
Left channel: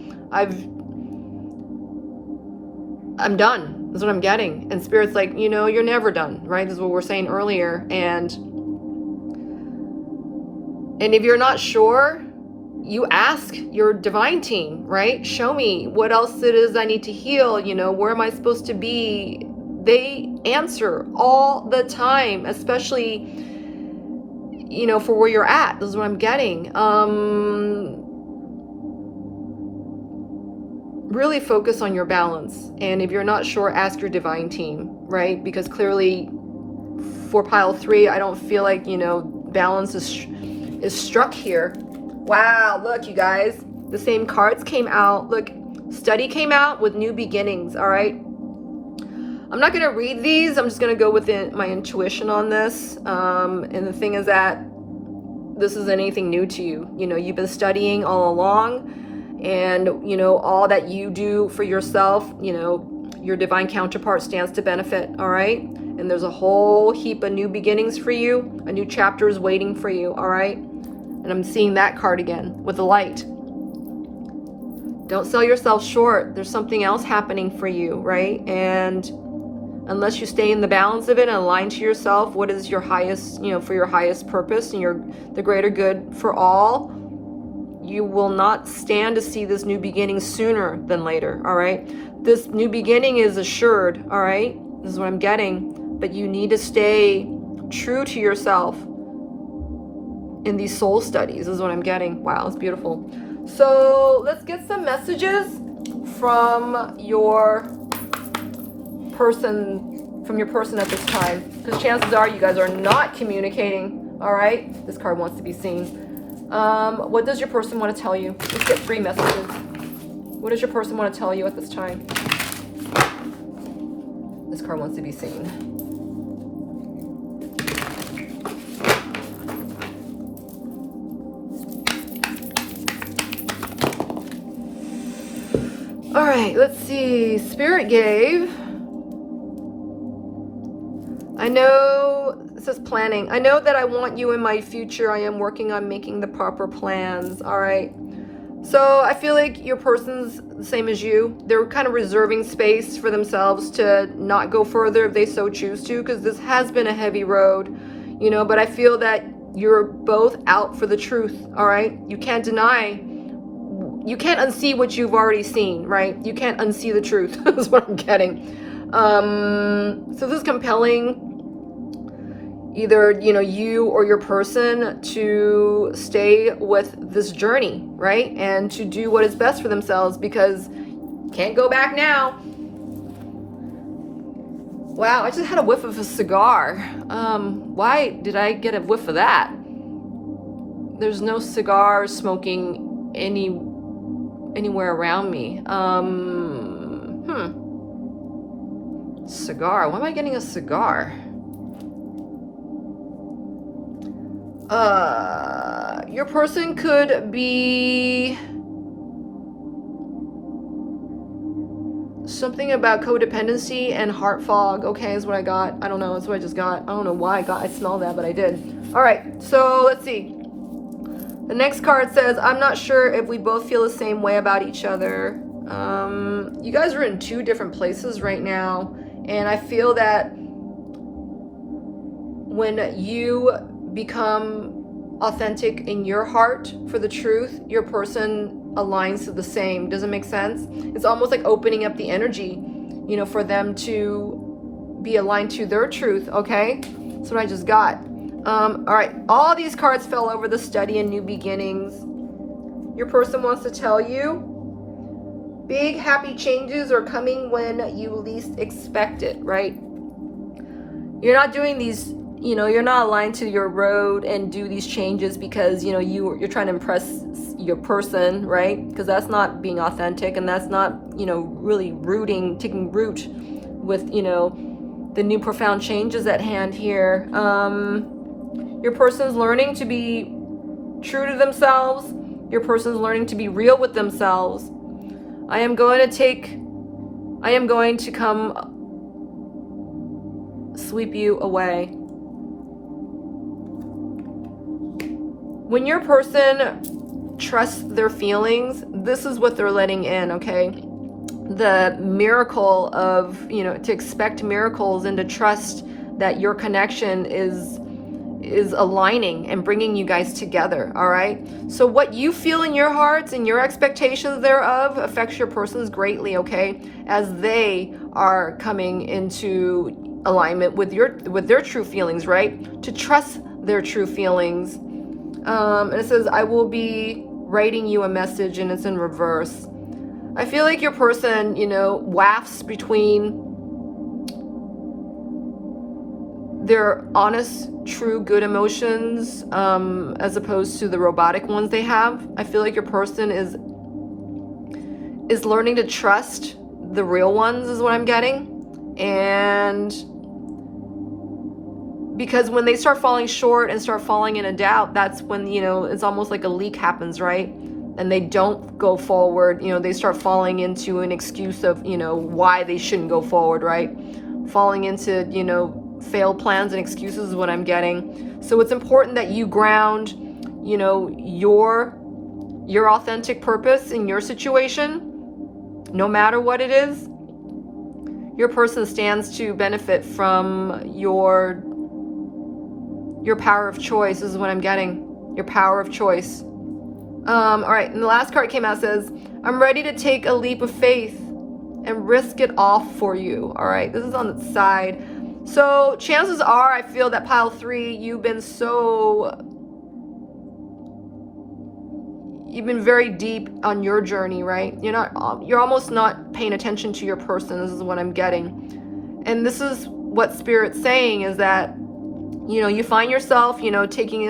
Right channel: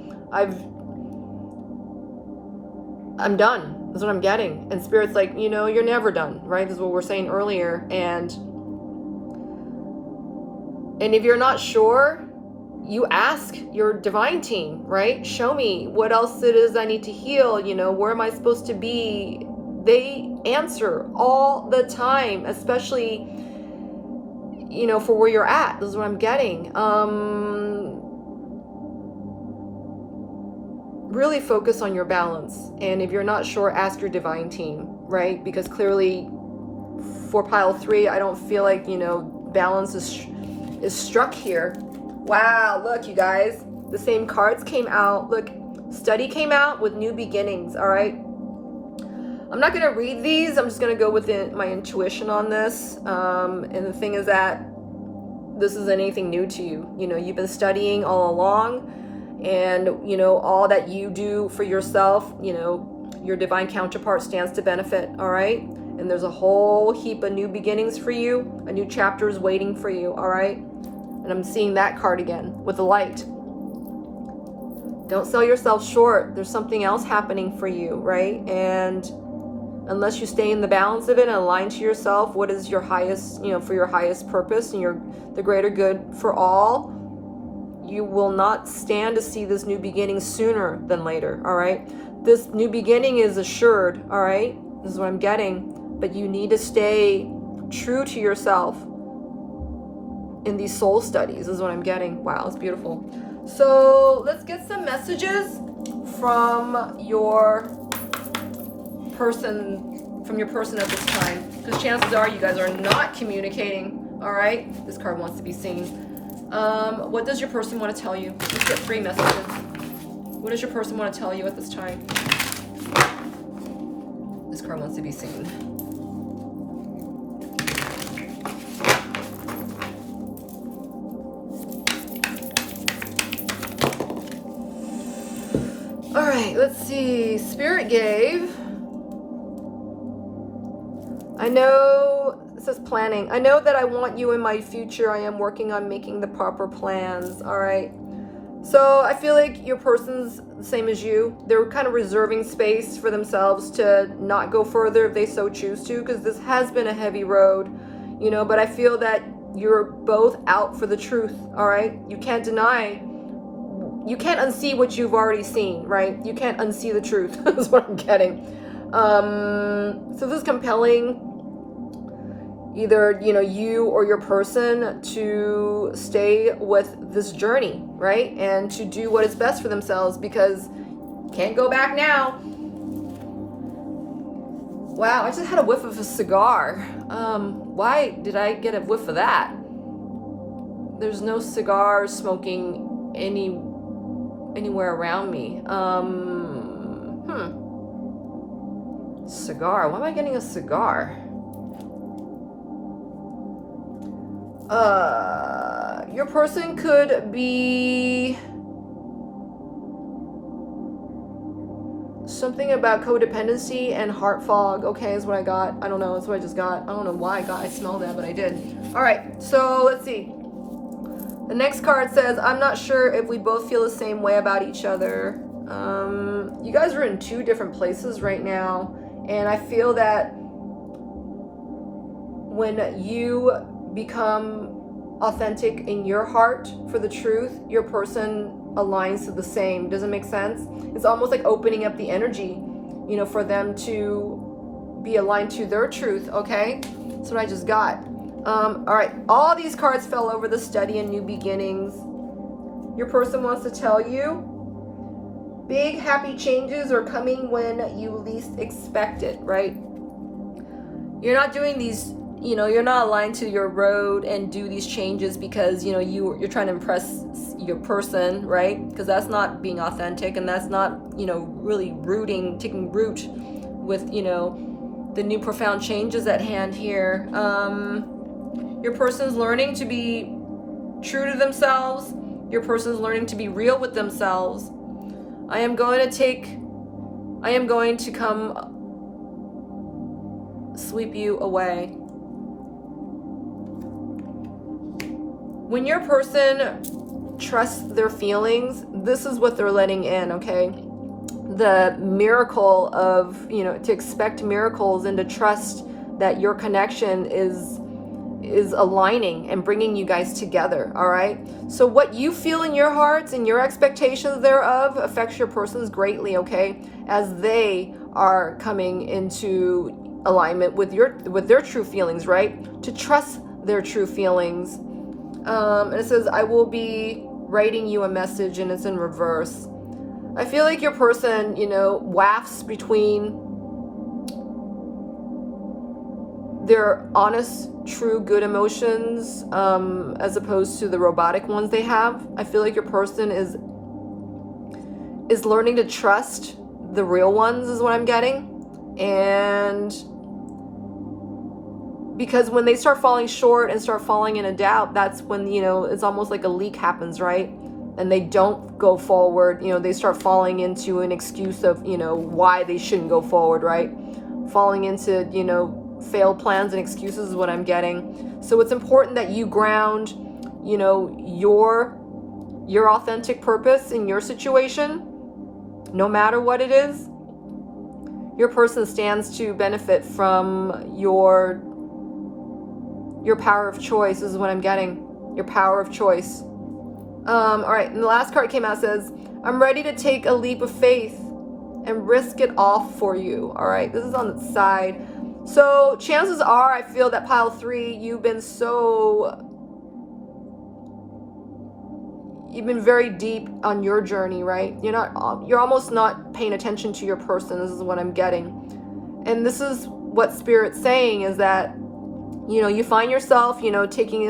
I'm done. That's what I'm getting. And Spirit's like, you're never done, right? This is what we're saying earlier. And if you're not sure, you ask your divine team, right? Show me what else it is I need to heal. Where am I supposed to be? They answer all the time, especially, for where you're at. This is what I'm getting. really focus on your balance. And if you're not sure, ask your divine team, right? Because clearly for pile 3, I don't feel like, you know, balance is struck here. Wow, look, you guys, the same cards came out. Look, study came out with new beginnings, all right? I'm not going to read these. I'm just going to go with my intuition on this. And the thing is that this isn't anything new to you. You know, you've been studying all along, and, you know, all that you do for yourself, you know, your divine counterpart stands to benefit, all right? And there's a whole heap of new beginnings for you. A new chapter is waiting for you, all right? And I'm seeing that card again with the light. Don't sell yourself short. There's something else happening for you, right? And unless you stay in the balance of it and align to yourself, what is your highest, you know, for your highest purpose and the greater good for all, you will not stand to see this new beginning sooner than later, all right? This new beginning is assured, all right? This is what I'm getting. But you need to stay true to yourself in these soul studies. This is what I'm getting. Wow, it's beautiful. So let's get some messages from your person at this time, because chances are you guys are not communicating. All right, this card wants to be seen. What does your person want to tell you? Let's get 3 messages. What does your person want to tell you at this time? This card wants to be seen. All right, let's see. Spirit gave. I know, it says planning. I know that I want you in my future. I am working on making the proper plans. All right. So I feel like your person's the same as you. They're kind of reserving space for themselves to not go further if they so choose to, because this has been a heavy road, you know, but I feel that you're both out for the truth. All right. You can't deny. You can't unsee what you've already seen, right? You can't unsee the truth. That's what I'm getting. So this is compelling either, you know, you or your person to stay with this journey, right? And to do what is best for themselves, because can't go back now. Wow, I just had a whiff of a cigar. Why did I get a whiff of that? There's no cigar smoking anywhere around me. Cigar. Why am I getting a cigar? Your person could be something about codependency and heart fog. Okay, is what I got. I don't know. That's what I just got. I don't know why I smelled that, but I did. All right. So let's see. The next card says, I'm not sure if we both feel the same way about each other. You guys are in 2 different places right now. And I feel that when you become authentic in your heart for the truth, your person aligns to the same. Does it make sense? It's almost like opening up the energy, you know, for them to be aligned to their truth. Okay, that's what I just got. All right, all these cards fell over the study and new beginnings. Your person wants to tell you big happy changes are coming when you least expect it, right? You're not doing these, you know, you're not aligned to your road and do these changes because, you know, you're trying to impress your person, right? Because that's not being authentic, and that's not, you know, really taking root with, you know, the new profound changes at hand here. Your person's learning to be true to themselves. Your person's learning to be real with themselves. I am going to come sweep you away. When your person trusts their feelings, this is what they're letting in, okay? The miracle of, you know, to expect miracles and to trust that your connection is aligning and bringing you guys together, all right? So what you feel in your hearts and your expectations thereof affects your persons greatly, okay? As they are coming into alignment with their true feelings, right? To trust their true feelings. And it says, I will be writing you a message, and it's in reverse. I feel like your person, you know, wafts between their honest, true, good emotions as opposed to the robotic ones they have. I feel like your person is learning to trust the real ones is what I'm getting. And because when they start falling short and start falling in a doubt, that's when, you know, it's almost like a leak happens, right? And they don't go forward, you know, they start falling into an excuse of, you know, why they shouldn't go forward, right? Falling into, you know, failed plans and excuses is what I'm getting. So it's important that you ground, you know, your authentic purpose in your situation, no matter what it is. Your person stands to benefit from your power of choice is what I'm getting. Your power of choice. All right, and the last card came out, says, I'm ready to take a leap of faith and risk it all for you. All right, this is on the side. So chances are, I feel that pile 3, you've been very deep on your journey, right? You're almost not paying attention to your person. This is what I'm getting. And this is what Spirit's saying, is that, you know, you find yourself, you know, taking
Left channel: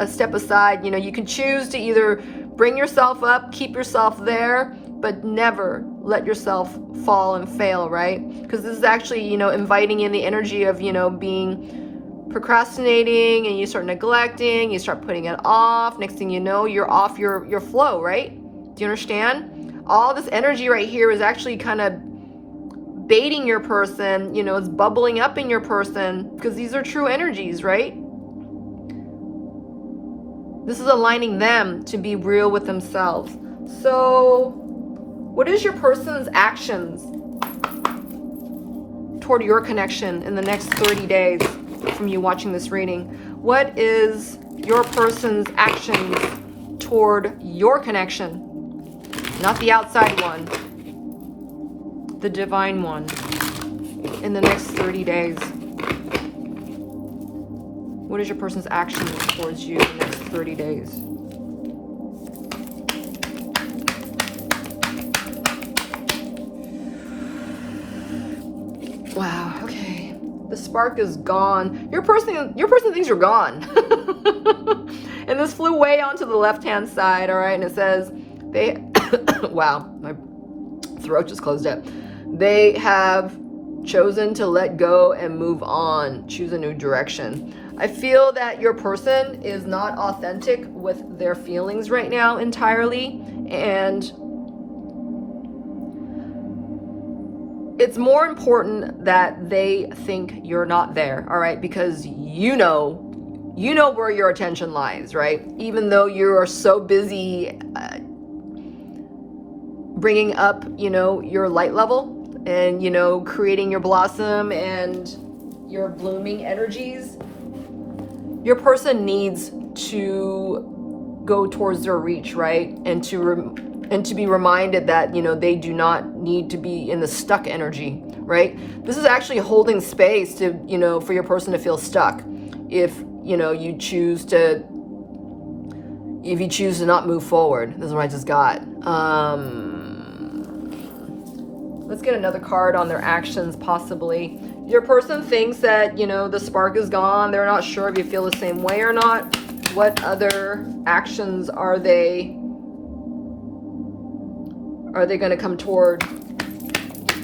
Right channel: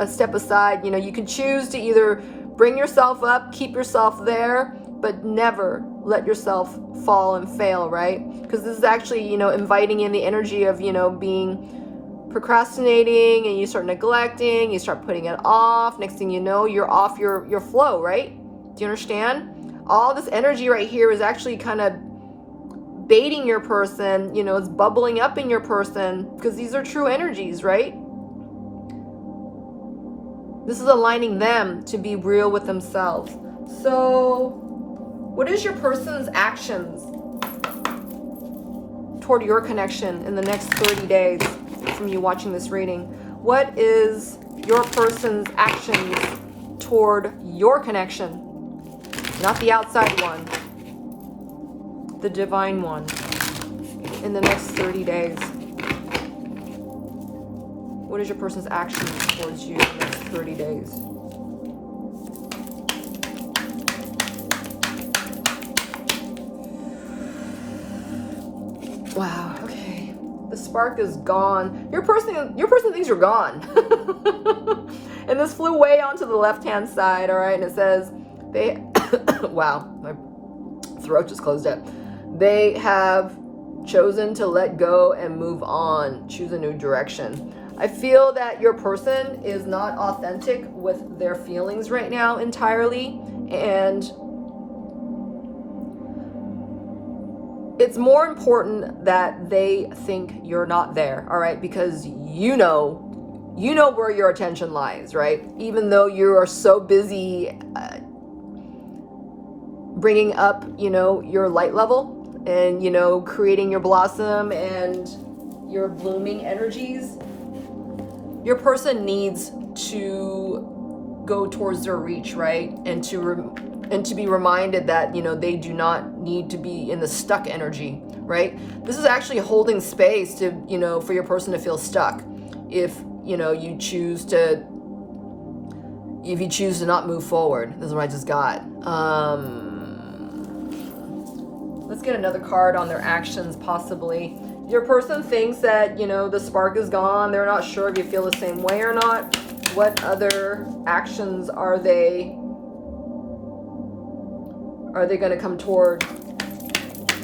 a step aside. You know, you can choose to either bring yourself up, keep yourself there, but never let yourself fall and fail, right? Because this is actually, you know, inviting in the energy of, you know, being procrastinating, and you start neglecting, you start putting it off. Next thing you know, you're off your flow, right? Do you understand? All this energy right here is actually kind of baiting your person, you know, it's bubbling up in your person, because these are true energies, right? This is aligning them to be real with themselves. So what is your person's actions toward your connection in the next 30 days from you watching this reading? What is your person's actions toward your connection? Not the outside one, the divine one, in the next 30 days. What is your person's actions towards you in the next 30 days? Wow, okay. The spark is gone. Your person thinks you're gone. And this flew way onto the left-hand side, all right? And it says, wow, my throat just closed up. They have chosen to let go and move on, choose a new direction. I feel that your person is not authentic with their feelings right now entirely, and it's more important that they think you're not there, all right? Because you know where your attention lies, right? Even though you are so busy bringing up, you know, your light level, and, you know, creating your blossom and your blooming energies, your person needs to go towards their reach, right? And to be reminded that, you know, they do not need to be in the stuck energy, right? This is actually holding space to, you know, for your person to feel stuck. If, you know, you choose to not move forward. This is what I just got. Let's get another card on their actions, possibly. Your person thinks that, you know, the spark is gone. They're not sure if you feel the same way or not. What other actions are they going to come toward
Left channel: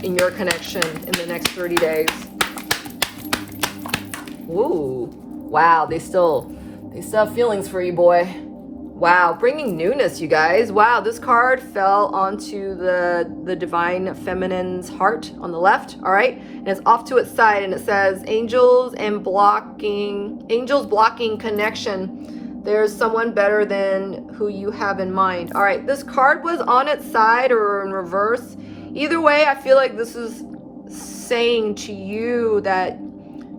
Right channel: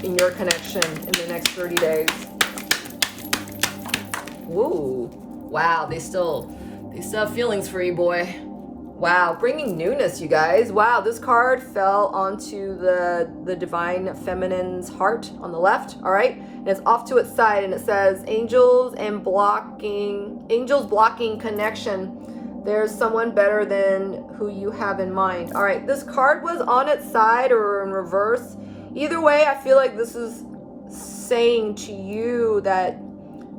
in your connection in the next 30 days? Ooh, wow, they still have feelings for you, boy. Wow, bringing newness, you guys. Wow, this card fell onto the divine feminine's heart on the left, all right? And it's off to its side, and it says, angels blocking connection. There's someone better than who you have in mind. All right, this card was on its side or in reverse. Either way, I feel like this is saying to you that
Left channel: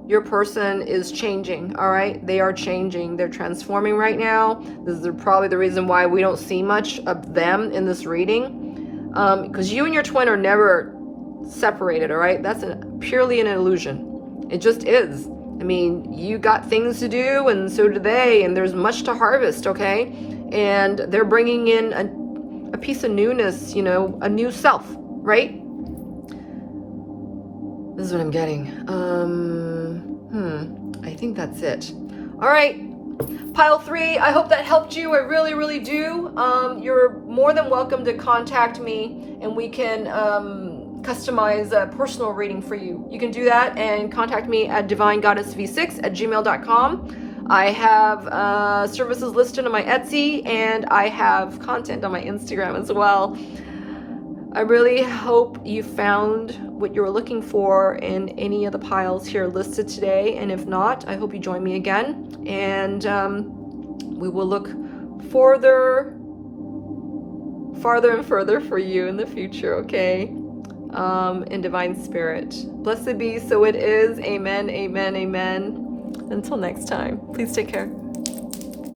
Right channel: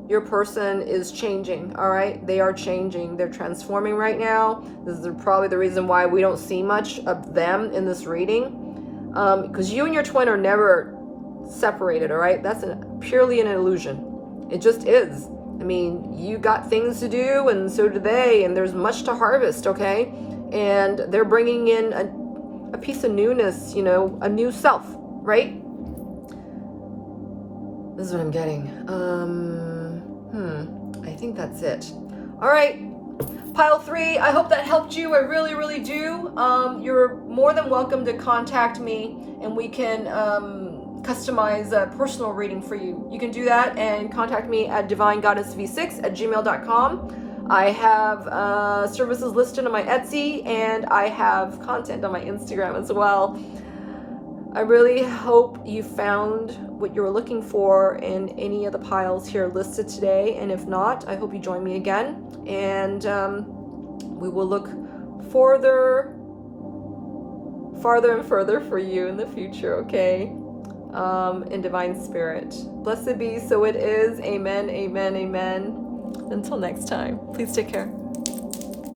your person is changing, all right? They are changing. They're transforming right now. This is probably the reason why we don't see much of them in this reading, because you and your twin are never separated, all right? That's purely an illusion. It just is. I mean, you got things to do, and so do they, and there's much to harvest, okay? And they're bringing in a piece of newness, you know, a new self, right? This is what I'm getting. I think that's it. All right, pile 3, I hope that helped you. I really, really do. You're more than welcome to contact me and we can customize a personal reading for you. You can do that and contact me at divinegoddessv6@gmail.com. I have services listed on my Etsy and I have content on my Instagram as well. I really hope you found what you were looking for in any of the piles here listed today, and if not, I hope you join me again, and we will look farther and further for you in the future, okay? In divine spirit. Blessed be, so it is. Amen, amen, amen. Until next time, please take care.